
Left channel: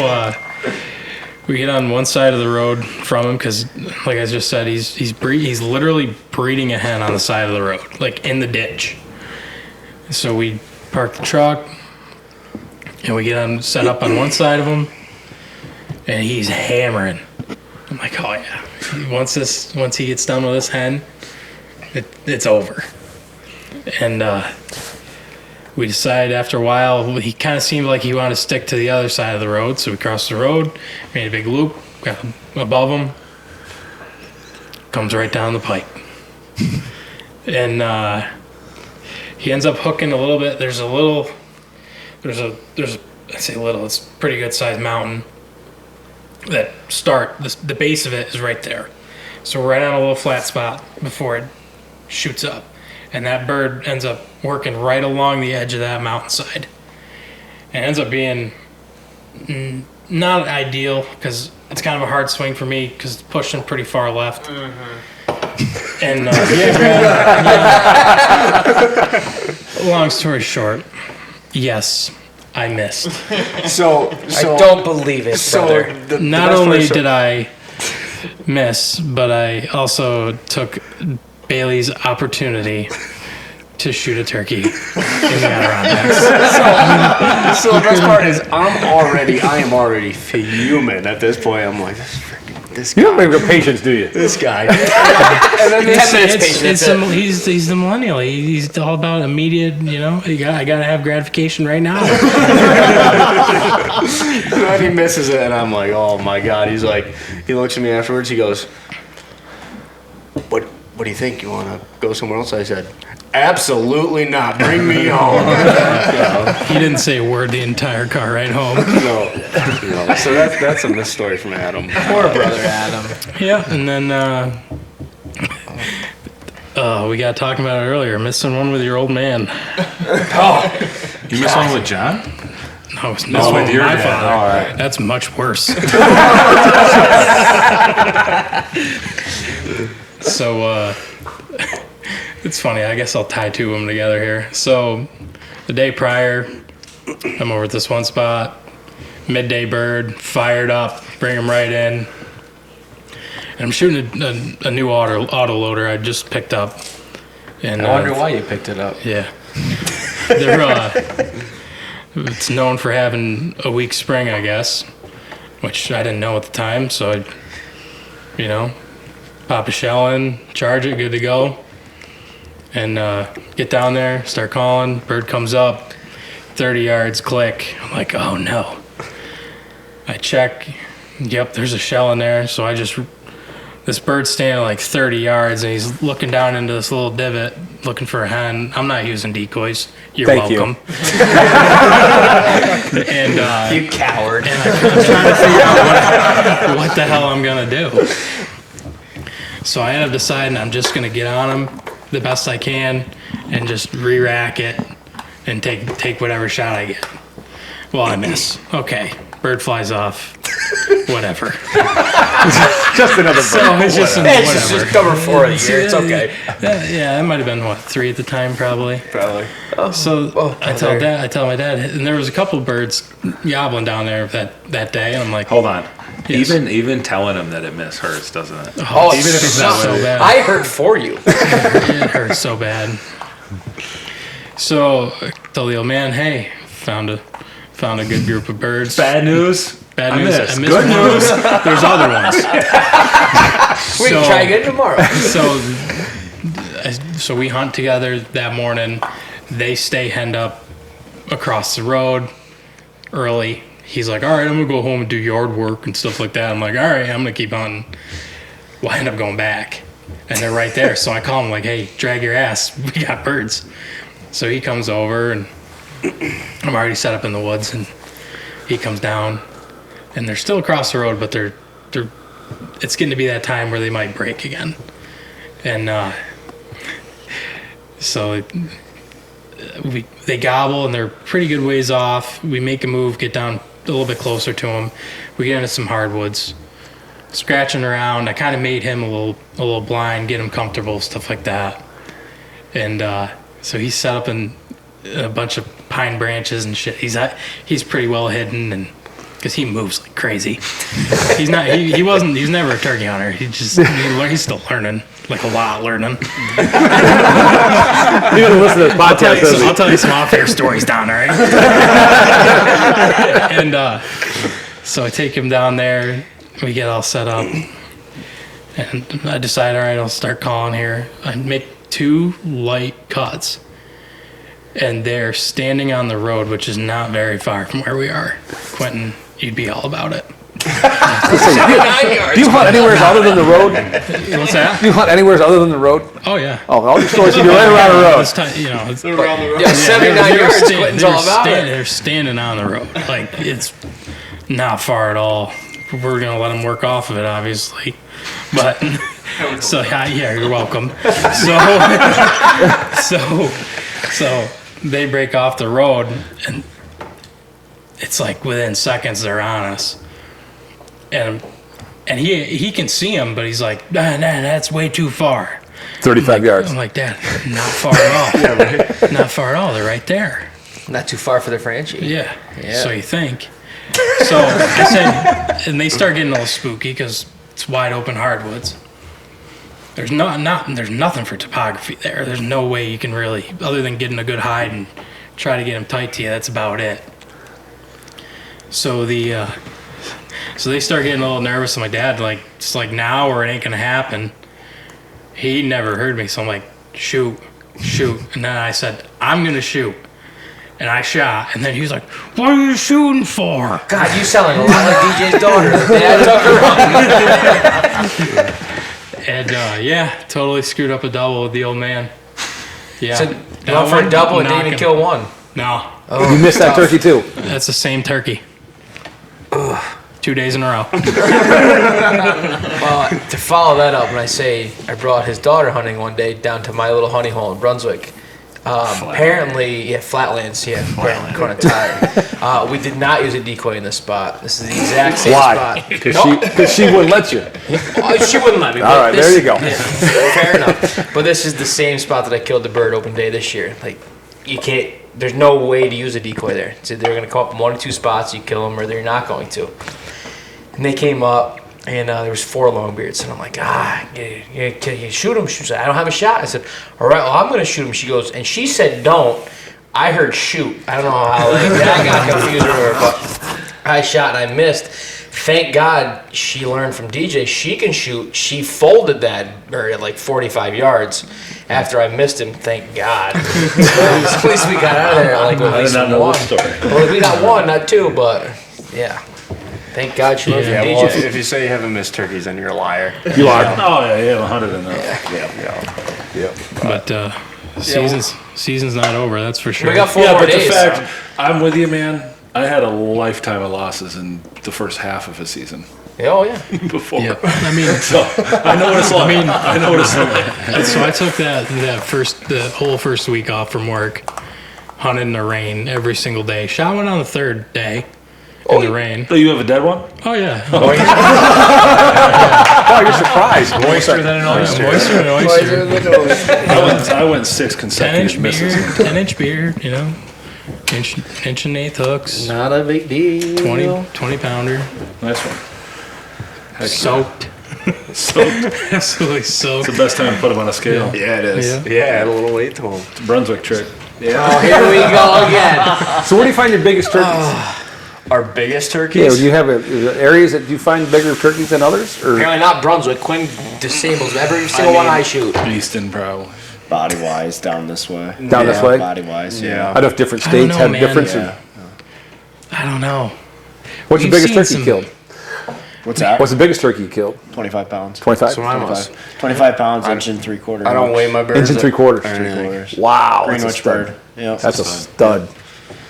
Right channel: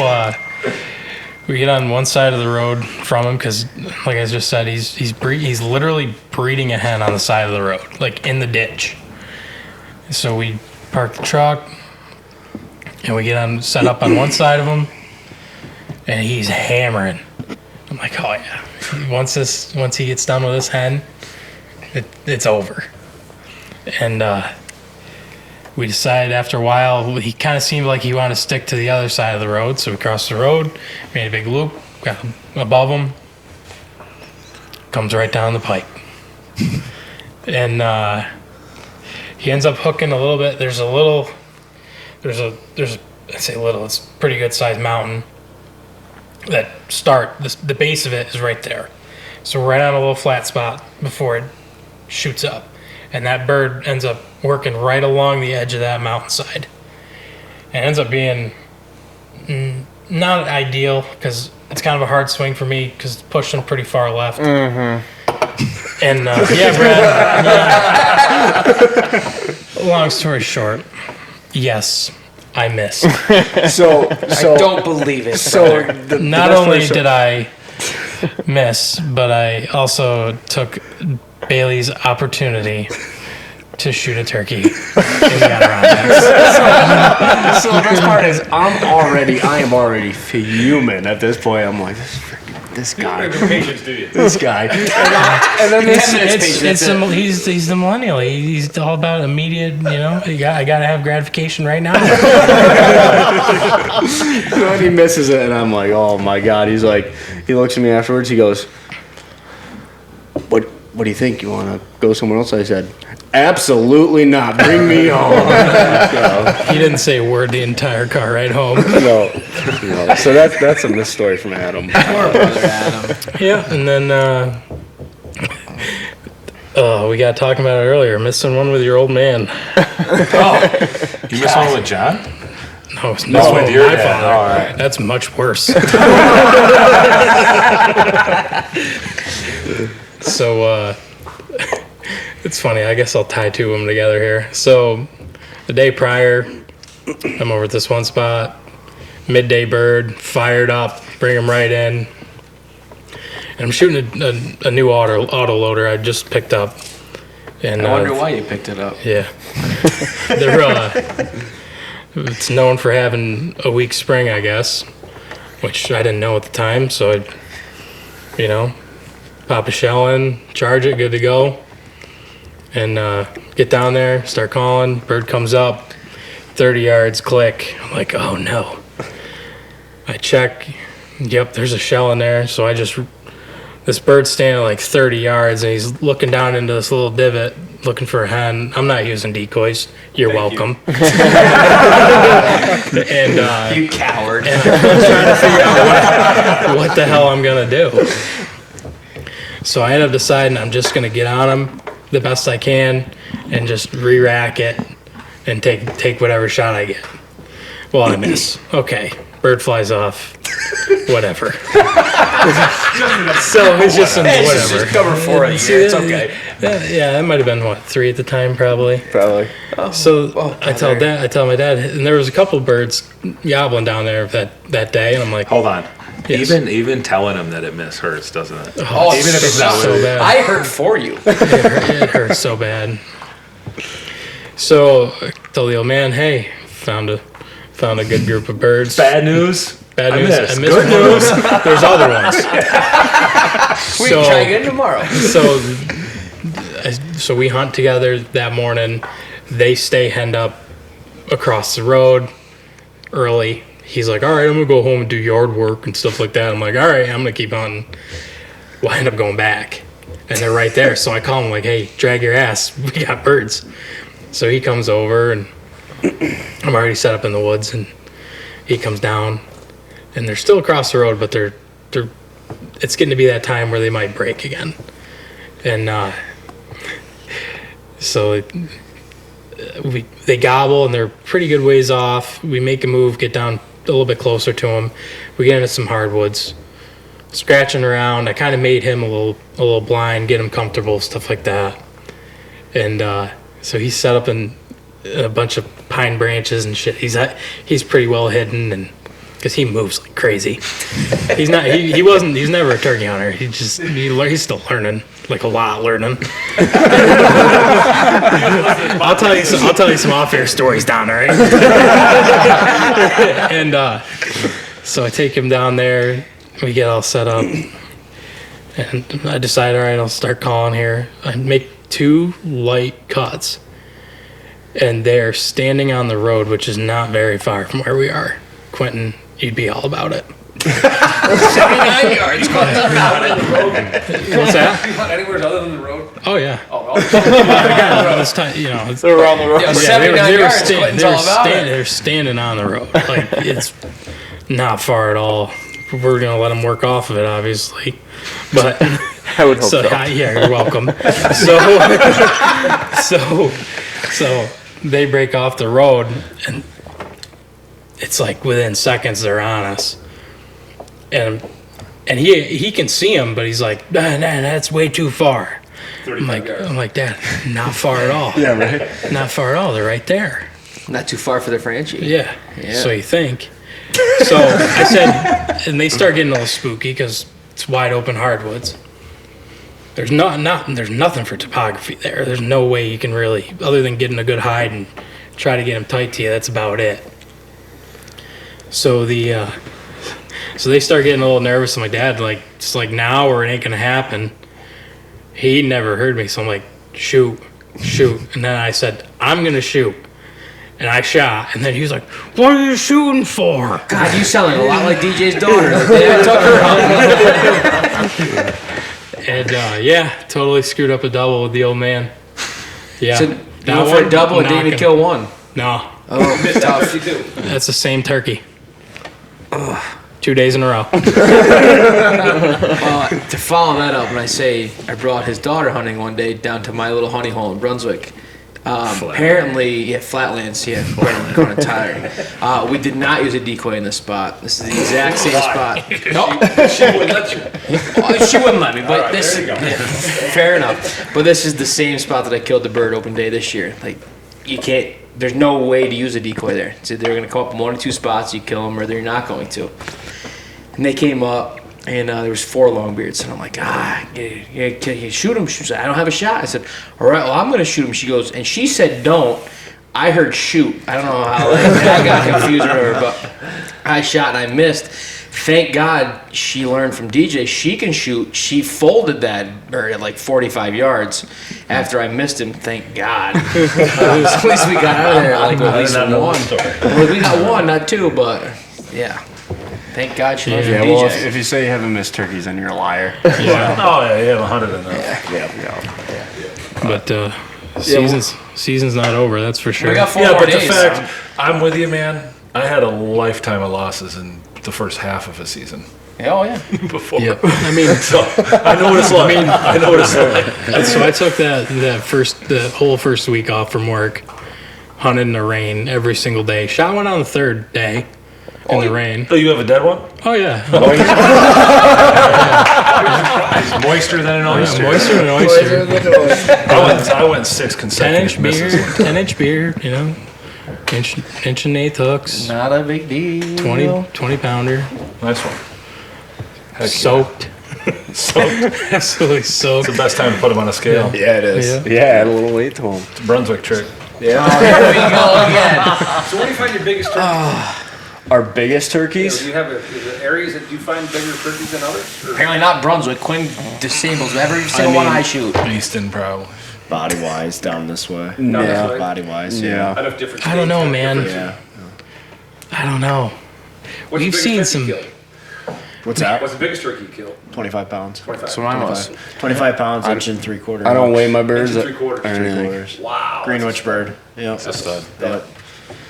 We get on one side of the road from him because, like I just said, he's literally breeding a hen on the side of the road, like in the ditch. So we park the truck, and we get set up on one side of him, and he's hammering. I'm like, oh yeah. Once he gets done with this hen, it's over. And we decided after a while, he kind of seemed like he wanted to stick to the other side of the road, so we crossed the road, made a big loop, got above him, comes right down the pipe. And he ends up hooking a little bit. There's I say little, it's a pretty good sized mountain that the base of it is right there. So we're right on a little flat spot before it shoots up. And that bird ends up working right along the edge of that mountainside. And it ends up being not ideal because it's kind of a hard swing for me because it's pushing pretty far left. Mm-hmm. And yeah, Brad. Long story short, yes, I missed. So I don't believe it. So not only did I miss, but I also took Bailey's opportunity to shoot a turkey in the Adirondacks. So the best part is I am already fuming at this point. I'm like, this You don't guy. have the patience, do you? This guy. And then He's the millennial. He's all about immediate, I got to have gratification right now. And he misses it, and I'm like, oh my God. He's like, he looks at me afterwards. He goes, what do you think? You want to go somewhere else? I said, absolutely not. Bring me home. He didn't say a word the entire car ride home. No. So that's a miss story from Adam. Poor brother Adam. Yeah, and then we got talking about it earlier. Missing one with your old man. You missed one with John? No, it's not with your my dad. father. All right. That's much worse. So it's funny. I guess I'll tie two of them together here. So the day prior, I'm over at this one spot. Midday bird, fired up, bring him right in. And I'm shooting a new auto loader I just picked up. And I wonder why you picked it up. Yeah. They're it's known for having a weak spring, I guess, which I didn't know at the time. So I, pop a shell in, charge it, good to go. And get down there, start calling. Bird comes up, 30 yards, click. I'm like, oh no. I check. Yep, there's a shell in there. So this bird's standing at like 30 yards, and he's looking down into this little divot, looking for a hen. I'm not using decoys. You're Thank welcome. And You coward. I'm trying to figure out what the hell I'm gonna do. So I ended up deciding I'm just gonna get on him the best I can and just re-rack it and take whatever shot I get. Well, I miss. Okay, bird flies off. Whatever. So it's just whatever. Just cover 4 of the year. It's okay. Yeah, it might have been 3 at the time, probably. Probably. So I tell my dad, and there was a couple of birds gobbling down there that day, and I'm like, Hold on. Yes. Even telling him that it miss hurts, doesn't it? Oh, Even if it's not so really- bad. I heard for you. It hurts so bad. So I told the old man, hey, found a good group of birds. Bad news. Bad I news. missed. I missed Good one. news. There's other ones. We can try again tomorrow. So we hunt together that morning. They stay henned up across the road early. He's like, all right, I'm going to go home and do yard work and stuff like that. I'm like, all right, I'm going to keep hunting. Well, I end up going back. And they're right there. So I call him like, hey, drag your ass. We got birds. So he comes over, and I'm already set up in the woods. And he comes down. And they're still across the road, but they're it's getting to be that time where they might break again. And so they gobble, and they're pretty good ways off. We make a move, get down a little bit closer to them. We get into some hardwoods, scratching around. I kind of made him a little blind, get him comfortable, stuff like that. And so he's set up in a bunch of pine branches and shit. He's pretty well hidden, and because he moves like crazy. He's not. He wasn't. He's never a turkey hunter. He's still learning, like a lot learning. I'll tell you some off-air stories down there. Right? And so I take him down there. We get all set up, and I decide, all right, I'll start calling here. I make 2 light cuts, and they're standing on the road, which is not very far from where we are. Quinton, you'd be all about it. 79 yards. Do you hunt anywhere other than the road? What's that? Do you hunt anywhere other than the road? Oh yeah. Oh, I'll just show you around the road. This time, you know, They're around the road. Yeah, 79 yards, Quinton's all about it. They're standing on the road. Like, it's not far at all. We're going to let them work off of it, obviously. But, I would hope so. yeah, you're welcome. So they break off the road, and it's like within seconds they're on us. And he can see them, but he's like, nah, that's way too far. 35 yards. I'm like, Dad, not far at all. Yeah, right. Not far at all. They're right there. Not too far for the Frenchie. Yeah. So you think. So I said, and they start getting a little spooky because it's wide open hardwoods. There's there's nothing for topography there. There's no way you can really, other than getting a good hide and try to get them tight to you. That's about it. So so they start getting a little nervous. I'm like, Dad, like, it's like now or it ain't gonna happen. He never heard me, so I'm like, shoot. And then I said, I'm gonna shoot. And I shot, and then he was like, what are you shooting for? God, you sounding a lot like DJ's daughter. Dad took her hunting. And yeah, totally screwed up a double with the old man. Yeah. So, you went for a double and didn't even kill one. No. Oh, You missed that turkey too. That's the same turkey. 2 days in a row. Well, to follow that up, when I say I brought his daughter hunting one day down to my little honey hole in Brunswick. Apparently, Flatlands, we're kind of tired. We did not use a decoy in this spot. This is the exact same spot. Because she wouldn't let you. She wouldn't let me. But All right, this, there you go. Yeah, fair enough. But this is the same spot that I killed the bird open day this year. Like, you can't. There's no way to use a decoy there. So they're going to come up in 1 or 2 spots. You kill them, or they're not going to. And they came up, and there was 4 longbeards, and I'm like, can you shoot him? She said, I don't have a shot. I said, all right, well, I'm going to shoot him. She goes, and she said, don't. I heard shoot. I don't know how I got confused with her, but I shot and I missed. Thank God she learned from DJ. She can shoot. She folded that bird at like 45 yards after I missed him. Thank God. At least we got out of there like at least 1. Well, we got 1, not 2, but yeah. Thank God she learned from DJ. Well, if you say you haven't missed turkeys, then you're a liar. Oh yeah, you have 100 in there. But season's not over, that's for sure. We got 4 Yeah, more but the days. fact, I'm with you, man. I had a lifetime of losses in the first half of a season Oh, yeah. before. Yeah. I mean, So I know what it's like. I know what it's like. so I took the whole first week off from work, hunted in the rain every single day. Shot one on the 3rd day in the rain. So you have a dead one? Oh yeah. Moister than an oyster. Moister than an oyster. I went 6 consecutive 10-inch misses. beard, 10-inch beard, you know. Inch and 1/8 hooks. Not a big deal. 20 pounder. Nice one. Heck Soaked. Absolutely soaked. It's the best time to put him on a scale. Yeah, it is. Yeah. Yeah, add a little weight to them. It's a Brunswick trick. Oh, here we go again. So where do you find your biggest turkeys? Our biggest Yeah, turkeys? do you have areas that you find bigger turkeys than others? Or? Apparently not Brunswick. Quinn disables every single one I shoot. Easton, probably. Body wise, down this way. Down this way? Body wise, I yeah. know different states I don't know, have man. different. I don't know. What's You've your biggest seen turkey some- killed? What's that? What's the biggest turkey you killed? 25 pounds. 25? So mine was. 25 pounds, inch and 3/4. I don't weigh my birds. Inch and 3/4. Or anything. Wow. Greenwich bird. Yeah. That's a stud.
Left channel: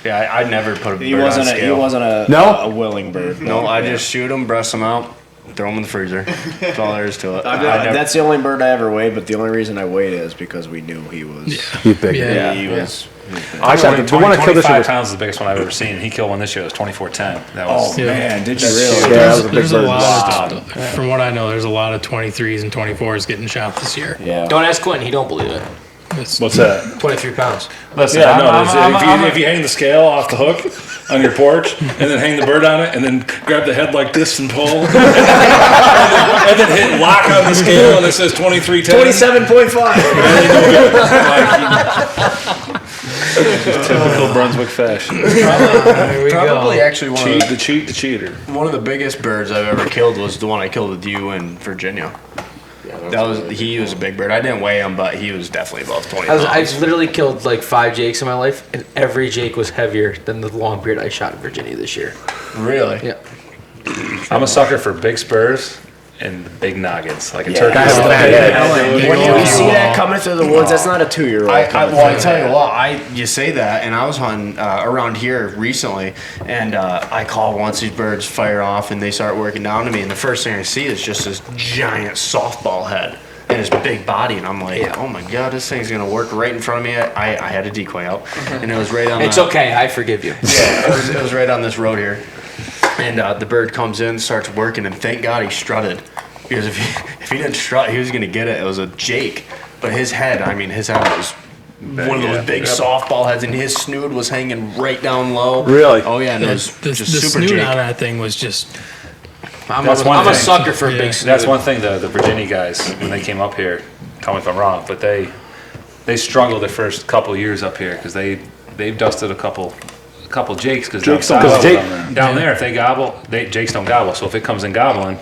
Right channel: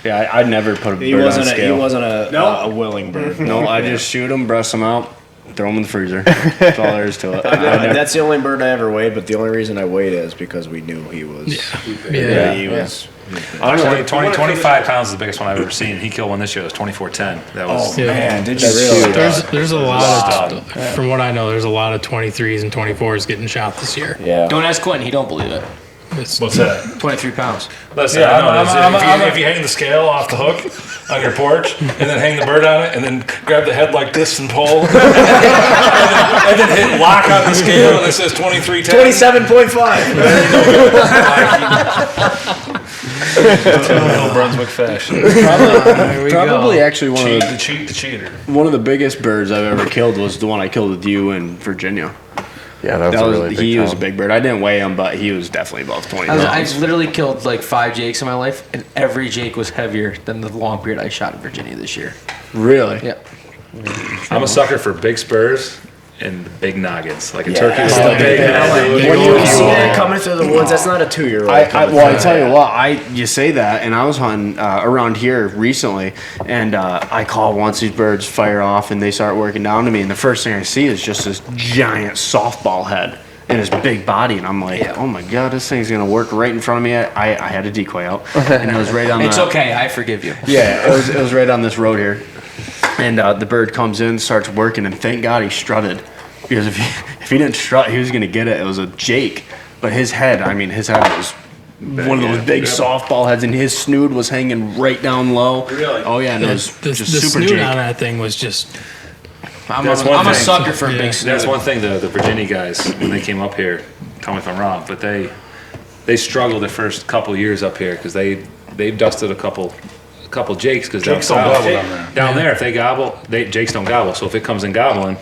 Yeah, I'd never put a bird He on wasn't scale. a willing bird. No, I just shoot them, breast them out, throw them in the freezer. That's all there is to it. That's the only bird I ever weighed, but the only reason I weighed it is because we knew he was. Yeah. He was. Actually, the one I killed this 25 year- pounds is the biggest one I've ever seen. He killed one this year. It was 2410. That was. Yeah. Man, did you really really? There's a lot of, from what I know, there's a lot of 23s and 24s getting shot this year. Yeah. Don't ask Quentin. He don't believe it. It's What's that? 23 pounds. Listen, Yeah, I know if you hang the scale off the hook on your porch and then hang the bird on it and then grab the head like this and pull and then hit lock on the scale and it says 2310. 27.5. Typical Brunswick fashion. Probably actually one of The cheater. one of the biggest birds I've ever killed was the one I killed with you in Virginia. Yeah, That was he was a big bird. I didn't weigh him, but he was definitely above 20 pounds. I've literally killed like 5 jakes in my life, and every jake was heavier than the long beard I shot in Virginia this year. Really? Yeah. I'm a sucker for big spurs and big noggins, like a turkey. When you see that coming through the woods, that's not a 2-year-old. I tell you what, you say that, and I was hunting around here recently, and I call once these birds fire off, and they start working down to me, and the first thing I see is just this giant softball head and his big body, and I'm like, oh my god, this thing's gonna work right in front of me. I had a decoy out, and it was right on. It's okay, I forgive you. Yeah, it was right on this road here. And the bird comes in, starts working, and thank God he strutted. Because if he didn't strut, he was going to get it. It was a jake. But his head was one of those big softball heads, and his snood was hanging right down low. Really? Oh, yeah, and it was the just super snoot jake. on that thing was just. I'm That's one a thing. sucker for a big snoot. That's one thing the Virginia guys, when they came up here, tell me if I'm wrong, but they struggled their first couple years up here because they've dusted a couple jakes because Jakes don't gobble down there. down there if they gobble, jakes don't gobble. So if it comes in gobbling,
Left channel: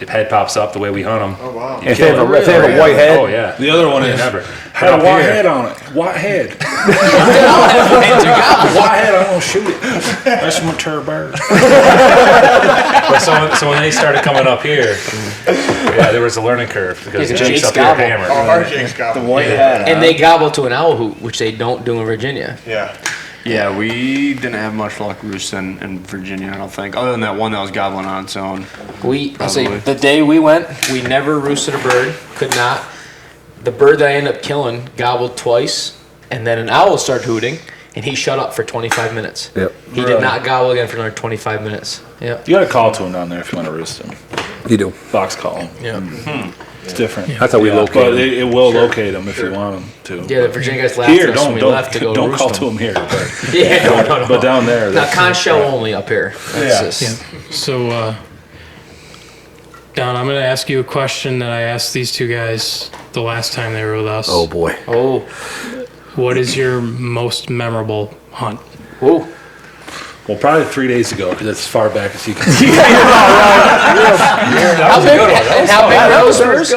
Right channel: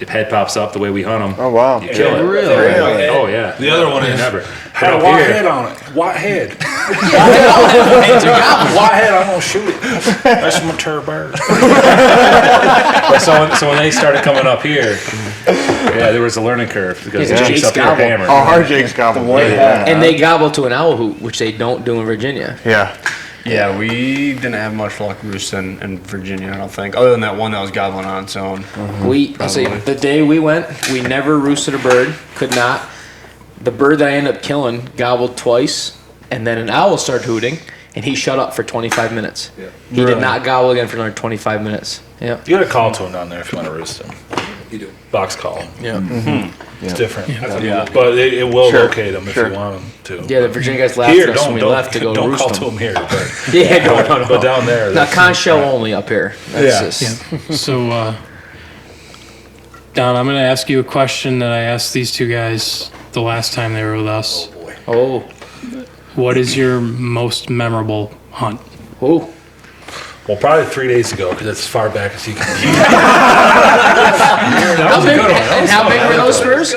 if head pops up the way we hunt them, Oh, wow. you kill it. If they were white head. Oh yeah. The other one is Never. had a Up white here- head on it. White head. White head, I'm gonna shoot it. That's my bird. But so when they started coming up here, there was a learning curve because Yeah, the jakes jakes up here gobble. hammered. Oh, our jakes got the white head. And they gobble to an owl hoot, which they don't do in Virginia. Yeah. Yeah, we didn't have much luck roosting in Virginia, I don't think, other than that one that was gobbling on its own. I'll say, Probably. the day we went, we never roosted a bird, could not. The bird that I ended up killing gobbled twice, and then an owl started hooting, and he shut up for 25 minutes. Yep. He did not gobble again for another 25 minutes. Yeah. You got to call to him down there if you want to roost him. You do. Box call. Yeah. It's different. That's how we locate But it will locate them if you want them to. Yeah, the Virginia guys laughed Here, at us when we left to go don't roost call them. to them here. But, Yeah, no. but down there. Now, that's- con show only up here. That's Yeah. just, So, Don, I'm going to ask you a question that I asked these two guys the last time they were with us. Oh boy. oh, What is your most memorable hunt? oh. Well, probably 3 days ago because that's as far back as you can see. How big were those spurs?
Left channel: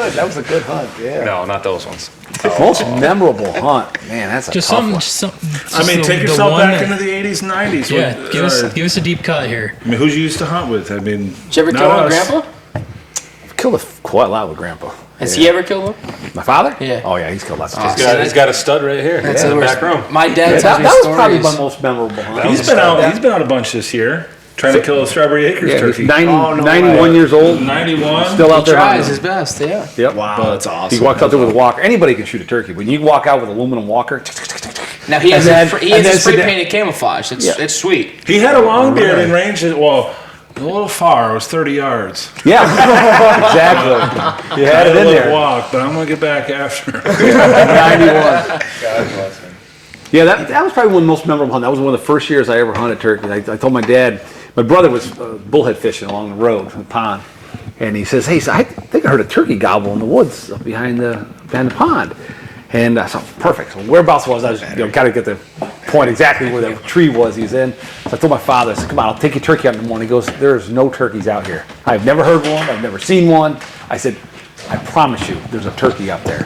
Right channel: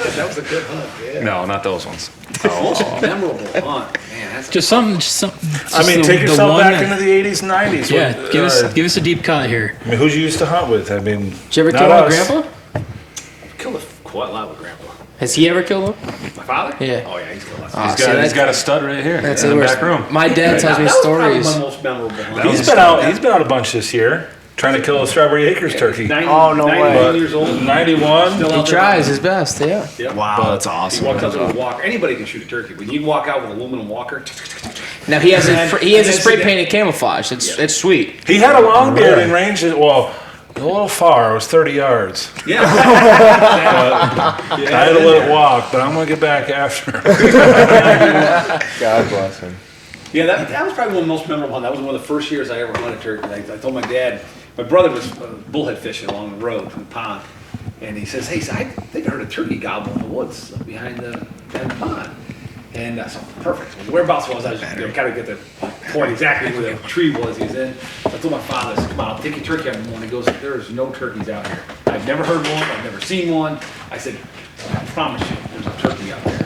No, not those ones. Most memorable hunt. Man, that's Just something. Just I mean, take the yourself one back that- into the 80s and 90s. Yeah, What- give us a deep cut here. I mean, who's you used to hunt with? I mean, Did you ever not kill my us. grandpa? killed quite a lot with Grandpa. Has he ever killed one? My father? Yeah. Oh yeah, he's killed lots of He's got a stud right here. That's in the the worst. back room. My dad tells me That was probably stories. my most memorable hunt. He's been out a bunch this year trying to kill a Strawberry Acres turkey. 91 years old. 91. Still He out there. tries his best, yeah. Yep. Wow, that's awesome. He walks out there with a walker. Anybody can shoot a turkey, but you walk out with an aluminum walker. Now he has a then spray sit painted camouflage. It's sweet. He had a long beard in range. Well, a little far. It was 30 yards. Yeah, exactly. I had to let it walk, but I'm going to get back after him. God bless him. Yeah, that was probably one of the most memorable hunts. That was one of the first years I ever hunted turkey. I told my dad, my brother was bullhead fishing along the road from the pond, and he says, "Hey, so I think I heard a turkey gobble in the woods up behind the pond." And I thought, perfect. So whereabouts was I? Was kind of get the point exactly where the tree was he's in. So I told my father, I said, "Come on, I'll take your turkey out in the morning." He goes, "There's no turkeys out here. I've never heard one. I've never seen one." I said, "I promise you, there's a turkey out there."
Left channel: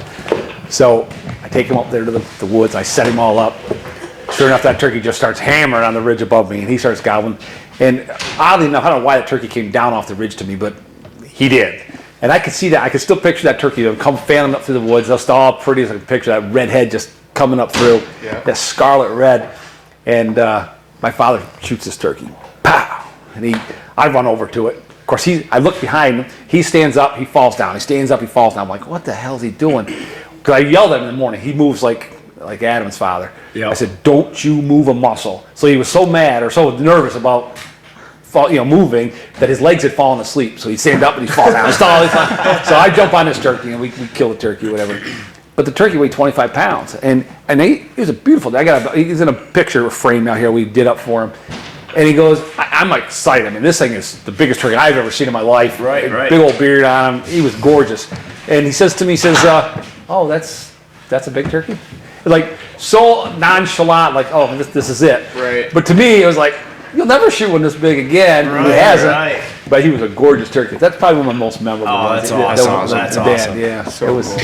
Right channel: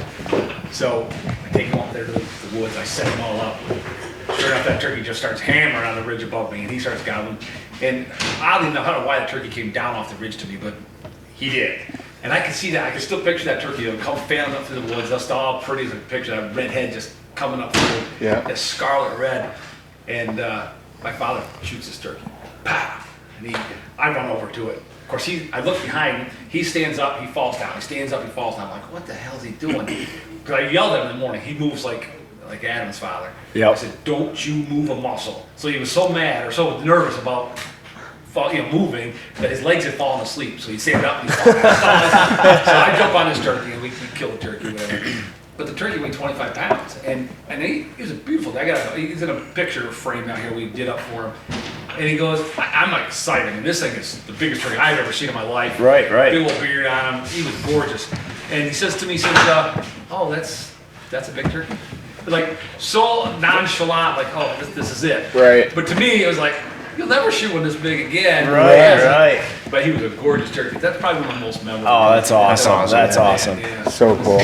So I take him up there to the woods. I set him all up. Sure enough, that turkey just starts hammering on the ridge above me, and he starts gobbling. And oddly enough, I don't know why that turkey came down off the ridge to me, but he did. And I could see that. I could still picture that turkey come fanning up through the woods. That's all pretty as I could picture that red head just coming up through. Yeah. That scarlet red. And my father shoots this turkey. Pow! And I run over to it. Of course, I look behind him. He stands up. He falls down. He stands up. He falls down. I'm like, what the hell is he doing? Because I yelled at him in the morning. He moves like Adam's father. Yep. I said, don't you move a muscle. So he was so mad or so nervous about moving that his legs had fallen asleep. So he'd stand up and he'd fall down. So I jump on this turkey and we kill the turkey, whatever. But the turkey weighed 25 pounds, and he was a beautiful. He's in a picture frame out here we did up for him, and he goes, I'm like excited. I mean, this thing is the biggest turkey I've ever seen in my life. Right. Big old beard on him. He was gorgeous, and he says to me, oh, that's a big turkey. Like so nonchalant, like oh, this is it. Right. But to me, it was like, you'll never shoot one this big again. He hasn't. Right. But he was a gorgeous turkey. That's probably one of the most memorable. Oh, that's ones. awesome. That's awesome. Yeah. So cool.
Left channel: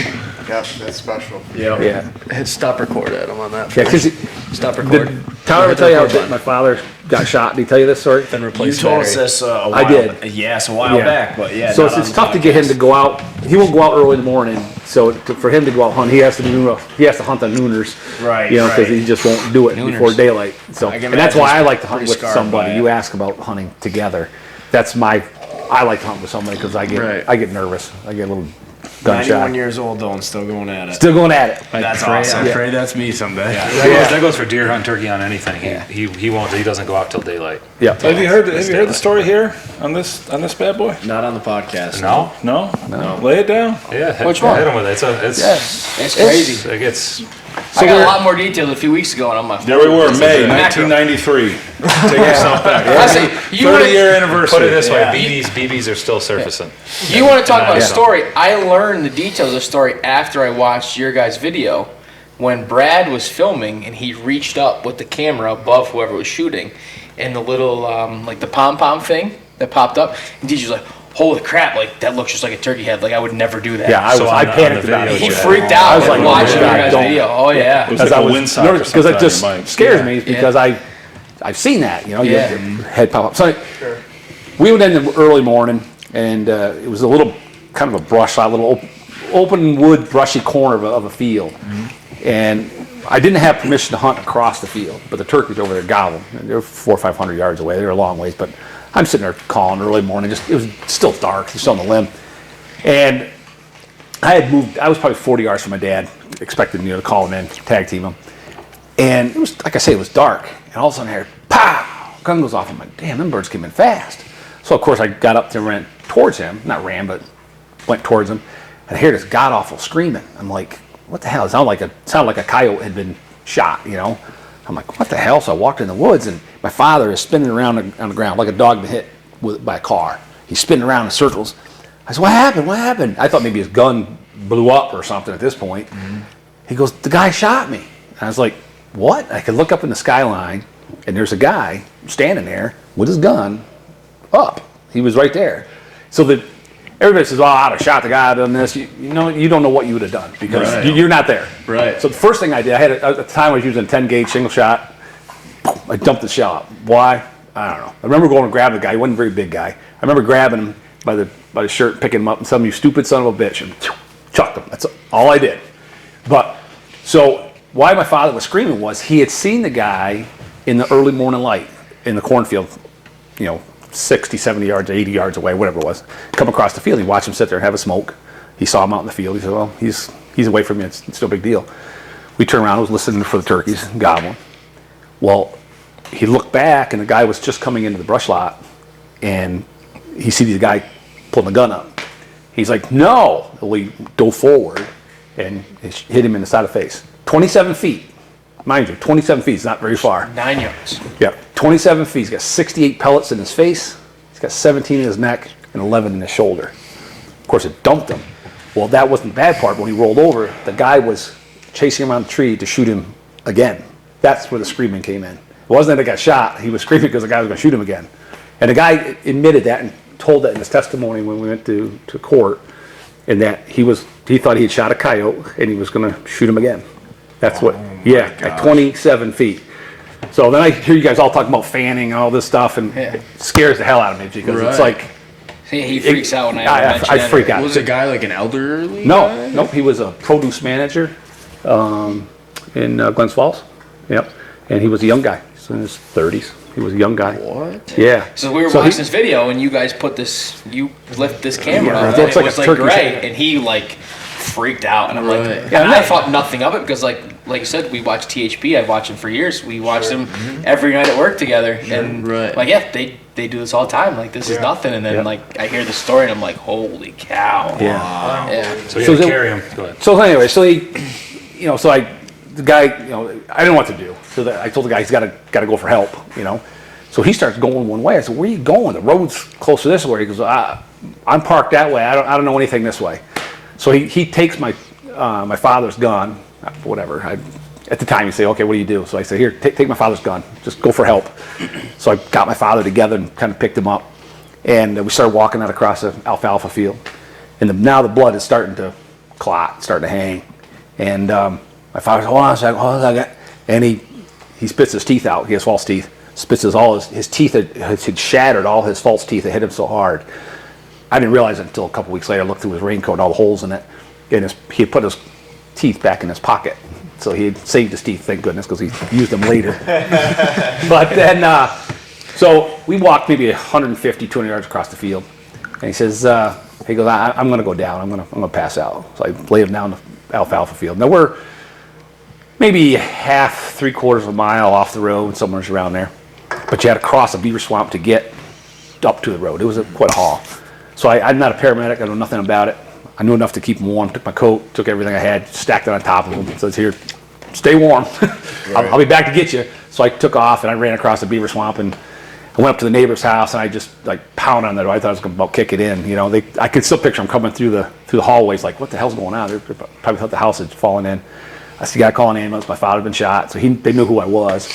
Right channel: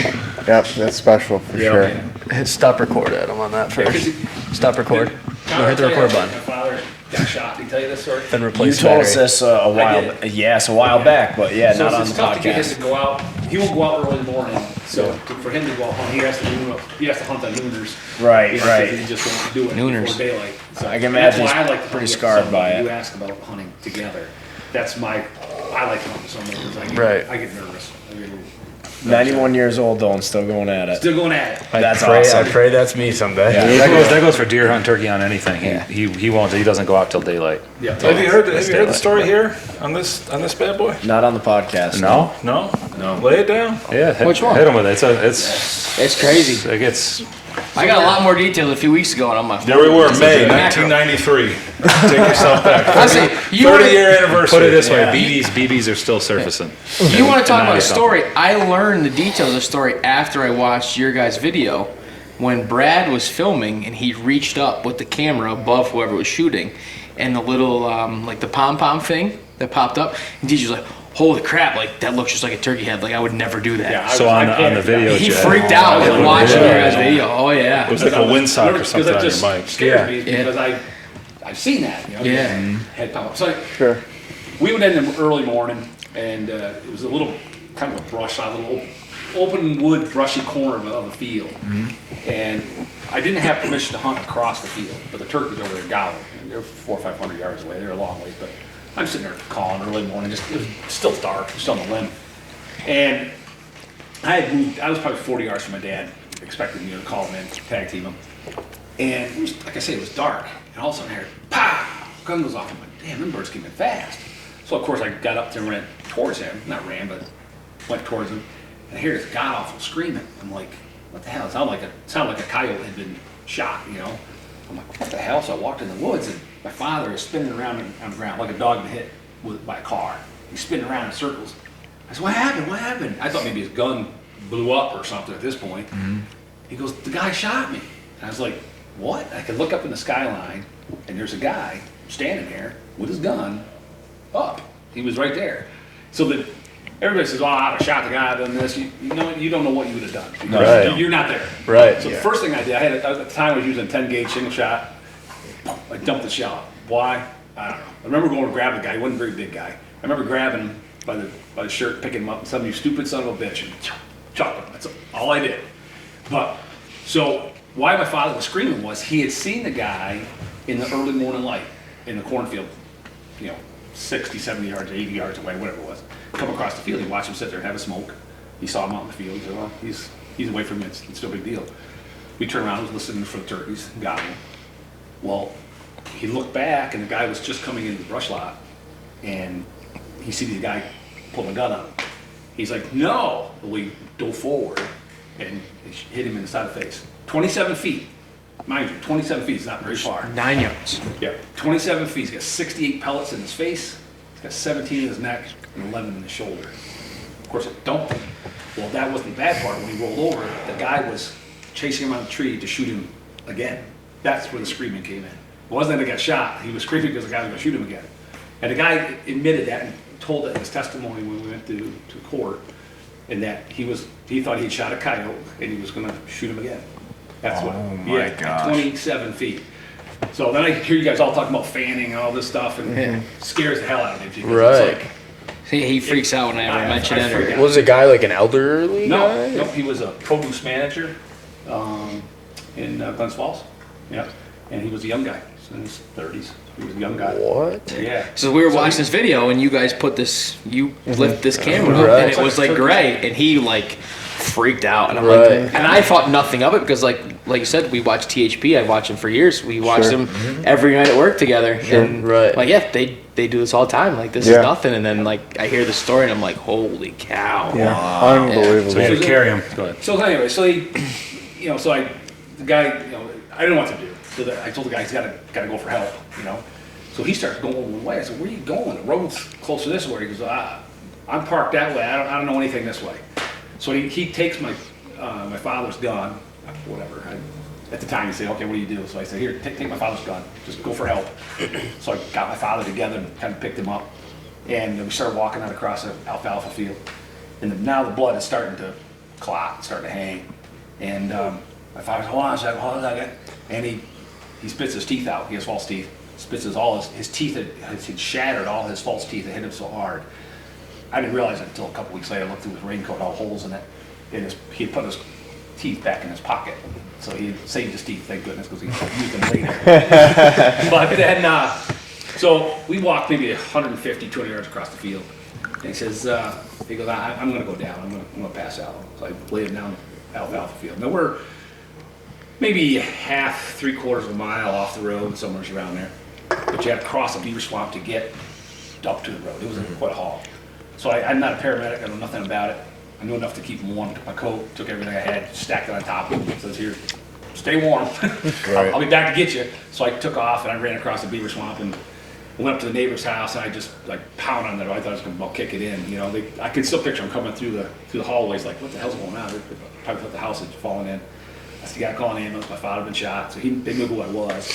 Yeah, that's special for sure. Yeah. Hit stop record, Adam, on that Yeah, 'cause first. Stop record. Tyler, Hit the tell you, record button. my father got shot. Did he tell you this story? Then You replace told battery. us this a I while. did. Yes, a while back, but yeah, So not on it's the tough to get him podcast. to go out. He won't go out early in the morning. So for him to go out hunt, he has to hunt on nooners. Right, You know, because right. he just won't do it before daylight. So I can and that's imagine why I he's like to hunt pretty with scarred by somebody. it. You ask about hunting together. I like to hunt with somebody because I get nervous. I get a little gun 91 shy. years old though and still going at it. Still going at it. That's I awesome. pray that's me someday. That goes for deer hunt, turkey on anything. He won't. He doesn't go out till daylight. Yeah. Have you heard the story here on this bad boy? Not on the podcast. No. Lay it down. Yeah. Which one? Hit him with it. It's It's crazy. It gets. I got a lot more details a few weeks ago on my phone. There we were, May Macro. 1993. Take yourself back. I say, you 30-year anniversary. Put it this Yeah. way: BBs are still surfacing. You want to talk about a 90 story? I learned the details of the story after I watched your guys' video when Brad was filming and he reached up with the camera above whoever was shooting, and the little like the pom pom thing that popped up, and DJ's like, "Holy crap! Like that looks just like a turkey head. Like I would never do that." Yeah, So on the panicked video, about it. He Chad. freaked out I was when like, watching your yeah, guys' don't. video. Oh yeah. It was like a windsock or something Because it on just your mic. scares me Yeah. because I've seen that. You know, Yeah. your head pop up. So we went in the early morning, and it was a little kind of a brush lot, little open wood, brushy corner of a field, and I didn't have permission to hunt across the field, but the turkeys over there gobbling. They're 400 or 500 yards away. They're a long ways, but I'm sitting there calling early morning. It was still dark. Still on the limb, and I had moved. I was probably 40 yards from my dad, expected to call him in, tag team him. And it was, like I say, it was dark. And all of a sudden I heard, pow! Gun goes off. I'm like, damn, them birds came in fast. So, of course, I got up and ran towards him. Not ran, but went towards him. And I hear this god-awful screaming. I'm like, what the hell? It sounded like a coyote had been shot, you know? I'm like, what the hell? So I walked in the woods, and my father is spinning around on the ground like a dog been hit by a car. He's spinning around in circles. I said, what happened? What happened? I thought maybe his gun blew up or something at this point. He goes, the guy shot me. And I was like, what? I could look up in the skyline, and there's a guy standing there with his gun up. He was right there. So that everybody says, "Oh, I'd have shot the guy, done this." You know, you don't know what you would have done because Right. you're not there. Right. So the first thing I did, at the time I was using a 10 gauge single shot. I dumped the shot. Why? I don't know. I remember going and grabbing the guy. He wasn't a very big guy. I remember grabbing him by the shirt, picking him up, and telling him, "You stupid son of a bitch," and chucked him. That's all I did. But so why my father was screaming was he had seen the guy in the early morning light in the cornfield, 60, 70 yards, 80 yards away, whatever it was, come across the field. He watched him sit there and have a smoke. He saw him out in the field. He said, well, he's away from me. It's no big deal. We turned around, I was listening for the turkeys, gobbling. Well, he looked back, and the guy was just coming into the brush lot, and he sees the guy pulling the gun up. He's like, no! We dove forward, and it hit him in the side of the face. 27 feet. Mind you, 27 feet is not very far. 9 yards. Yeah, 27 feet. He's got 68 pellets in his face. He's got 17 in his neck and 11 in his shoulder. Of course, it dumped him. Well, that wasn't the bad part. When he rolled over, the guy was chasing him around the tree to shoot him again. That's where the screaming came in. It wasn't that he got shot. He was screaming because the guy was going to shoot him again. And the guy admitted that and told that in his testimony when we went to court, and that he thought he had shot a coyote and he was going to shoot him again. That's at 27 feet. So then I hear you guys all talking about fanning and all this stuff, and it scares the hell out of me because it's Right. like, He freaks out when I mention I it. freak out. Was the guy like an elderly guy? No, he was a produce manager in Glens Falls. Yep, and he was a young guy, so in his 30s. He was a young guy. What? Yeah. So we were So watching this video, and you guys you lift this camera up, Right. and It's it like was a like turkey great, and he like freaked out, and I'm Right. like, and I thought nothing of it because like you said, we watched THP. I've watched him for years. We watched him every night at work together, and Right. like yeah, they they do this all the time. Like, this is nothing. And then, like, I hear the story, and I'm like, holy cow. Yeah. Unbelievable. So you had to carry him. Go ahead. So anyway, the guy, I didn't know what to do. So I told the guy he's got to go for help, So he starts going one way. I said, where are you going? The road's close to this way. He goes, I'm parked that way. I don't know anything this way. So he takes my father's gun, whatever. At the time, you say, okay, what do you do? So I say, here, take my father's gun. Just go for help. So I got my father together and kind of picked him up. And we started walking out across the alfalfa field. And now the blood is starting to clot, starting to hang. And my father's, hold on a second. And he spits his teeth out. He has false teeth. Spits all his teeth had shattered, all his false teeth. It hit him so hard. I didn't realize it until a couple weeks later. I looked through his raincoat and all the holes in it. And he had put his teeth back in his pocket. So he had saved his teeth, thank goodness, because he used them later. But then, so we walked maybe 150, 200 yards across the field. And he says, I'm going to go down. I'm going to pass out. So I laid him down the alfalfa field. Now we're maybe half, 3/4 of a mile off the road, somewhere around there. But you had to cross a beaver swamp to get up to the road. It was quite a haul. So I'm not a paramedic. I know nothing about it. I knew enough to keep him warm. Took my coat, took everything I had, stacked it on top of him. Says, here, stay warm. I'll be back to get you. So I took off and I ran across the beaver swamp and I went up to the neighbor's house and I just pounded on the door. I thought I was going to about kick it in. I could still picture them coming through the hallways like, what the hell's going on? They probably thought the house had fallen in. I said, you got to call an ambulance. My father had been shot. So they knew who I was.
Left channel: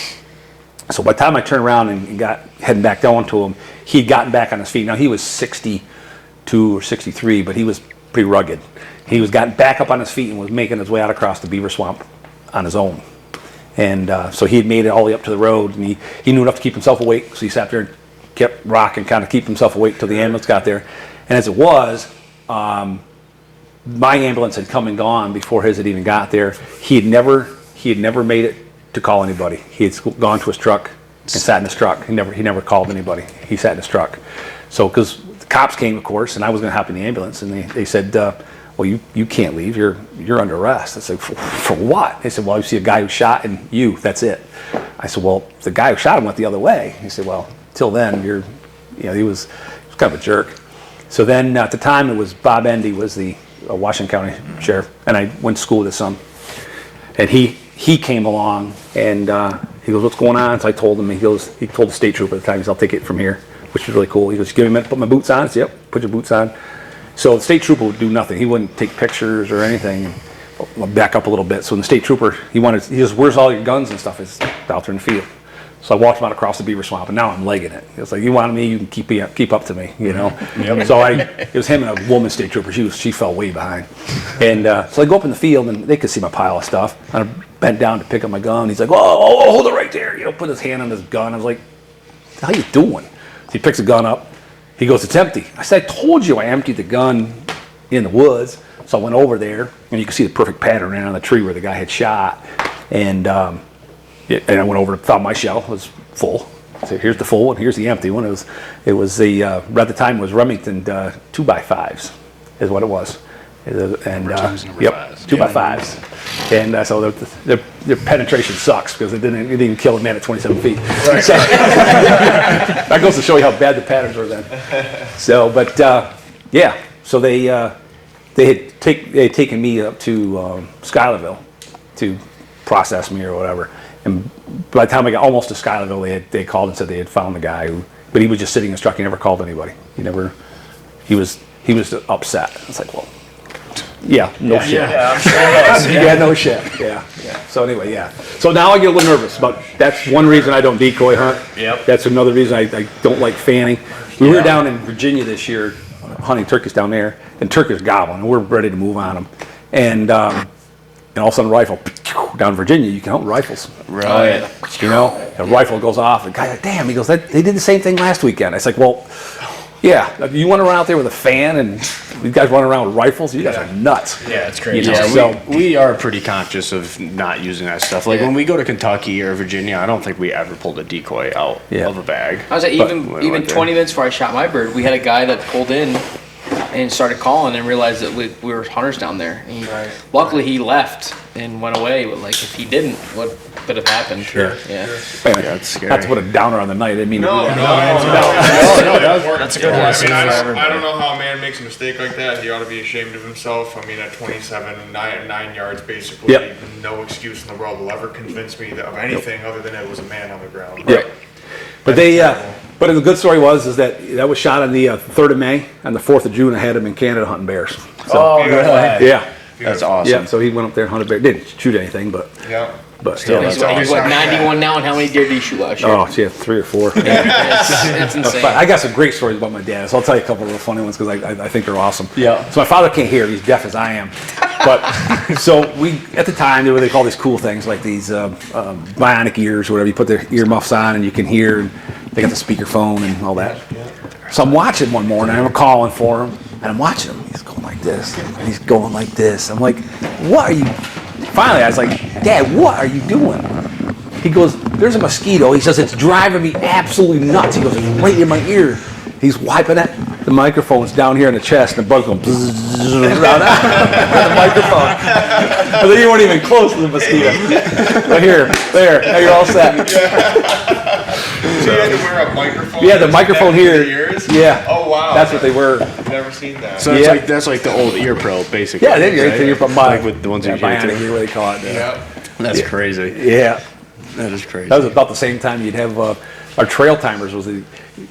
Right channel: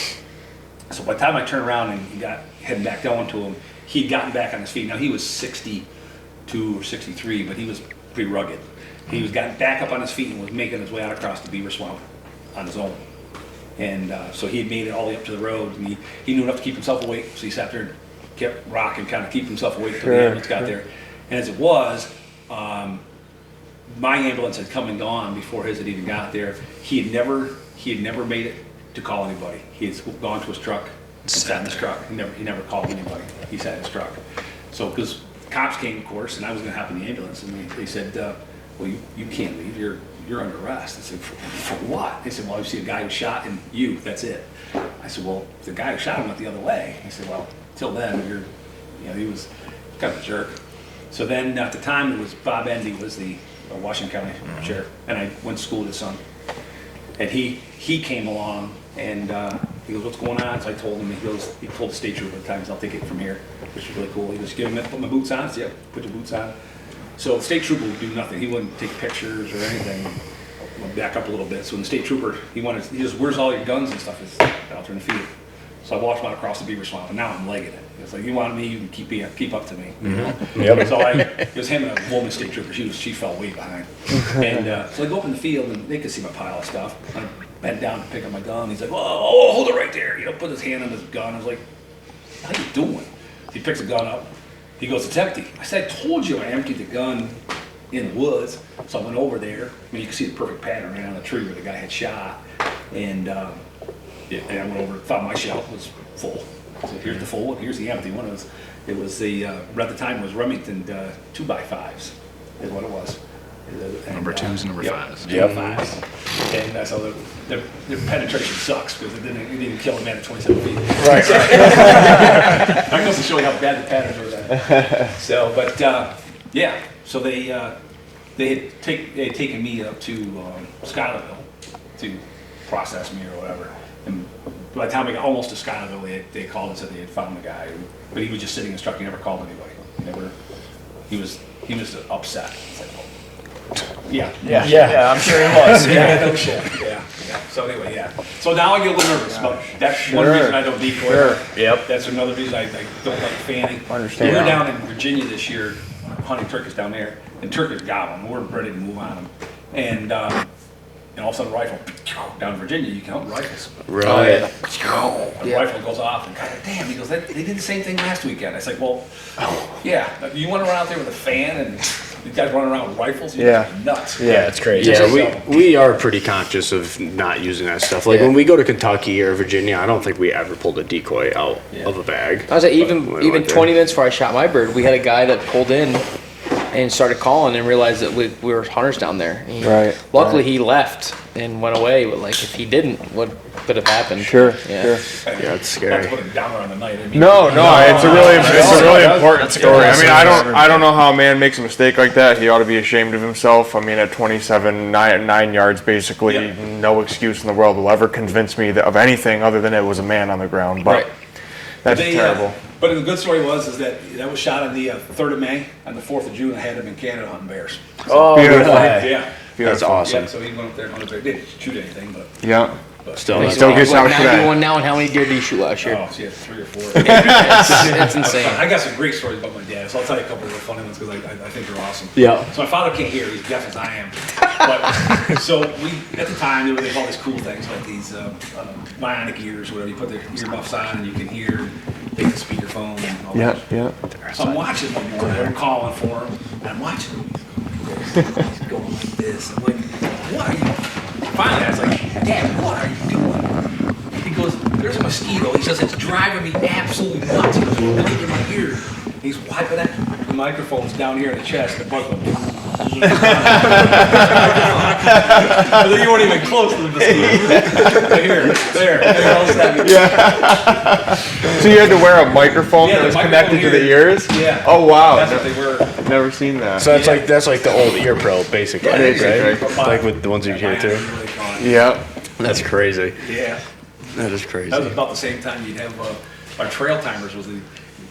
So by the time I turned around and got heading back down to him, he'd gotten back on his feet. Now he was 62 or 63, but he was pretty rugged. He was gotten back up on his feet and was making his way out across the beaver swamp on his own. And so he had made it all the way up to the road, and he knew enough to keep himself awake. So he sat there and kept rocking, kind of keep himself awake till the ambulance got there. And as it was, my ambulance had come and gone before his had even got there. He had never made it to call anybody. He had gone to his truck and sat in his truck. He never called anybody. He sat in his truck. So because the cops came, of course, and I was going to hop in the ambulance, and they said, well, you can't leave. You're under arrest. I said, for what? They said, well, you see a guy who shot and you, that's it. I said, well, the guy who shot him went the other way. He said, well, till then, he was kind of a jerk. So then at the time it was Bob Endy was the Washington County Sheriff, and I went to school with his son. And he came along and he goes, what's going on? So I told him, he told the state trooper at the time, he goes, I'll take it from here, which was really cool. He goes, give me, put my boots on. I said, yep, put your boots on. So the state trooper would do nothing. He wouldn't take pictures or anything. I'll back up a little bit. So the state trooper, he goes, where's all your guns and stuff? It's out there in the field. So I walked him out across the beaver swamp, and now I'm legging it. It's like, you want me, you can keep up to me, Yep. So it was him and a woman state trooper. She fell way behind. And so I go up in the field, and they could see my pile of stuff. And I bent down to pick up my gun. He's like, oh, hold it right there. Put his hand on his gun. I was like, how you doing? So he picks the gun up. He goes, it's empty. I said, I told you I emptied the gun in the woods. So I went over there, and you can see the perfect pattern right on the tree where the guy had shot. And I went over, found my shell. It was full. I said, here's the full one, here's the empty one. It was the, at the time it was Remington 2x5s is what it was. Number twos, number fives. 2x5s. And so the penetration sucks because it didn't kill a man at 27 feet. Right. So, that goes to show you how bad the patterns were then. So, but yeah, so they had taken me up to Schuylerville to process me or whatever. And by the time I got almost to Schuylerville, they called and said they had found the guy, but he was just sitting in his truck. He never called anybody. He was upset. I was like, well, yeah, I'm sure it was. yeah, no shit. Yeah. So anyway, yeah. So now I get a little nervous, but that's one reason I don't decoy her. Yep. That's another reason I don't like fanning. We were down in Virginia this year, hunting turkeys down there, and turkeys gobbling. We're ready to move on them, and all of a sudden, a rifle down in Virginia, you can hunt rifles. Right. A rifle goes off, and the guy's like, damn, he goes, they did the same thing last weekend. I was like, well, yeah, you want to run out there with a fan and these guys running around with rifles? You guys are nuts. Yeah, it's crazy. Yeah, we are pretty conscious of not using that stuff. Like when we go to Kentucky or Virginia, I don't think we ever pulled a decoy out of a bag. I was like, even But when we went 20 there- minutes before I shot my bird, we had a guy that pulled in and started calling and realized that we were hunters down there. And Right. luckily, he left and went away. But like, if he didn't, what could have happened? Sure. Yeah. Yeah, it's scary. That's what a downer on the night. I mean, No, it's really important. a good I mean, I don't know how a man makes a mistake like that. He ought to be ashamed of himself. I mean, at 27, 9 yards, basically, Yep. no excuse in the world will ever convince me of anything other than it was a man on the ground. Right. But That's terrible. but the good story was that was shot on the 3rd of May. On the 4th of June, I had him in Canada hunting bears. Oh, beautiful. Yeah. That's awesome. Yeah. So he went up there and hunted bears. Didn't shoot anything, but Yeah. Still, He's that's awesome. what, 91 now, and how many deer did he shoot last year? oh, yeah, 3 or 4. It's insane. But I got some great stories about my dad, so I'll tell you a couple of the funny ones because I think they're awesome. Yeah. So my father can't hear; he's deaf as I am. But so we at the time they call these cool things like these bionic ears, or whatever. You put the earmuffs on and you can hear. They got the speakerphone and all that. Yeah. So I'm watching one morning, and I'm calling for him, and I'm watching him. He's going like this. He's going like this. I'm like, what are you? Finally, I was like, Dad, what are you doing? He goes, there's a mosquito. He says, it's driving me absolutely nuts. He goes, it's right in my ear. He's wiping it. The microphone's down here in the chest, and the bug's going, but they weren't even close to the mosquito. Right here, there, now you're all set. So you had to wear a microphone? Yeah, the that's microphone connected to here. the ears? Yeah. Oh, wow. That's what they were. I've never seen that. So Yeah. that's like the old ear pro, basically. Yeah, they right? did. Like with the ones you hear Bionic, too. you really call it. Yeah. That's crazy. Yeah. That is crazy. That was about the same time you'd have our trail timers.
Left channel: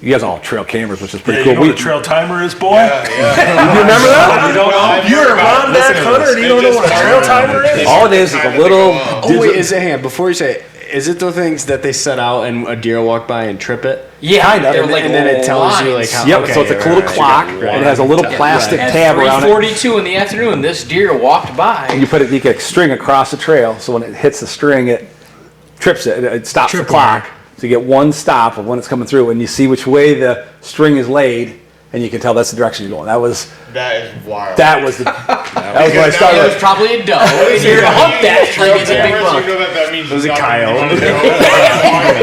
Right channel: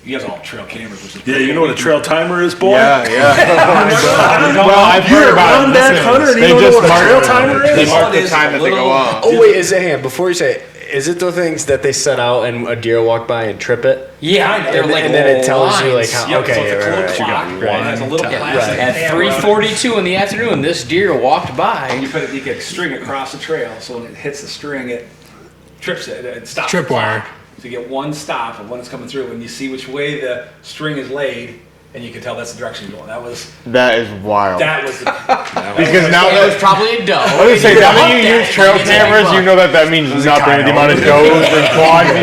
You guys all have trail cameras, which is Yeah, pretty you cool. know what a trail timer is, boy? You're You're a Rondack hunter and you don't know what a trail timer is? All it is a little. Oh wait, is it before you say it, is it the things that they set out and a deer walk by and trip it? Yeah, they're And, like and then it tells you like lines. how. Yep, Okay, so it's a right, little right, clock. right. It has a little plastic At tab around it. 3:42 in the afternoon, this deer walked by. You put it, you can string across the trail, so when it hits the string, it trips it. It stops the clock. So you get one stop of when it's coming through, and you see which way the string is laid, and you can tell that's the direction you're going. That is wild. That was the. Because now It was probably a doe. if If you're you hunt hunting that, these trail you get a big cameras, buck. you know that means nothing. Kyle. You want to know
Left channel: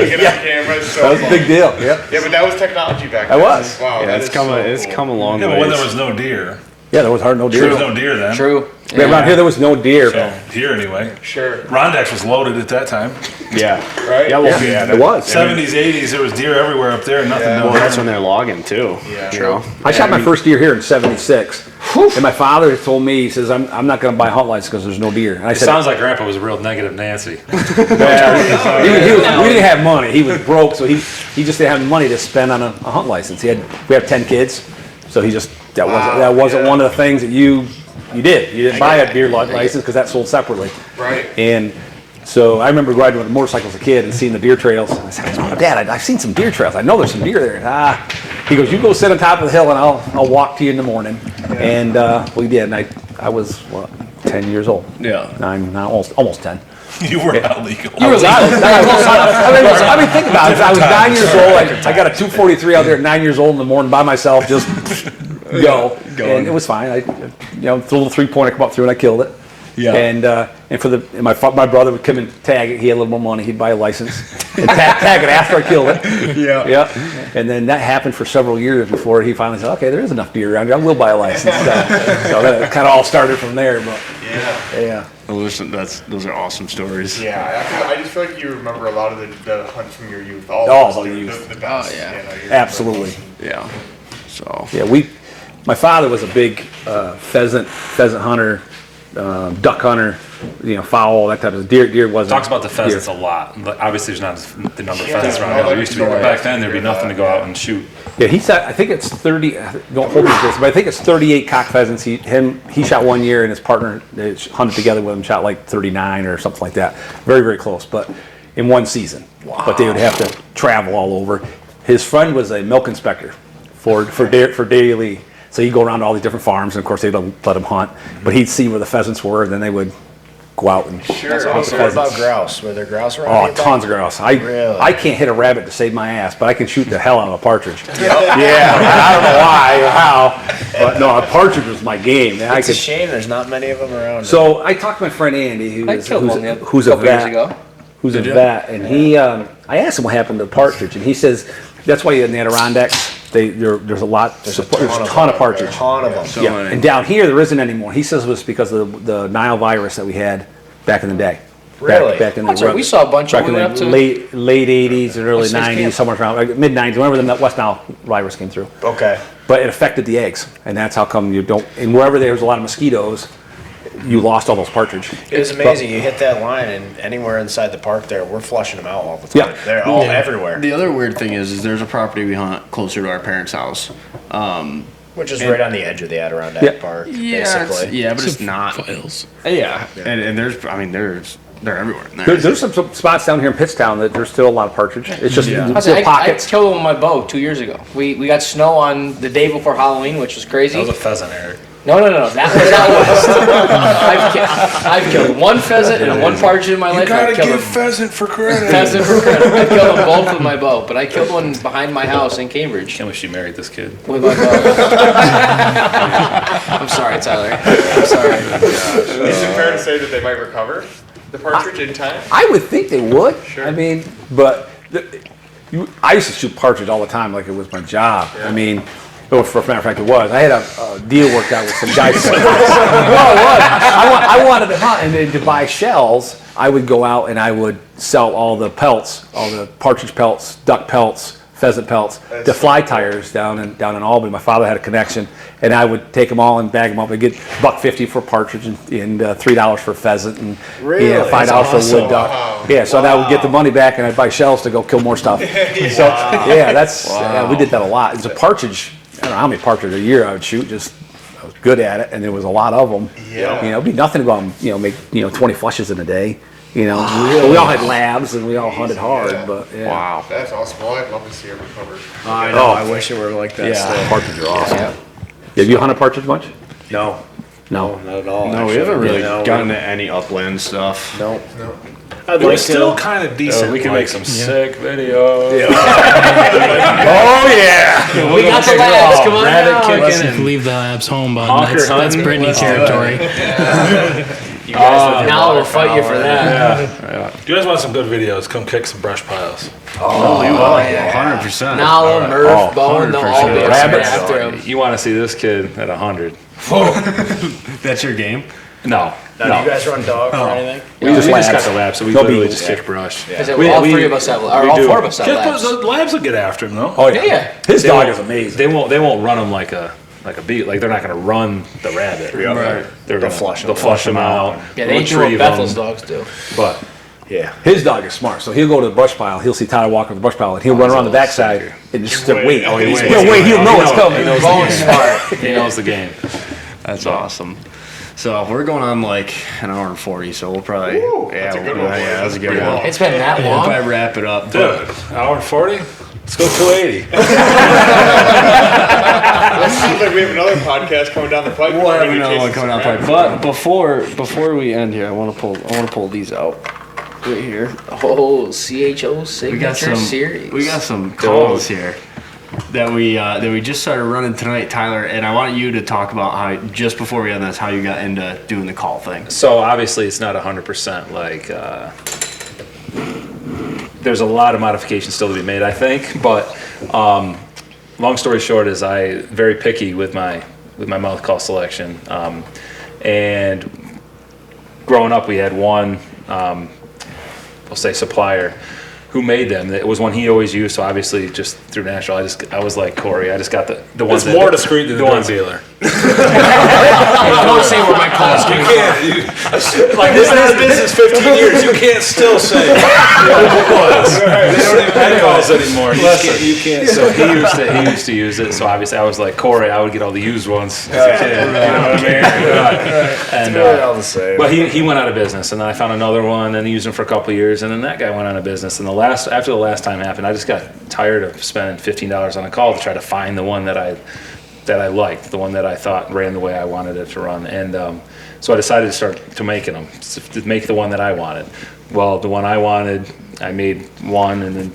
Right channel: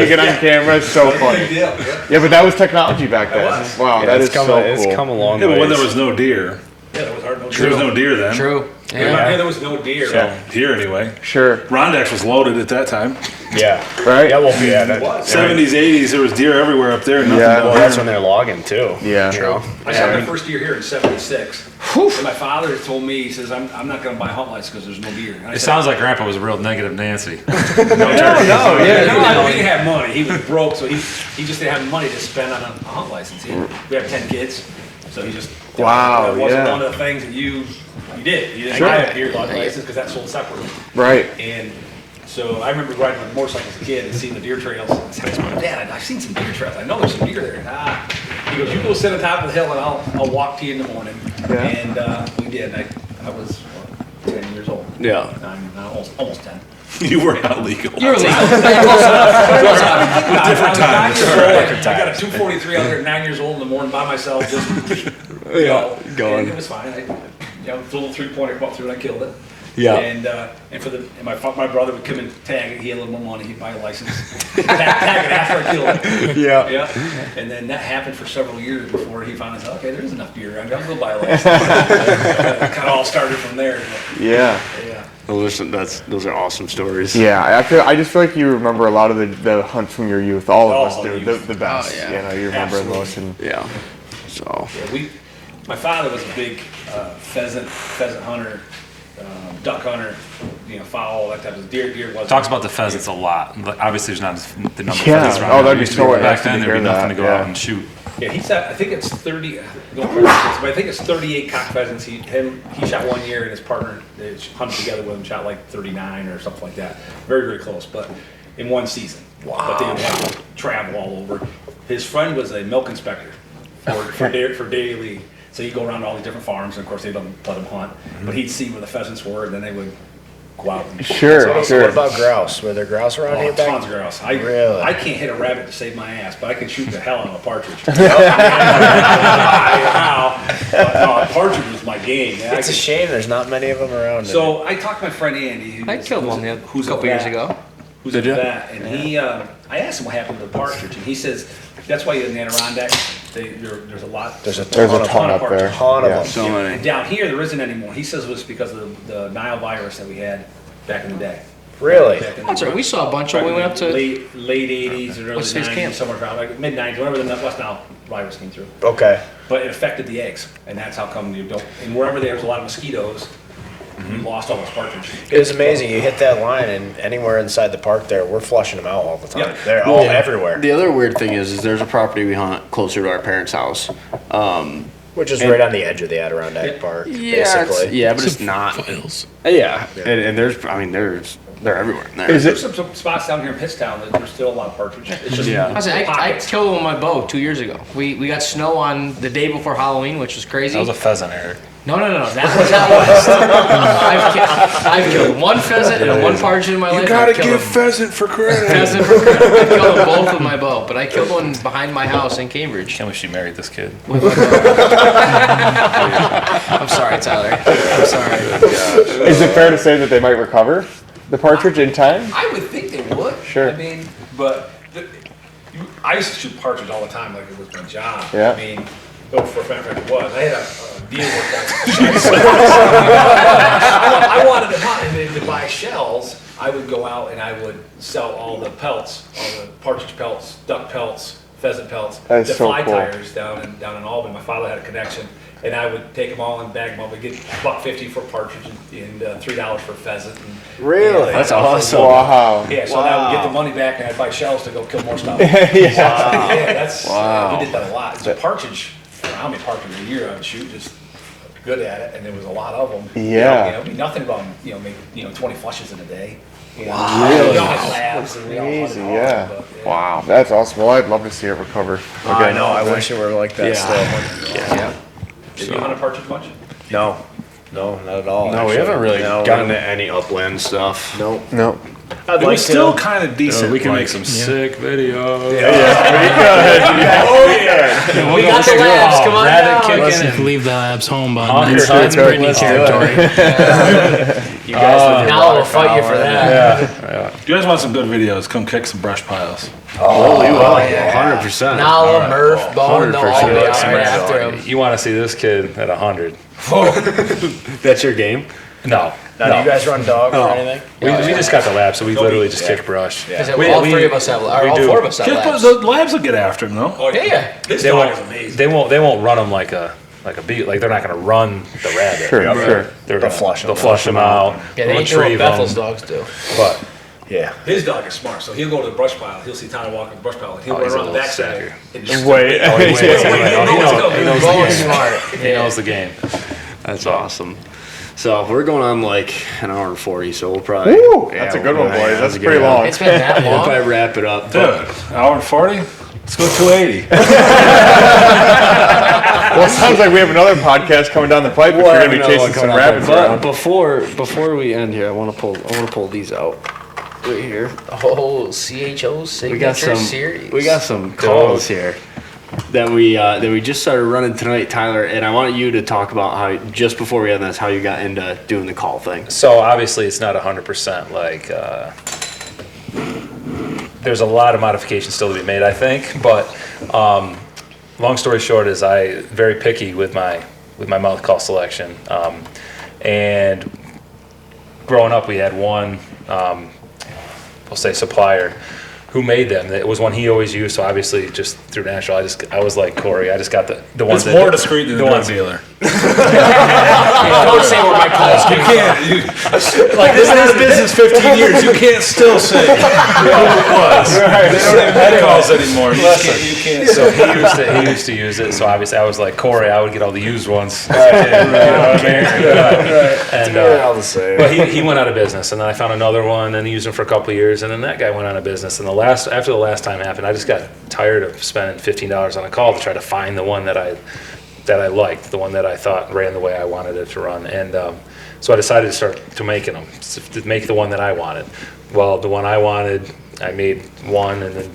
to get on camera. It's so That was a funny. big deal. Yep. Yeah, but that was technology back then. That was. Wow, Yeah, that it's is come so it's cool. come a long Yeah, way. but when there was no deer. Yeah, there was hardly no deer. There was no deer then. True. Yeah, around here there was no deer. So, here anyway. Sure. Rondax was loaded at that time. Yeah. Right? Yeah, well, yeah, It was. 70s, 80s, there was deer everywhere up there and nothing Yeah, down Well, here. that's when they're logging too. Yeah. You know? I shot my first deer here in '76, and my father told me, he says, "I'm not going to buy hunt license because there's no deer." And I It said, sounds like Grandpa was a real negative Nancy. he didn't have money. He was broke, so he just didn't have the money to spend on a hunt license. We have 10 kids, so he just that wasn't yeah. one of the things that you did. You didn't buy a deer license because that's sold separately. Right. And so I remember riding with a motorcycle as a kid and seeing the deer trails. I said, Dad, I've seen some deer trails. I know there's some deer there. He goes, you go sit on top of the hill and I'll walk to you in the morning. And we did. And I was, 10 years old. Yeah. I'm now almost 10. You were not legal. You were legal. I was 9 years old. I got a 243 out there at 9 years old in the morning by myself, just go. Going. And it was fine. The little 3-pointer come up through and I killed it. Yeah. And my brother would come and tag it. He had a little more money. He'd buy a license and tag it after I killed it. Yeah. Yeah. And then that happened for several years before he finally said, "Okay, there is enough deer around here. I will buy a license." So that kind of all started from there. But Yeah. yeah. Those are awesome stories. Yeah, I just feel like you remember a lot of the hunts from your youth. All Oh, of us do. youth. The best. Oh, yeah. You know, you remember Absolutely. those and- Yeah. So. Yeah, my father was a big pheasant hunter, duck hunter, fowl, that type of deer wasn't. Talks about the pheasants a lot. But obviously, there's not the number of Yeah. pheasants around Oh, now. that'd There used to be be so back awesome then. to There'd be hear nothing to that, go yeah. out and shoot. Yeah, he said, I think it's 30, don't hold me to this, but I think it's 38 cock pheasants. He shot one year and his partner they hunted together with him, shot like 39 or something like that. Very, very close, but in one season. Wow. But they would have to travel all over. His friend was a milk inspector for daily. So he'd go around to all these different farms, and of course they don't let him hunt, but he'd see where the pheasants were, and then they would go out and Sure. What about grouse? Were there grouse around Oh, here? tons of grouse. Really? I can't hit a rabbit to save my ass, but I can shoot the hell out of a partridge. I don't know why or how, but no, a partridge was my game. And It's a shame there's not many of them around. So I talked to my friend Andy, I killed one who's a couple years vet, ago. who's a vet, and he, I asked him what happened to the partridge, and he says that's why in the Adirondack There's a lot. There's a ton of partridge. ton of them. So Yeah. many. And down here there isn't anymore. He says it was because of the Nile virus that we had back in the day. Really? Back in That's right. We saw a bunch back when in we went the up to. late 80s and early What's his 90s, camp? somewhere around like mid 90s. Whenever the West Nile virus came through, Okay. but it affected the eggs, and that's how come you don't. And wherever there's a lot of mosquitoes, you lost all those partridge. It was amazing. You hit that line, and anywhere inside the park there, we're flushing them out all the time. Yeah. They're all Yeah. everywhere, The other weird thing is there's a property we hunt closer to our parents' house. which is right on the edge of the Adirondack Yeah. Park, Yeah, basically. but it's not. Files. Yeah, and they're everywhere. There's some spots down here in Pittstown that there's still a lot of partridge. It's just Yeah. little I pockets. killed one with my bow 2 years ago. We got snow on the day before Halloween, which was crazy. That was a pheasant, Eric. No, that was out west. I've killed one pheasant and one partridge in my life. I've killed them- pheasant for credit. pheasant for credit. I killed them both with my bow, but I killed one behind my house in Cambridge Can't believe she married this kid. with my bow. I'm sorry, Tyler. I'm sorry. Is it fair to say that they might recover the partridge in time? I would think they would. Sure. I mean, but I used to shoot partridge all the time, like it was my job. Yeah. I mean, for a matter of fact, it was. I had a deal worked out with some guys. I wanted to hunt, and then to buy shells, I would go out and I would sell all the pelts, all the partridge pelts, duck pelts, pheasant pelts, That's to so fly cool. tires down in Albany. My father had a connection, and I would take them all and bag them up. I'd get $1.50 for partridge and $3 for pheasant, and Really? $5 That's for awesome. wood duck. Wow. Yeah, so then I would get the money back, and I'd buy shells to go kill more stuff. Yeah, that's we did that a lot. It's a partridge. I don't know how many partridge a year I would shoot. Just I was good at it, and there was a lot of them. Yeah. it'd be nothing about make 20 flushes in a day. We all had labs and we all hunted hard. Yeah. But, yeah. Wow, that's awesome. Well, I'd love to see it recover. I know. I wish it were like that Yeah. still. Partridge are awesome. Have you hunted partridge much? No, not at all. No, we actually. haven't really No, gotten to any upland stuff. Nope. No. I'd It like was still to. kind of decent. We can like, make some sick videos. Oh yeah. We got the labs. Come on Rabbit down. kicking Listen, and leave the labs home, bud. Honker That's hunting, Brittany let's do it. territory. You guys live in Now water we'll fight you for power. that. If you guys want some good videos, come kick some brush piles. Oh, yeah. 100%. Now Murph, Bone, they'll all be 100%. after him. You want to see this kid at 100? That's your game? No. Now, do you guys run dogs or anything? We just got the lab, so we literally just kick brush. All three of us have, or all four of us have labs. The labs will get after him, though. Oh Yeah. His They dog is won't, amazing. they won't run them like a beat. Like they're not going to run the rabbit. They're gonna flush 'em They'll flush them out. Yeah, they ain't doing what Bethel's dogs do. But Yeah. His dog is smart, so he'll go to the brush pile. He'll see Tyler walking the brush pile, and he'll run he's a around the little backside sucker. and just Wait. wait. Oh, he He's waits. gonna wait. He'll know it's coming. Bone's smart. he knows the game. That's awesome. So we're going on like an hour and 40, so we'll probably. Woo, that's a good one, boys. Yeah, that's a good Pretty one. long. It's been that We'll long. probably wrap it up. Dude, hour and 40? Let's go 280. It sounds like we have another podcast coming down the pipe. We'll have another one coming coming up. But before we end here, I want to pull these out right here. Oh, CHO signature series. We got some calls here that we just started running tonight, Tyler. And I want you to talk about how just before we end this, how you got into doing the call thing. So obviously it's not 100% like there's a lot of modifications still to be made, I think. But long story short is I very picky with my mouth call selection. And growing up, we had one, I'll say supplier who made them. It was one he always used. So obviously just through natural, I was like Corey. I just got the ones It's that more discreet than the drug dealer. Don't say where my calls came from. Like, this is business 15 years. You can't still say who it was. They don't even have calls anymore. You can't. So he used to use it. So obviously I was like Corey. I would get all the used ones as a kid. You know what I mean? And They're all the same. but he went out of business, and then I found another one, and he used them for a couple of years, and then that guy went out of business. And after the last time happened, I just got tired of spending $15 on a call to try to find the one that I liked, the one that I thought ran the way I wanted it to run. And so I decided to start to making them, to make the one that I wanted. Well, the one I wanted, I made one, and then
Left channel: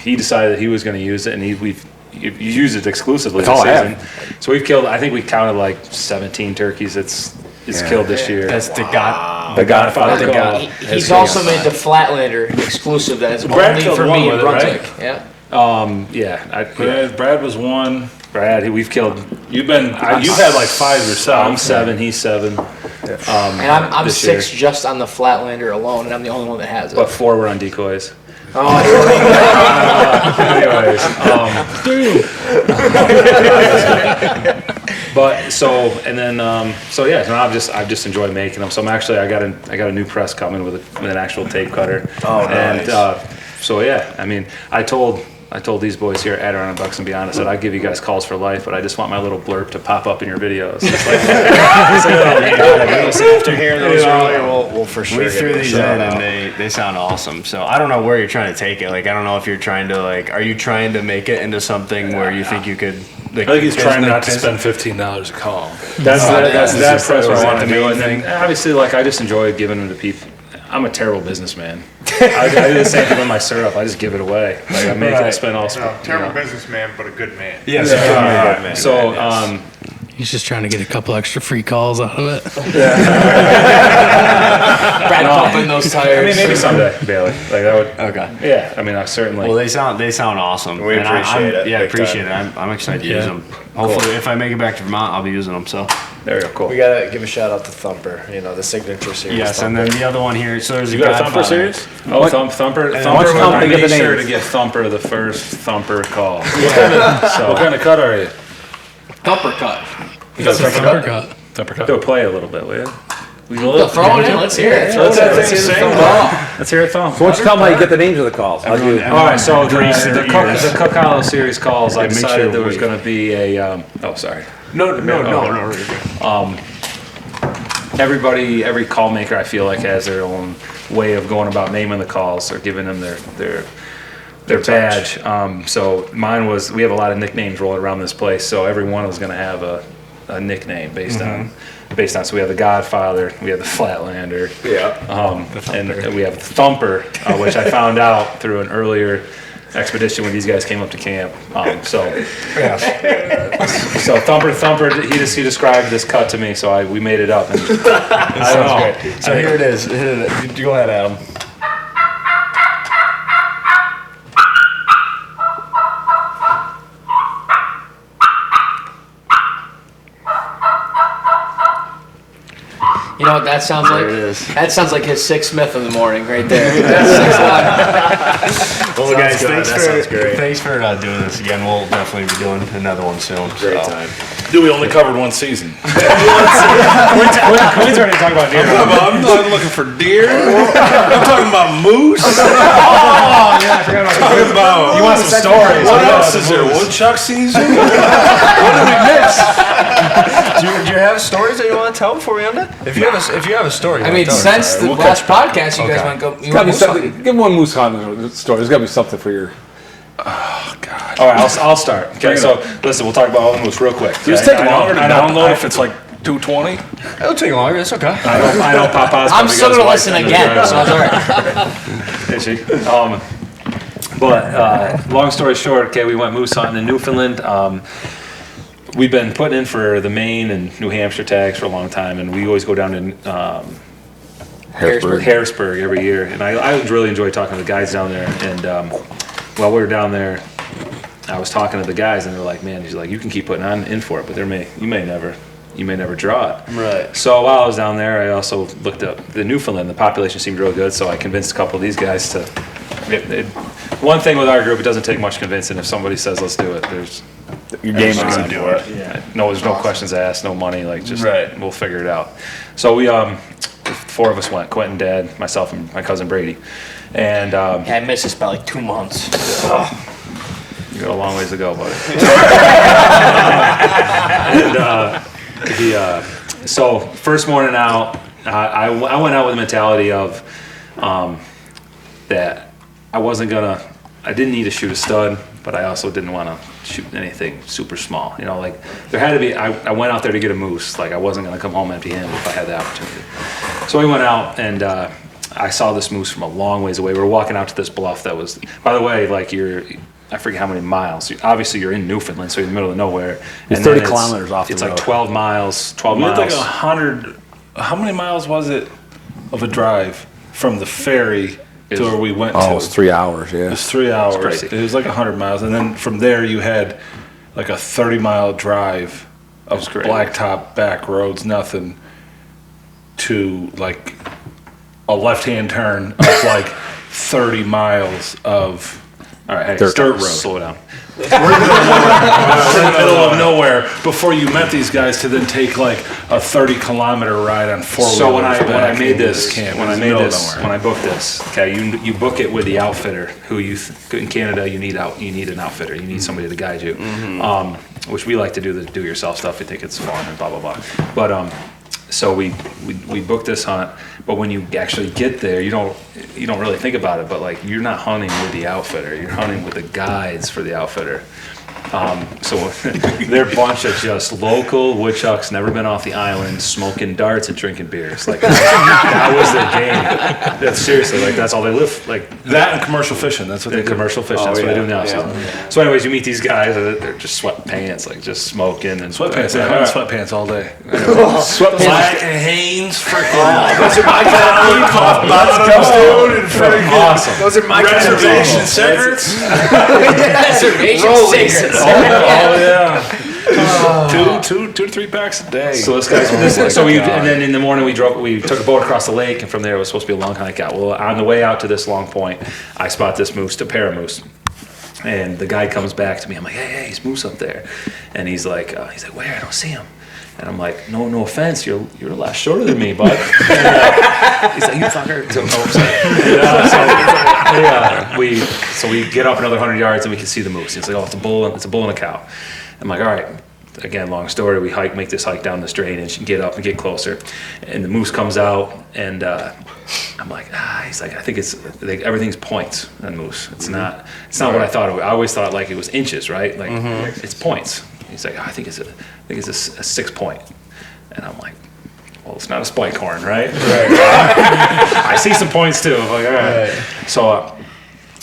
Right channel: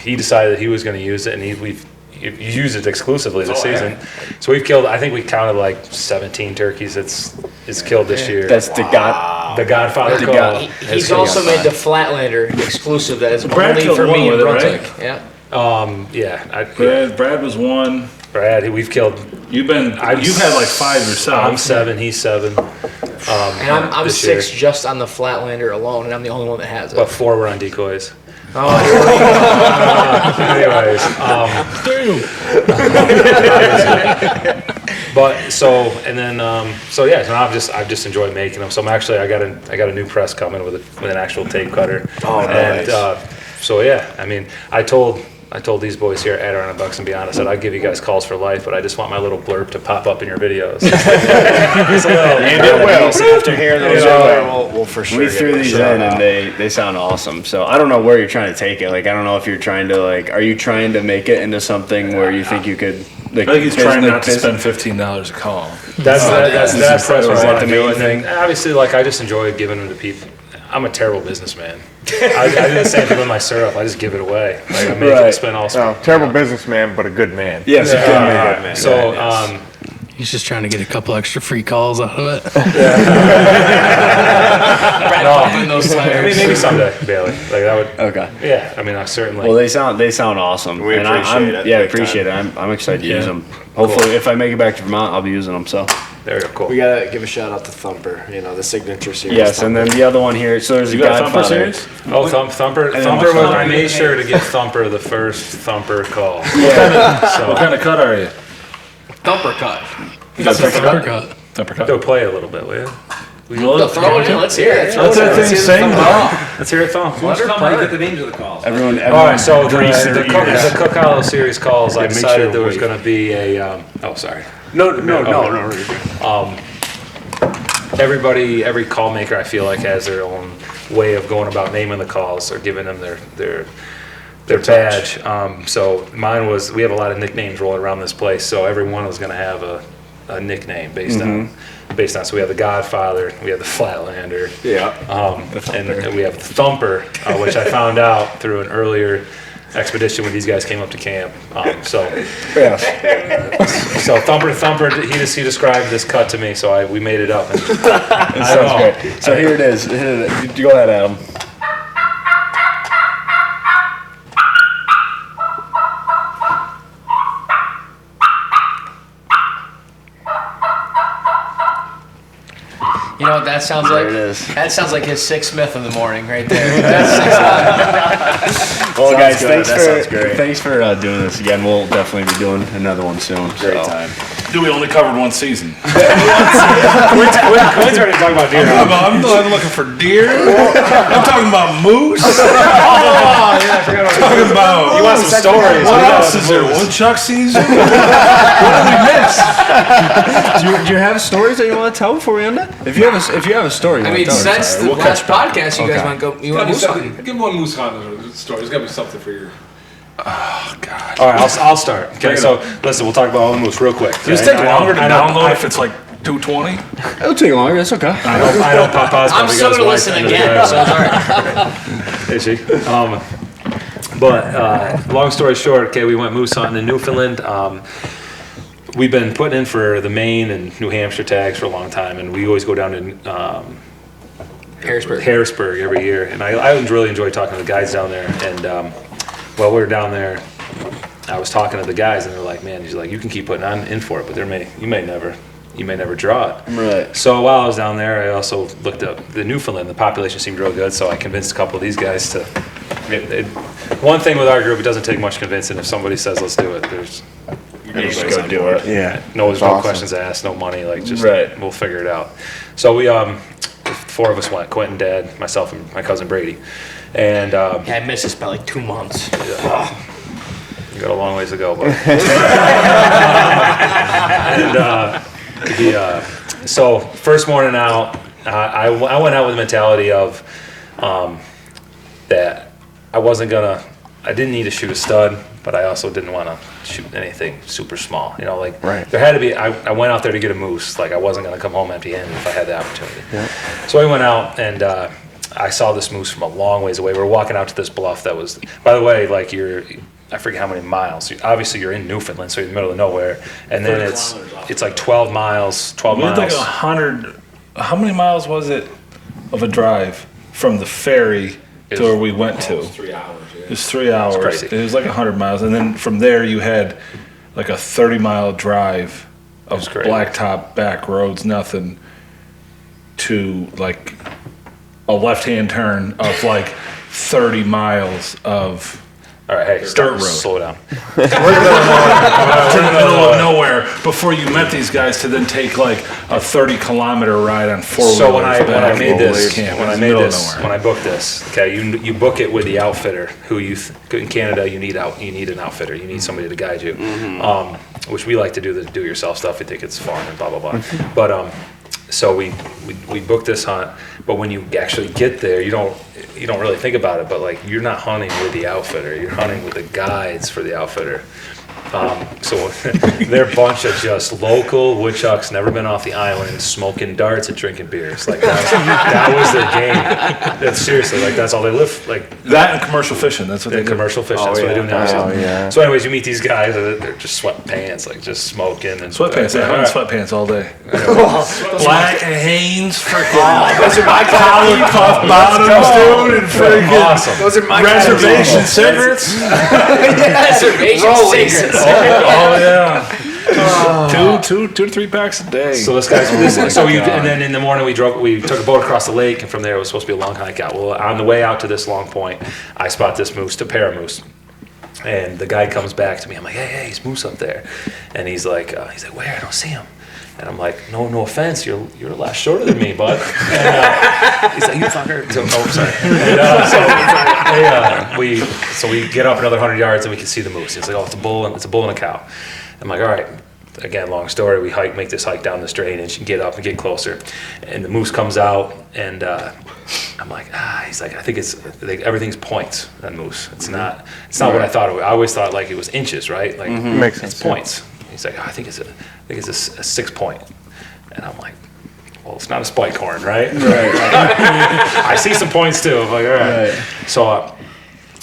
he decided he was going to use it, and we've used it exclusively this season. So we've killed, I think we counted like 17 turkeys it's killed this year. That's the Godfather call. He's also made the Flatlander exclusive that is Brad only killed for one me in with it, right? Brunswick. Yeah. Yeah. Brad was 1. Brad, we've killed. You've had like 5 yourself. I'm 7. He's 7. And I'm this 6 year. just on the Flatlander alone, and I'm the only one that has it. But 4 were on decoys. Oh, Anyways, but so and then so yeah, so I've just enjoyed making them. So I got a new press coming with an actual tape cutter. Oh, nice. And so yeah, I mean, I told these boys here at Adirondack Bucks and Beyond, I said, I'll give you guys calls for life, but I just want my little blurb to pop up in your videos. After hearing those earlier, We'll for sure. we give threw it a these shout in out. and they sound awesome. So I don't know where you're trying to take it. Like I don't know if you're trying to are you trying to make it into something where you think you could? Like, I think he's trying not to business- spend $15 a call. That's that's what I like want the to do. main And then, thing. obviously, like I just enjoy giving them to people. I'm a terrible businessman. I do the same thing with my syrup. I just give it away. Like I make it and spend all. No, terrible businessman, but a good man. Yes, Yeah. good man. So He's just trying to get a couple extra free calls out of it. Brad pumping those I tires. mean, maybe someday, Bailey. Like that would. Okay. Yeah. I mean, I certainly. Well, they sound awesome. We And appreciate it, Yeah, big appreciate time. it. I'm excited to use them. Hopefully, if I make it back to Vermont, I'll be using them. So there you go. Cool. We gotta give a shout out to Thumper. The signature series. yes, and then the other one here. So there's You a got a Thumper Godfather. series? Oh, Thumper. then Thumper. what's Was, Thumper I in made the sure names? to get Thumper the first Thumper call. What kind of cut are you? Thumper cut. Uppercut. Thumper cut. Go play a little bit, will you? Throw it in. Let's hear it. What's that thing saying? Let's hear it, Thump. Why don't you tell them how you get the names of the calls? Everyone, All right, so grease their the ears. Cooke Hollow series calls. I make decided sure there was we- going to be a. Oh, sorry. No. Every call maker, I feel like, has their own way of going about naming the calls or giving them their badge. So mine was. We have a lot of nicknames rolling around this place, so every one was going to have a nickname based on. So we have the Godfather, we have the Flatlander, and we have the Thumper, which I found out through an earlier expedition when these guys came up to camp. So Thumper, he described this cut to me, so we made it up. And That sounds great. So here it is. Go ahead, Adam. You know what that sounds like? There it is. That sounds like his 6 Smith in the morning right there. That's Well, guys, good. That sounds great. thanks for doing this again. We'll definitely be doing another one soon. Great so. time. Dude, we only covered 1 season. Quinn's ready to talk about deer. I'm not looking for deer. I'm talking about moose. Talking about. You want some stories? What else is there? Woodchuck season? Do you have stories that you want to tell before we end it? If you have a story, you I wanna mean, tell us. since the last podcast, you guys want to go. You want to something? Give one moose hunt story. There's got to be something for your. All right, I'll start. Okay, so listen, we'll talk about all the moose real quick. Does it take longer to download if it's like 220? It'll take longer. It's okay. I know Papa's I'm probably still got his gonna wife listen under the again, so driveway. it's all right. Is she? But long story short, okay, we went moose hunting in Newfoundland. We've been putting in for the Maine and New Hampshire tags for a long time, and we always go down to Harrisburg every year. And I really enjoy talking to the guys down there. And while we were down there, I was talking to the guys, and they're like, "Man, you can keep putting in for it, but you may never draw it." Right. So while I was down there, I also looked up the Newfoundland. The population seemed real good, so I convinced a couple of these guys to. One thing with our group, it doesn't take much convincing. If somebody says let's do it, there's Your game's gonna do it. yeah, there's no questions asked, no money, Right. we'll figure it out. So we 4 of us went: Quinton, Dad, myself, and my cousin Brady. And Yeah, I missed this by like 2 months. you got a long ways to go, buddy. So first morning out, I went out with the mentality of that I didn't need to shoot a stud, but I also didn't want to shoot anything super small. There had to be, I went out there to get a moose. Like I wasn't going to come home empty-handed if I had the opportunity. So we went out and I saw this moose from a long ways away. We were walking out to this bluff that was, by the way, I forget how many miles. Obviously, you're in Newfoundland, so you're in the middle of nowhere. And 30 then kilometers off it's the like road. 12 miles. 12 We had like miles. 100. How many miles was it of a drive from the ferry to where we went to. It was 3 hours, yeah. It was 3 hours. crazy. It was like 100 miles. And then from there, you had like a 30-mile drive of That's crazy. blacktop back roads, nothing, to like a left-hand turn of like 30 miles of All right, hey, dirt stop, road. slow down. We're in the middle of nowhere before you met these guys to then take like a 30-kilometer ride on four-wheelers. So when I made over this, camp. when It I was made middle of this, nowhere. when I booked this, okay, you book it with the outfitter who in Canada you need an outfitter. You need somebody to guide you, which we like to do the do-yourself stuff. We think it's fun and blah blah blah. But so we booked this hunt. But when you actually get there, you don't really think about it. But like you're not hunting with the outfitter. You're hunting with the guides for the outfitter. So they're a bunch of just local woodchucks, never been off the island, smoking darts and drinking beers. Like that was their game. That's seriously, like that's all they live. Like that and commercial fishing. That's what they the do. commercial fishing. That's what they do now. yeah. So anyways, you meet these guys. They're just sweatpants, like just smoking and Sweatpants. I hunt sweatpants all day. Black Hanes, freaking Those are my collar cuff bottoms, dude, and freaking awesome. Those are my reservation cigarettes. Reservation cigarettes. Oh yeah. Two to 3 packs a day. So this guy's and then in the morning we took a boat across the lake, and from there it was supposed to be a long hike out. Well, on the way out to this long point, I spot this moose, a pair of moose. And the guy comes back to me. I'm like, hey, he's moose up there. And he's like, where? I don't see him. And I'm like, no offense, you're a lot shorter than me, bud. And, he's like, you fucker. So, we get up another 100 yards and we can see the moose. He's like, oh, it's a bull and a cow. I'm like, all right. Again, long story. We make this hike down this drainage and get up and get closer. And the moose comes out, and I'm like, he's like, I think everything's points on moose. It's not what I thought it was. I always thought like it was inches, right? Like it's points. He's like, I think it's a 6 point. And I'm like, well, it's not a spike horn, right? I see some points too. I'm like, all right. So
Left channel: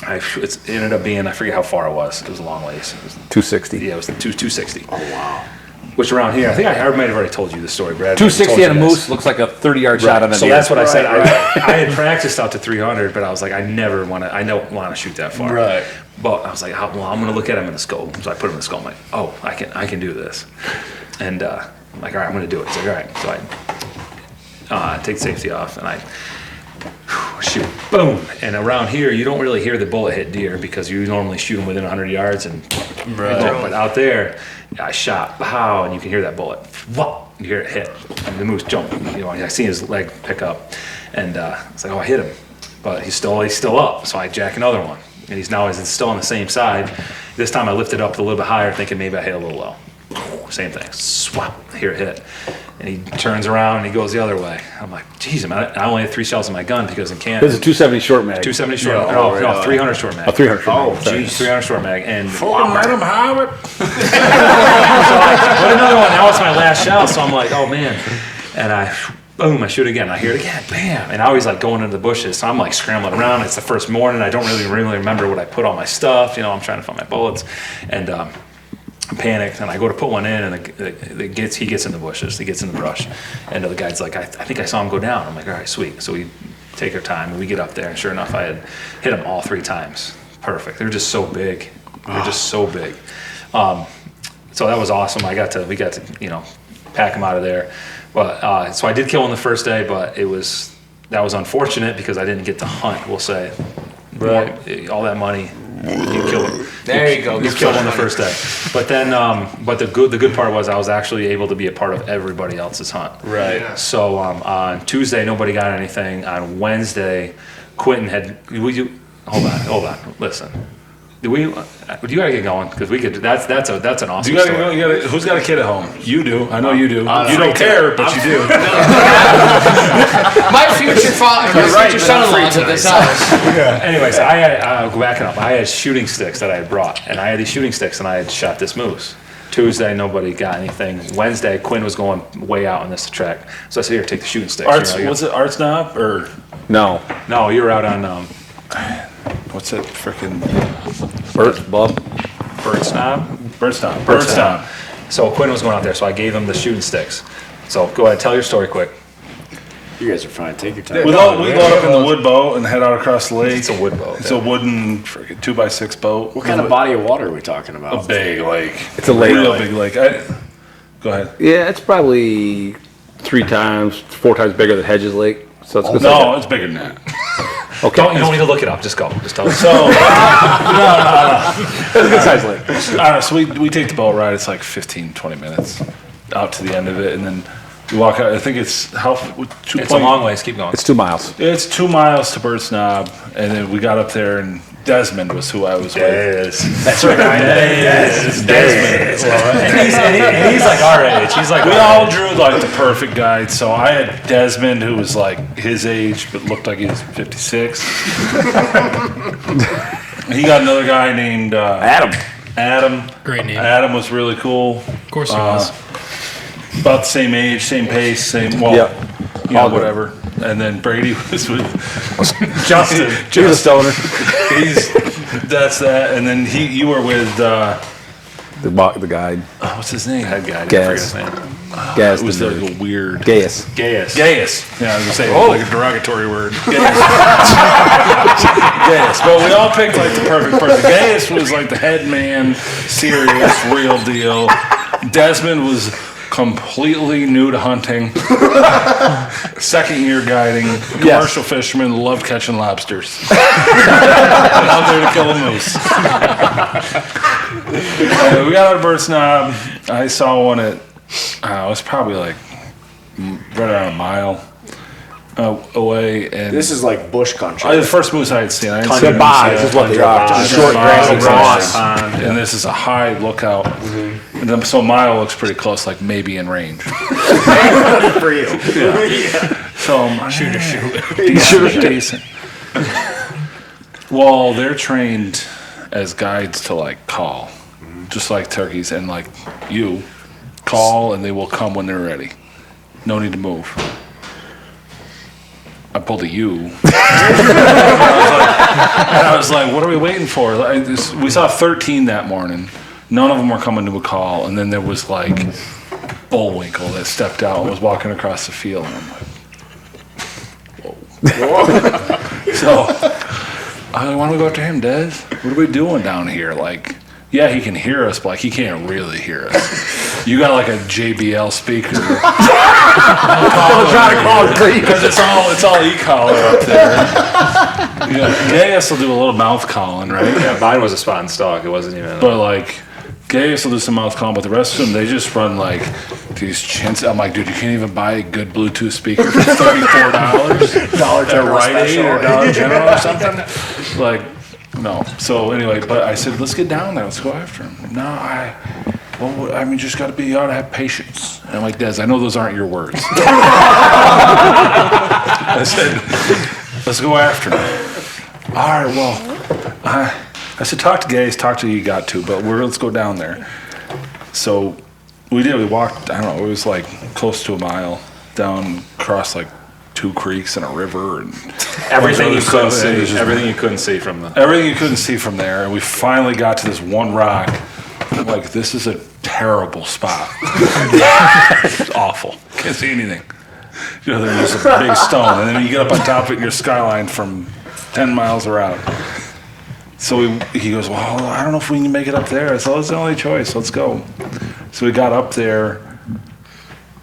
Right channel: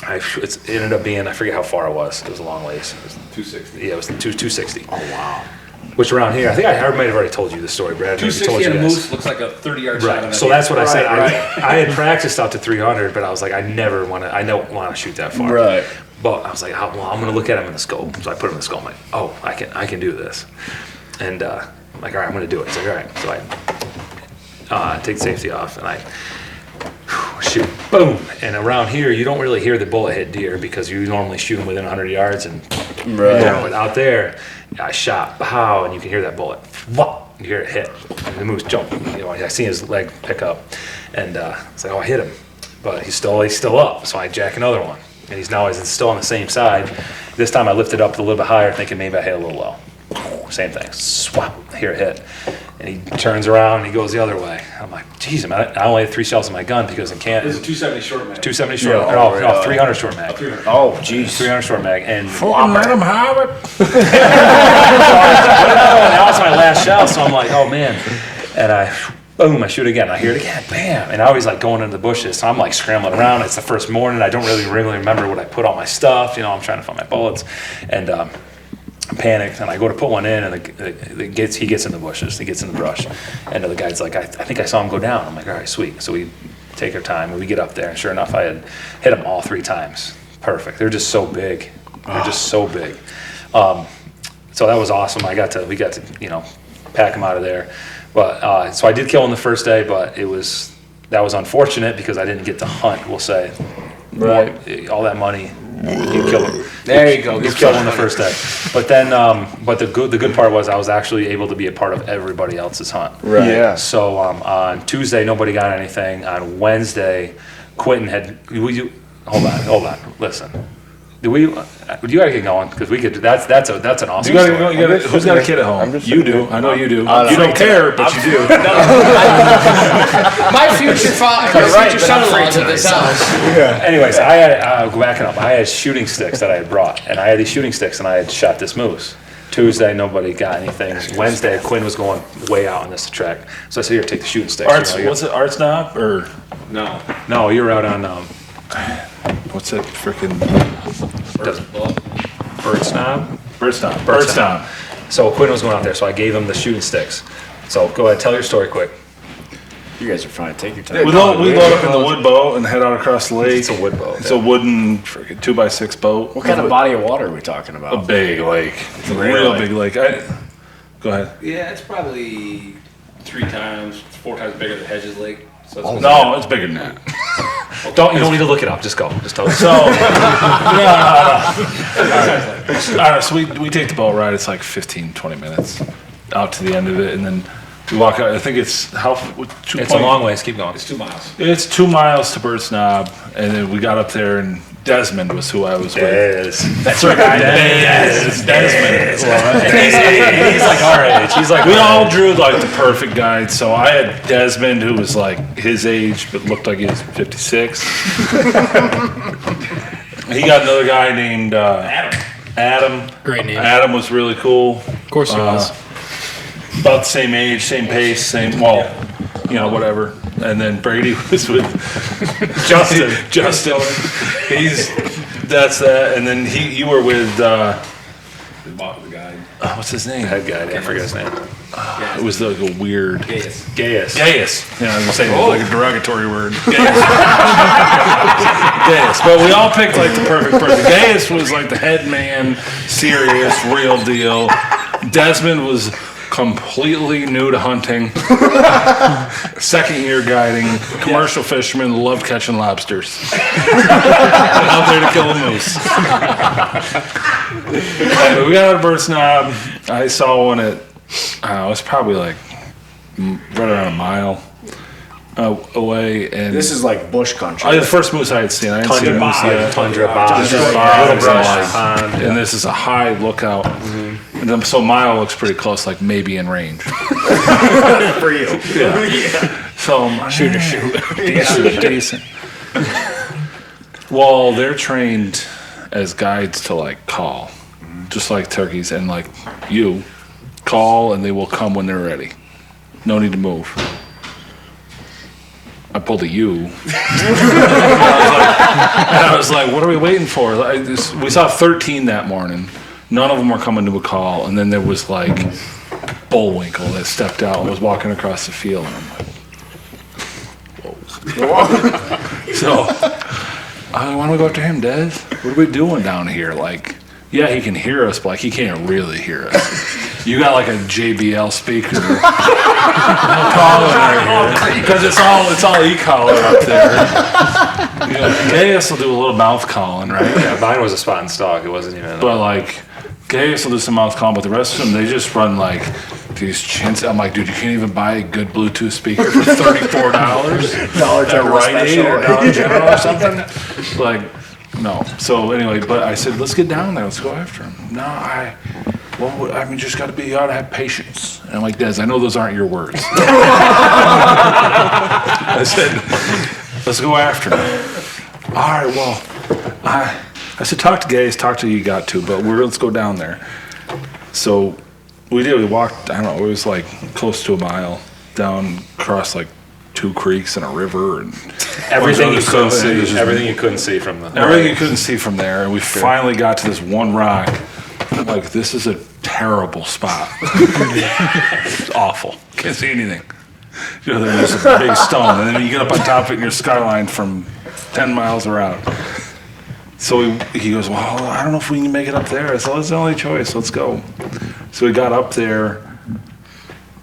it ended up being, I forget how far it was. It was a long ways. It was 260. Yeah, it was 260. Oh, wow. Which around here, I think I might have already told you the story, Brad. 260 and a moose looks like a 30-yard shot of a So deer. that's what I said. I had practiced out to 300, but I was like, I don't want to shoot that far. Right. But I was like, well, I'm going to look at him in the scope. So I put him in the scope. I'm like, oh, I can do this. And I'm like, all right, I'm going to do it. He's like, all right. So I take the safety off, and I shoot, boom. And around here, you don't really hear the bullet hit deer because you normally shoot them within 100 yards. But out there, I shot, pow, and you can hear that bullet. Whoop, you hear it hit. And the moose jump. I see his leg pick up. And it's like, oh, I hit him. But he's still up. So I jack another one. And he's still on the same side. This time I lifted up a little bit higher, thinking maybe I hit a little low. Same thing. Swap. Hear it hit. And he turns around and he goes the other way. I'm like, geez, I only had 3 shells in my gun because in Canada. This is a 270 short mag. 270 short mag. No, 300 short mag. 300. Oh, geez. 300 short mag. And Let them have it. put another one. Now it's my last shot, so I'm like, oh man. And boom, I shoot again. I hear it again, bam. And I always like going into the bushes. So I'm like scrambling around. It's the first morning. I don't really remember what I put all my stuff. I'm trying to find my bullets. And I'm panicked, and I go to put one in, and he gets in the bushes. He gets in the brush. And the guy's like, I think I saw him go down. I'm like, all right, sweet. So we take our time, and we get up there, and sure enough, I had hit him all 3 times. Perfect. They're just so big. They're just so big. So that was awesome. We got to pack him out of there. But so I did kill him the first day, but that was unfortunate because I didn't get to hunt. We'll say, right? All that money, you kill him. There you go. You killed him the first day. But then, but the good part was I was actually able to be a part of everybody else's hunt. Right. Yeah. So on Tuesday, nobody got anything. On Wednesday, Quinton had. Hold on. Listen. You gotta get going because we could. That's an awesome story. Who's got a kid at home? You do. I know you do. You don't care, but you do. My future son-in-law to this house. Anyways, I had backing up. I had shooting sticks that I had brought, and I had these shooting sticks, and I had shot this moose. Tuesday, nobody got anything. Wednesday, Quinn was going way out on this track, so I said, "Here, take the shooting sticks." Was it Arts Knob or No. No, you were out on what's that freaking Bird Snob. So Quinn was going out there, so I gave him the shooting sticks. So go ahead, tell your story quick. You guys are fine. Take your time. We load up in the wood boat and head out across the lake. It's a wood boat. It's a wooden freaking 2x6 boat. What kind of body of water are we talking about? A big lake. It's a lake. real big lake. Go ahead. Yeah, it's probably 4 times bigger than Hedges Lake. So it's No, it's bigger than that. You don't need to look it up. Just go. Just tell us. So, no. So we take the boat ride. It's like 15, 20 minutes out to the end of it, and then we walk out. I think it's It's a long ways. Keep going. It's 2 miles. It's 2 miles to Bird's Knob, and then we got up there, and Desmond was who I was with. That's right. Desmond. He's like our age. He's like We all drew like the perfect guide. So I had Desmond, who was like his age, but looked like he was 56. He got another guy named Adam. Great name. Adam was really cool. Of course he was. About the same age, same pace, whatever. And then Brady was with Justin. That's that. And then you were with The guide. what's his name? head guy. I Gas. forget his name. It was like a weird Gaius. Gaius. Yeah, I was gonna say like a derogatory word. Gaius. But we all picked like the perfect person. Gaius was like the head man, serious, real deal. Desmond was completely new to hunting. Second year guiding. Commercial fisherman, loved catching lobsters. Out there to kill a moose. Anyway, we got out of Bird's Knob. I saw one at, it was probably like right around a mile away. And This is like bush country. the first moose I had seen. I didn't see a moose yet. And this is a high lookout. And then, so mile looks pretty close, like maybe in range. For you. So shoot. Decent. Well, they're trained as guides to like call, just like turkeys, and like you call and they will come when they're ready. No need to move. I pulled a U. And I was like, what are we waiting for? We saw 13 that morning. None of them were coming to a call. And then there was like Bullwinkle that stepped out and was walking across the field. And I'm like, whoa. So I want to go after him, Des. What are we doing down here? Like, yeah, he can hear us, but like he can't really hear us. You got like a JBL speaker. Because it's all e-collar up there. You know, Gaius will do a little mouth calling, right? Yeah, mine was a spot and stalk. It wasn't even. But like Gaius will do some mouth calling, but the rest of them, they just run like these chins. I'm like, dude, you can't even buy a good Bluetooth speaker for $34. Dollar At General Rite Aid special. or Dollar General or something. Like, no. So anyway, but I said, let's get down there. Let's go after him. No, just got to be, you ought to have patience. And I'm like, Des, I know those aren't your words. I said, let's go after him. All right, well, I said, talk to Gaius, talk to who you got to, but let's go down there. So we did. We walked, I don't know, it was like close to a mile down, across like 2 creeks and a river. And everything you couldn't see. Everything Everything you couldn't see from the. Everything you couldn't see from there. And we finally got to this one rock. I'm like, this is a terrible spot. It's awful. Can't see anything. You know, there's a big stone. And then you get up on top of it and your skyline from 10 miles around. So he goes, well, I don't know if we can make it up there. I said, that's the only choice. Let's go. So we got up there.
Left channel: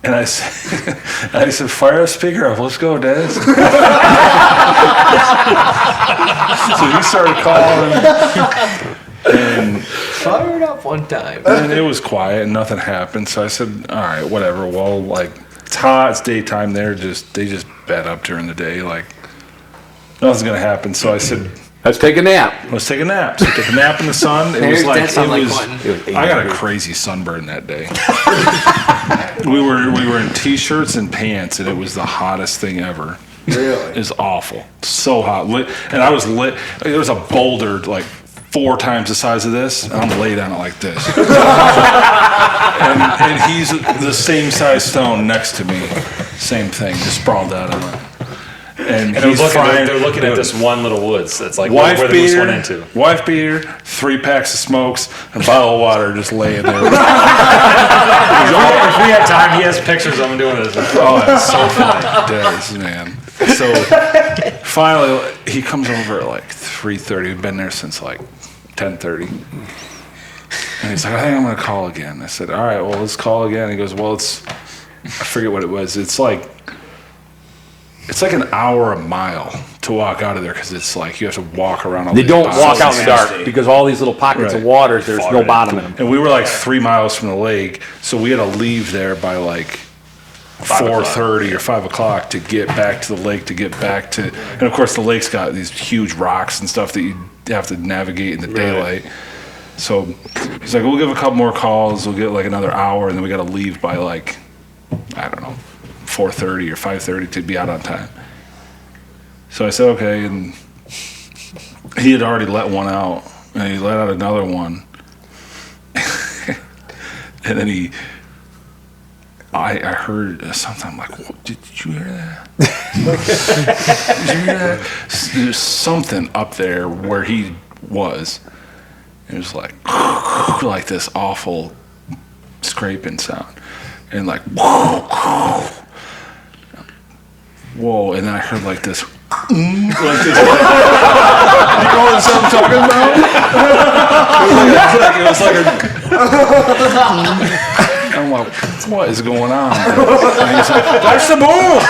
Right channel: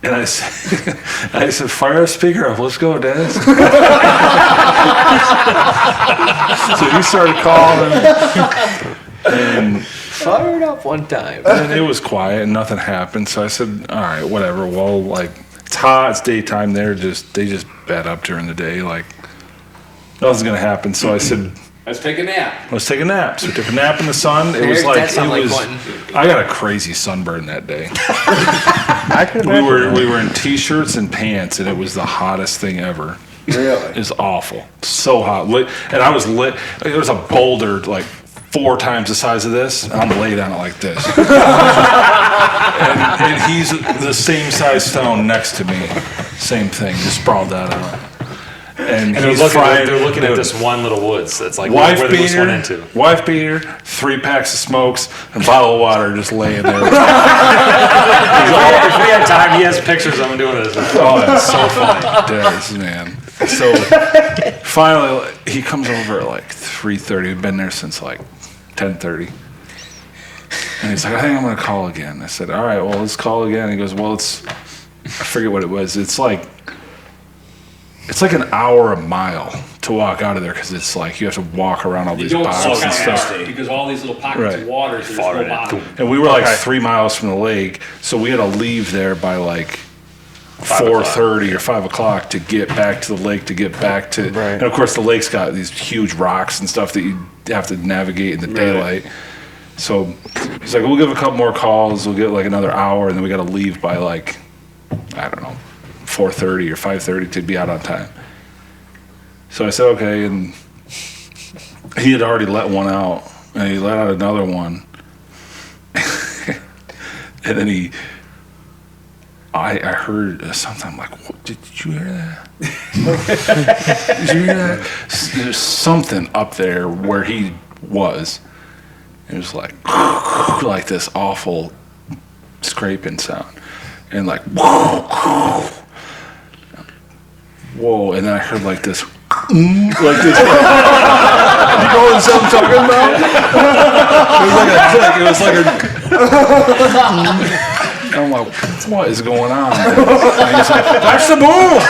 And I said, fire a speaker up. Let's go, Des. So he started calling. And Fired up one time. and it was quiet and nothing happened. So I said, all right, whatever. Well, like, it's hot, it's daytime. They just bed up during the day. Like, nothing's going to happen. So I said, Let's take a nap. let's take a nap. So we took a nap in the sun. It was like, That sounded like Quinton. I got a crazy sunburn that day. we were in t-shirts and pants, and it was the hottest thing ever. Really? It was awful. So hot. And I was lit. There was a boulder like 4 times the size of this, and I'm laid on it like this. and he's the same size stone next to me. Same thing, just sprawled out on it. And And he's frying. they're looking at dude, this one little woods that's like wife where the moose went beater, into. wife beater, 3 packs of smokes, and a bottle of water just laying there. If we had time, he has pictures of him doing this. Oh, it's so funny. Does, man. So finally, he comes over at like 3:30. We've been there since like 10:30. And he's like, I think I'm going to call again. I said, all right, well, let's call again. He goes, well, I forget what it was. It's like an hour a mile to walk out of there because it's like you have to walk around all They these don't boxes walk and out in the stuff. dark because all these little pockets Right. of water, there's no bottom. And we were like 3 miles from the lake, so we had to leave there by like 4:30 or 5 o'clock to get back to the lake, to get back to, and of course the lake's got these huge rocks and stuff that you have to navigate in the daylight. So he's like, we'll give a couple more calls, we'll get like another hour, and then we got to leave by like, I don't know, 4:30 or 5:30 to be out on time. So I said, okay, and he had already let one out, and he let out another one. And then I heard something. I'm like, what, did you hear that? Did you hear that? There's something up there where he was. It was like this awful scraping sound. And like, whoa. And then I heard like this. Like this. You know what I'm talking about? It was like a I'm like, what is going on? And he's like, that's the bull!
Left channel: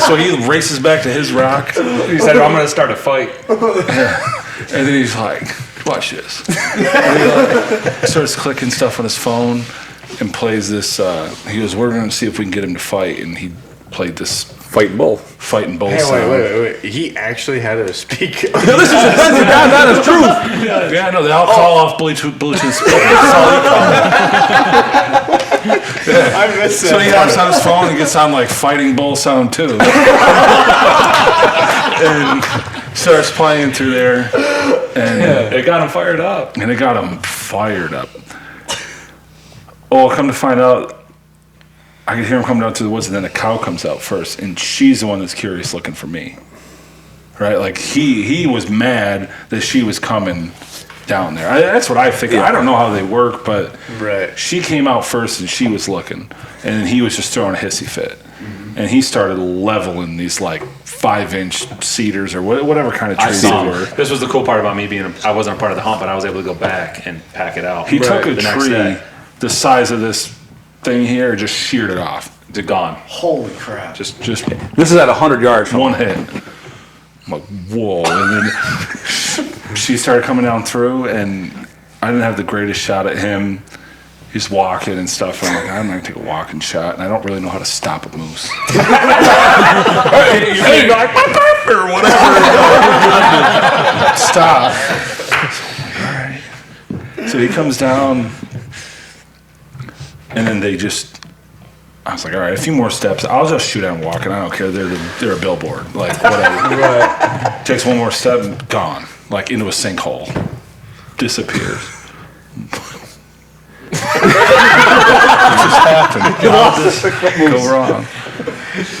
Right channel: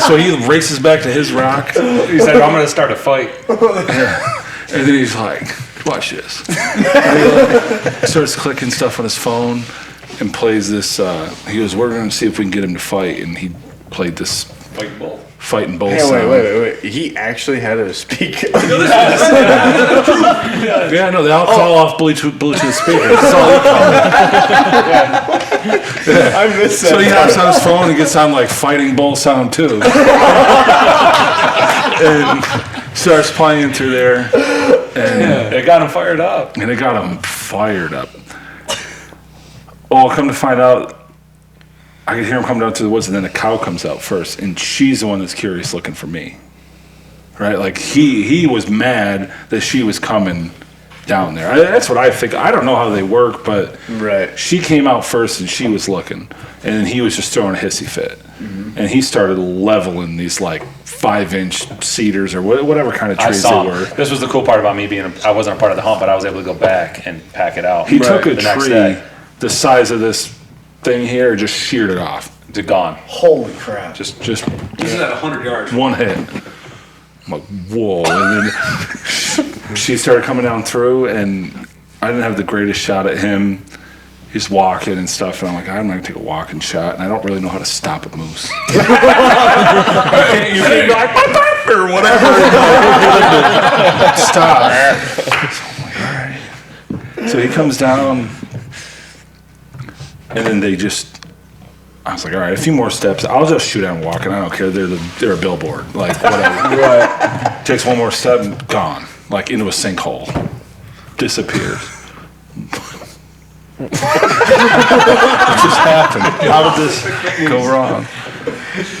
So he races back to his rock. He said, I'm going to start a fight. And then he's like, watch this. And he like, starts clicking stuff on his phone and plays this. He goes, we're going to see if we can get him to fight. And he played this fighting bull sound. Wait. He actually had to speak. Yeah, no, they all call off Bluetooth speakers. That's all he called. I missed it. So he hops on his phone and gets on like fighting bull sound too. And starts playing through there. And It got him fired up. And it got him fired up. Oh, come to find out, I could hear him come down to the woods, and then a cow comes out first, and she's the one that's curious looking for me. Right? Like, he was mad that she was coming down there. That's what I think. I don't know how they work, but she came out first, and she was looking, and then he was just throwing a hissy fit. And he started leveling these, like, 5-inch cedars or whatever kind of trees they were. This was the cool part about me I wasn't a part of the hunt, but I was able to go back and pack it out. He took a the next tree day. the size of this thing here, just sheared it off. It's gone. Holy crap. Just This is at 100 yards. one hit. I'm like, whoa. And then she started coming down through, and I didn't have the greatest shot at him. He's walking and stuff, and I'm like, I'm not going to take a walking shot, and I don't really know how to stop a moose. You can go like, or whatever. Stop. So I'm like, all right. So he comes down, and then I was like, all right, a few more steps. I'll just shoot at him walking. I don't care. They're a billboard. Like, whatever. Takes one more step and gone. Like, into a sinkhole. Disappears. What just happened? How did this go wrong?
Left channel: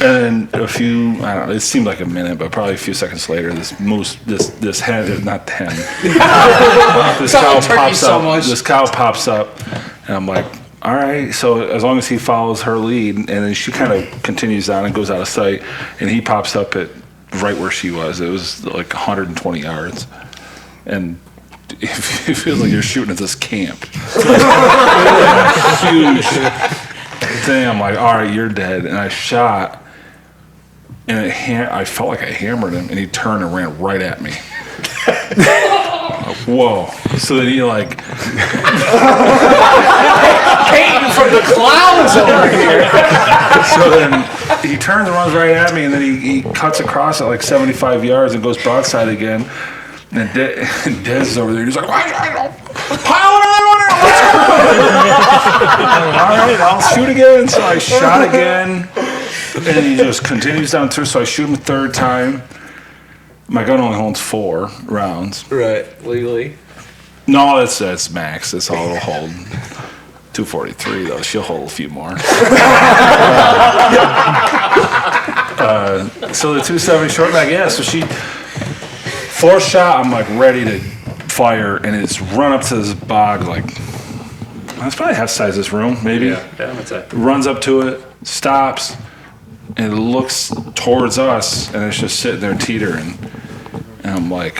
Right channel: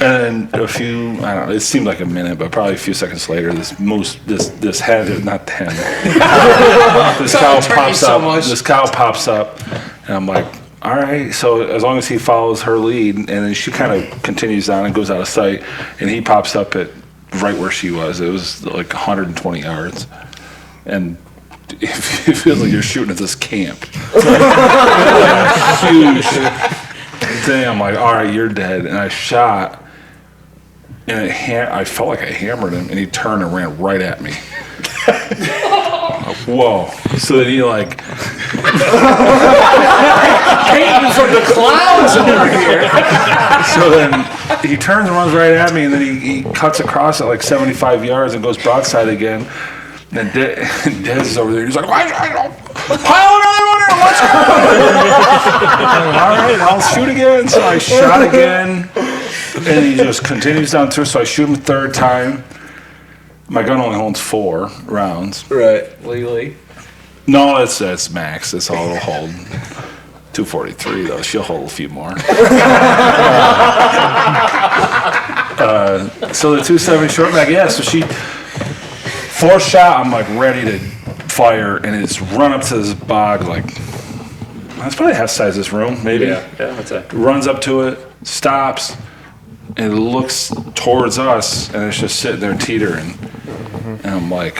And then I don't know, it seemed like a minute, but probably a few seconds later, this moose, this hen, not the hen, this cow pops up, and I'm like, all right, so as long as he follows her lead, and then she kind of continues on and goes out of sight, and he pops up at right where she was. It was like 120 yards, and it feels like you're shooting at this camp. Huge thing. I'm like, all right, you're dead. And I shot, and I felt like I hammered him, and he turned and ran right at me. Like, whoa. So then he like Painting from the clouds over here. so then he turns and runs right at me, and then he cuts across at like 75 yards and goes broadside again. And Dez is over there. He's like, pile another one in. Let's go. All right, I'll shoot again. So I shot again, and he just continues down through. So I shoot him a third time. My gun only holds 4 rounds. Right, legally. No, that's max. That's all it'll hold. 243 though. She'll hold a few more. So the 270 short bag, yeah. So she fourth shot, I'm like ready to fire, and it's run up to this bog like that's probably half size this room, maybe. Yeah, that's it. Runs up to it, stops, and looks towards us, and it's just sitting there teetering. And I'm like,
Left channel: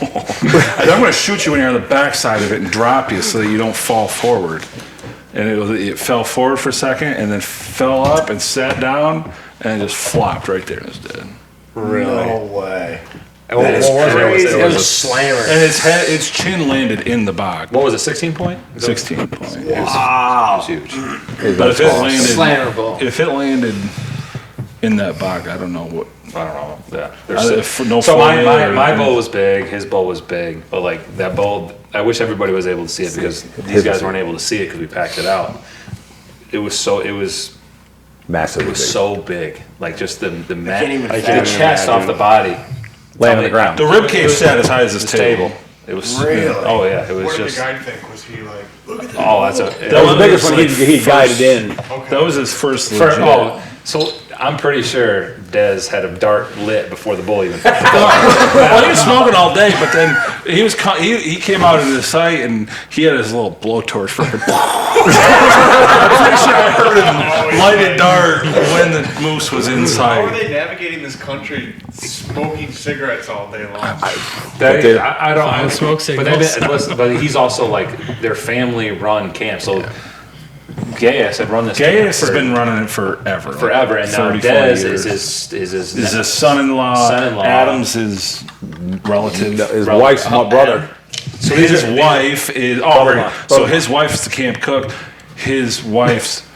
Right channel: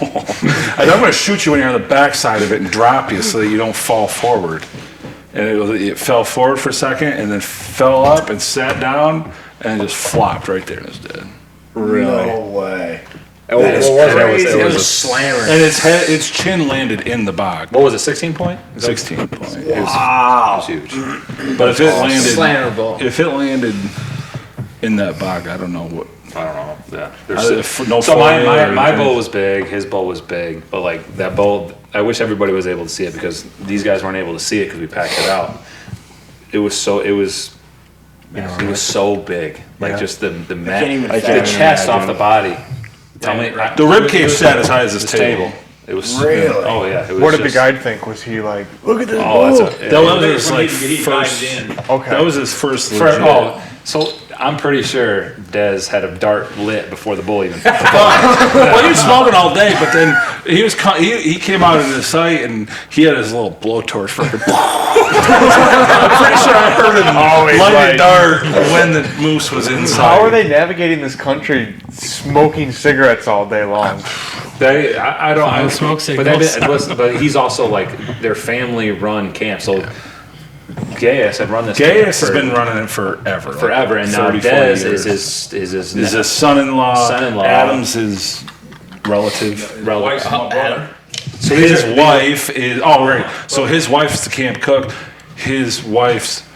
I'm going to shoot you when you're on the backside of it and drop you so that you don't fall forward. And it fell forward for a second and then fell up and sat down and just flopped right there and was dead. Really? No way. It was a slammer. And its chin landed in the bog. What was it, 16 point? 16 point. Wow. It was huge. But if it landed in that bog, I don't know what. I don't know. Yeah. No So foil or my anything. bull was big. His bull was big. But like that bull, I wish everybody was able to see it because these guys weren't able to see it because we packed it out. It was massive. It was so big. Like just the chest off the body. The rib cage sat as high as this table. It was Really? Oh yeah. It was What did the just, guide think? Was he like, look at this? Oh, that's bull? That was like he guided in. Okay. That was his first legit. So I'm pretty sure Dez had a dart lit before the bull even. Well, he was smoking all day, but then he came out into the sight and he had his little blowtorch freaking. I'm pretty sure I heard him light a dart when the moose was inside. How are they navigating this country smoking cigarettes all day long? I don't smoke but, signals. but he's also like their family-run camp. So Gaius had run this. Gaius has camp been running it forever. forever, and now 30, 40 Dez years. is his son-in-law. Son-in-law. Adam's his relative. His wife's my brother. So his wife is So his wife's the camp cook. His wife's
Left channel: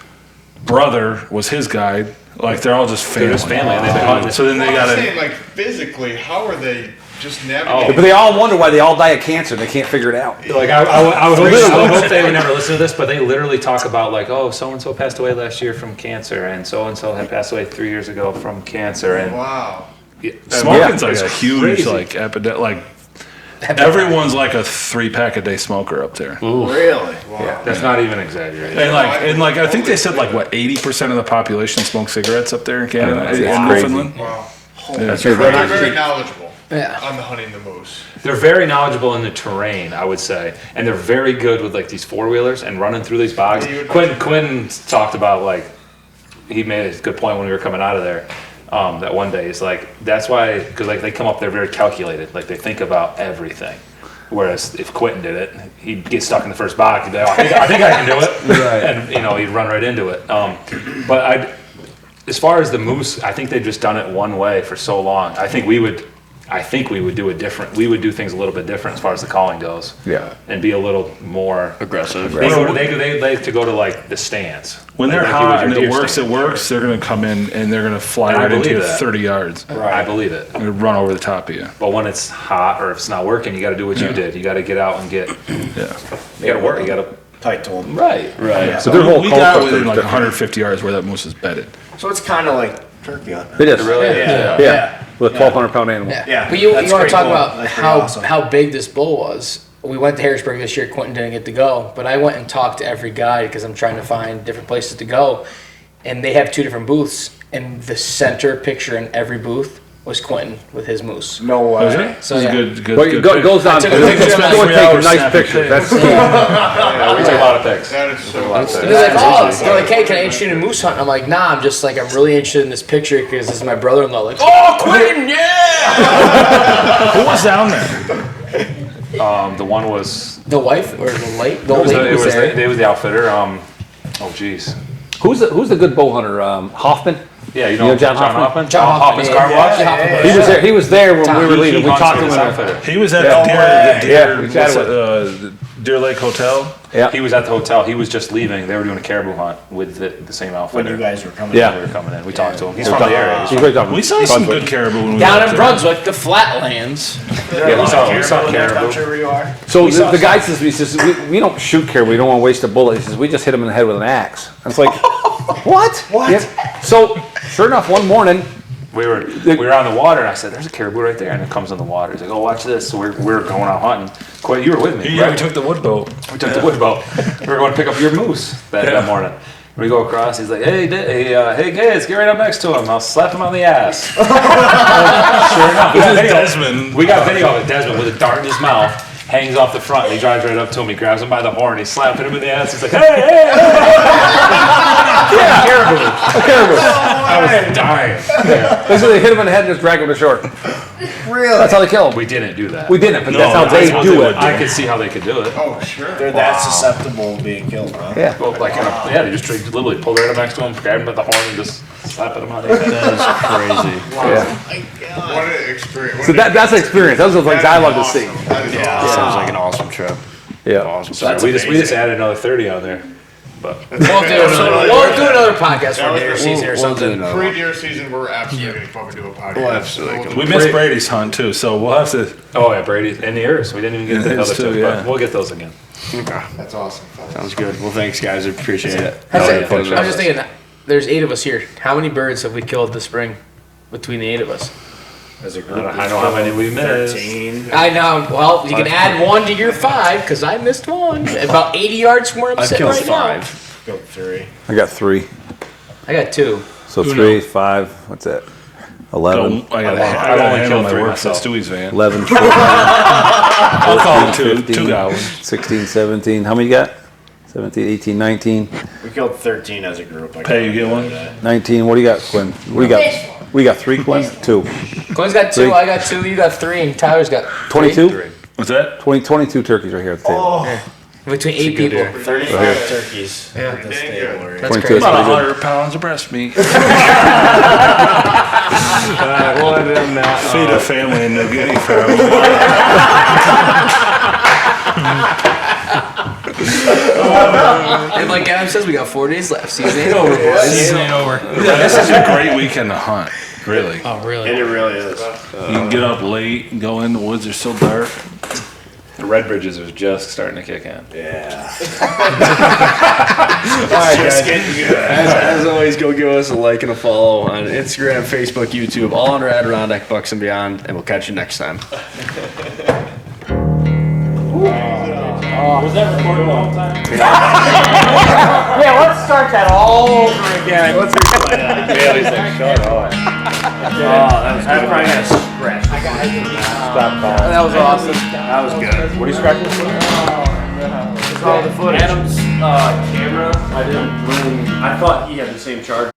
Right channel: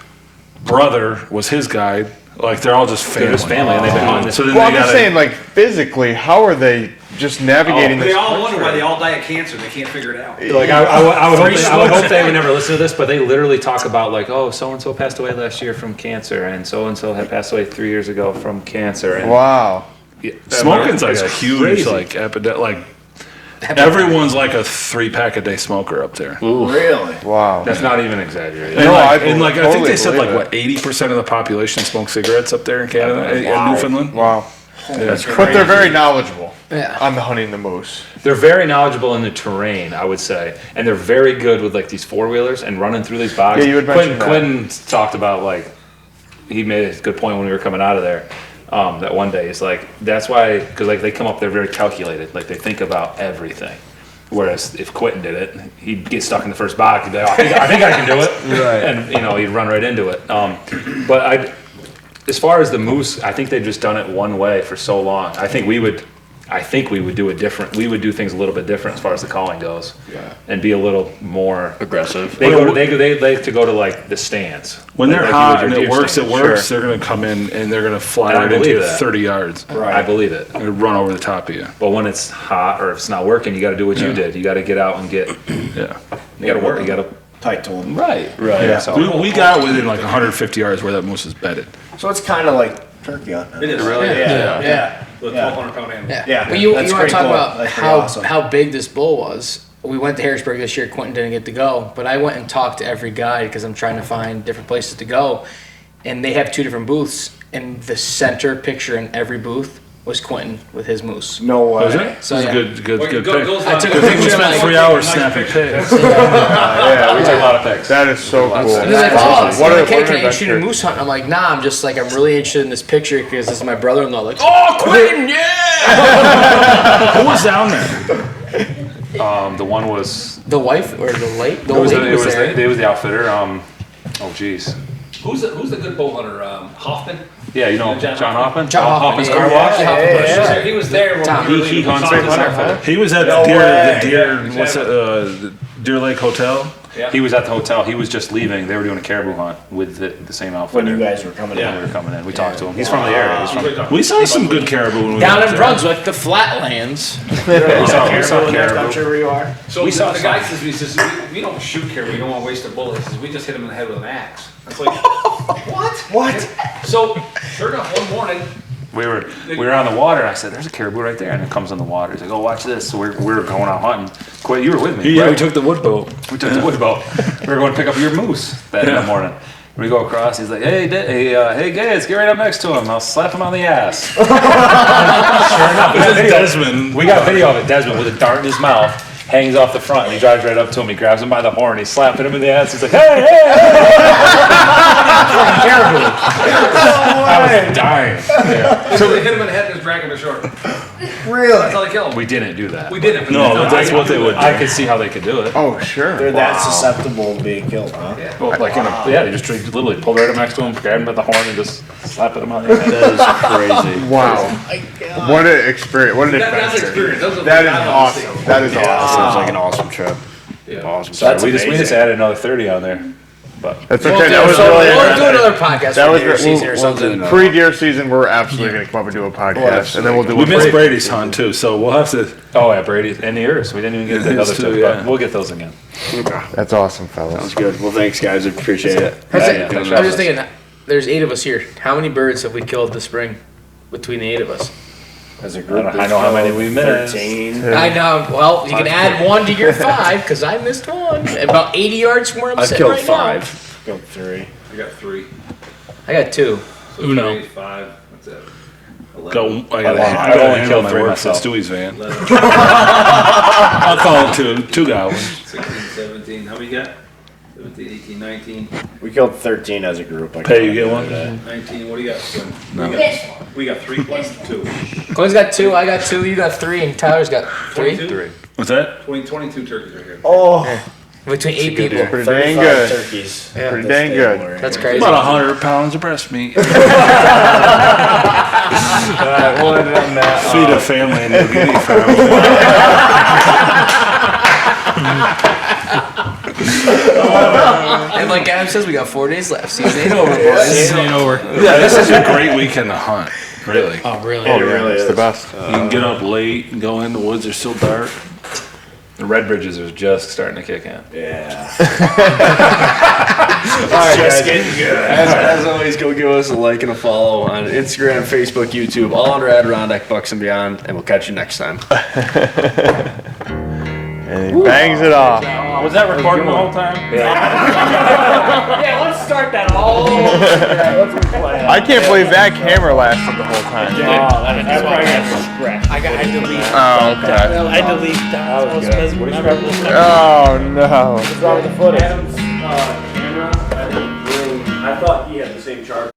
brother was his guide. Like they're all just family. They're just family, and they've been hunting. So then Well, they I'm got saying, like, physically, how are they just navigating? But they all wonder why they all die of cancer. They can't figure it out. Like I would hope they would never listen to this, but they literally talk about like, oh, so and so passed away last year from cancer, and so had passed away 3 years ago from cancer. And Wow. smoking's like it's a huge crazy. like epidemic. Like everyone's like a 3-pack a day smoker up there. Really? Wow. That's not even exaggerated. And I I think they said totally like what 80% of the population smoke cigarettes up there in Canada, in Newfoundland. Wow. That's But they're very knowledgeable Yeah. on the hunting the moose. They're very knowledgeable in the terrain, I would say, and they're very good with like these 4-wheelers and running through these bogs. Yeah, you would mention Quinton talked about like he made a good point when we were coming out of there. That one day it's like that's why because like they come up there very calculated, like they think about everything. Whereas if Quinton did it, he'd get stuck in the first box. He'd be like, I think I can do it, Right. and he'd run right into it. But as far as the moose, I think they've just done it one way for so long. I think we would do it different. We would do things a little bit different as far as the calling goes. Yeah. And be a little more Aggressive. They like to go to like the stands. When they're Like you hot would and your it deer works, stand. they're gonna come in and they're gonna fly And I right into believe you that. 30 yards. I believe it. They're gonna run over the top of you. But when it's hot or if it's not working, you got to do what you did. You got to get out and get. Yeah. You got to work. You got to. Tight to them. Right. Yeah. So we got within like 150 yards where that moose is bedded. So it's kind of like turkey hunting. It is. Really? Yeah. With a 1,200-pound animal. Yeah, But you want that's to pretty talk cool. about That's pretty how awesome. how big this bull was. We went to Harrisburg this year. Quinton didn't get to go, but I went and talked to every guide because I'm trying to find different places to go. And they have 2 different booths, and the center picture in every booth was Quinton with his moose. No way. Was it? So, This is yeah. a good pick. I took a We picture. spent and 3 I- hours nice snapping picture. pics. We took a lot of pics. That is so cool. And they're like, That's oh, awesome. they're like, hey, can I interest you in a moose hunt? I'm like, nah, I'm just like, I'm really interested in this picture because this is my brother-in-law. Like, oh, Quinton, yeah! Who was down there? The one was. The wife or the late? The It old was, lady it was was, there. it was the outfitter. Oh, geez. Who's the good bow hunter? Hoffman? Yeah, you know John John Hoffman? John Hoffman, Hoffman's yeah. Car Wash? Yeah. He was there when we were He leaving. We hunts talked with his about it. outfitter. He was at No way. the Deer, Yeah, what's it, the Deer Lake Hotel. Yeah. He was at the hotel. He was just leaving. They were doing a caribou hunt with the same outfitter. When you guys were coming Yeah. in. We were coming in. We talked to him. He's from the area. He's He's from, really talking. We saw some good caribou when we Down went in there. Brunswick, the flatlands. yeah, we saw I'm sure caribou. where you are. So We saw the guy says, he says, we don't shoot caribou. We don't want to waste a bullet. He says, we just hit him in the head with an axe. I was like, what? What? Yeah. So sure enough, one morning, we were on the water, and I said, "There's a caribou right there," and it comes in the water. He's like, "Oh, watch this." So we're going out hunting. Quit, you were with me. Yeah, right? we took the wood boat. We took the wood boat. We were going to pick up your moose that morning. We go across. He's like, "Hey, hey, guys, get right up next to him. I'll slap him on the ass." Sure enough, Desmond. we got video of it. Desmond with a dart in his mouth, hangs off the front, and he drives right up to him. He grabs him by the horn. He's slapping him in the ass. He's like, "Hey, hey, hey!" Caribou. I was dying. So they hit him in the head and just drag him ashore. Really? That's how they kill him. We didn't do that. We didn't. But No, that's what they would do. I could see how they could do it. Oh, sure. They're that susceptible to being killed, huh? Yeah. Well, like they just literally pulled right up next to him, grabbed him by the horn, and just slapped him on the head. That is crazy. Wow. What an experience. What an That's an experience. That was what I love to see. That is That awesome. sounds like an awesome trip. Yeah. Awesome. Sorry, we just added another 30 on there. But We'll do another podcast for deer season or something. Pre-deer season, we're absolutely going to come up and do a podcast. And then we'll do We missed Brady's hunt too, so we'll have to. oh yeah, Brady and the Earths. We didn't even get the His other too, two, yeah. but we'll get those again. That's awesome, fellas. Sounds good. Well, thanks, guys. I appreciate it. I was just thinking, there's 8 of us here. How many birds have we killed this spring between the 8 of us? As a group, I know how many we missed. 13. I know. Well, you can add 1 to your 5 because I missed 1. About 80 yards from where I'm I've sitting killed right 5. Killed 3. I got 3. now. I got 2. So Uno. 3, 5. What's that? 11. I got I've only killed my 3 work myself. at Stewie's van. 11, I'll call it 2 goblins. 16, 17. How many you got? 17, 18, 19. We killed 13 as a group. Pay, you get one? 19. What do you got, Quinn? We got 3, Quinn? 2. Quinn's got 2. I got 2. You got 3, and Tyler's got 3. 22? What's that? 22 turkeys right here at the table. Between 8 people. Pretty dang good. Turkeys. Yeah. Pretty dang good. That's 22. crazy. About 100 pounds of breast meat. We'll end it on that. Feed a family in New Guinea for a And like Adam says, we got 4 days left. Season ain't over, boys. Season ain't over. Yeah, this is a great weekend to hunt. Really. Oh, really? It really is. The best. You can get up late and go in. The woods are still dark. The red bridges are just starting to kick in. Yeah. Just getting good. As always, go give us a like and a follow on Instagram, Facebook, YouTube, all under Adirondack Bucks and Beyond, and we'll catch you next time. Bangs it off. Was that recording the whole time? Yeah, let's start that all over again. I can't believe that camera lasted the whole time. Oh, no. Adam's camera, I thought he had the same charge.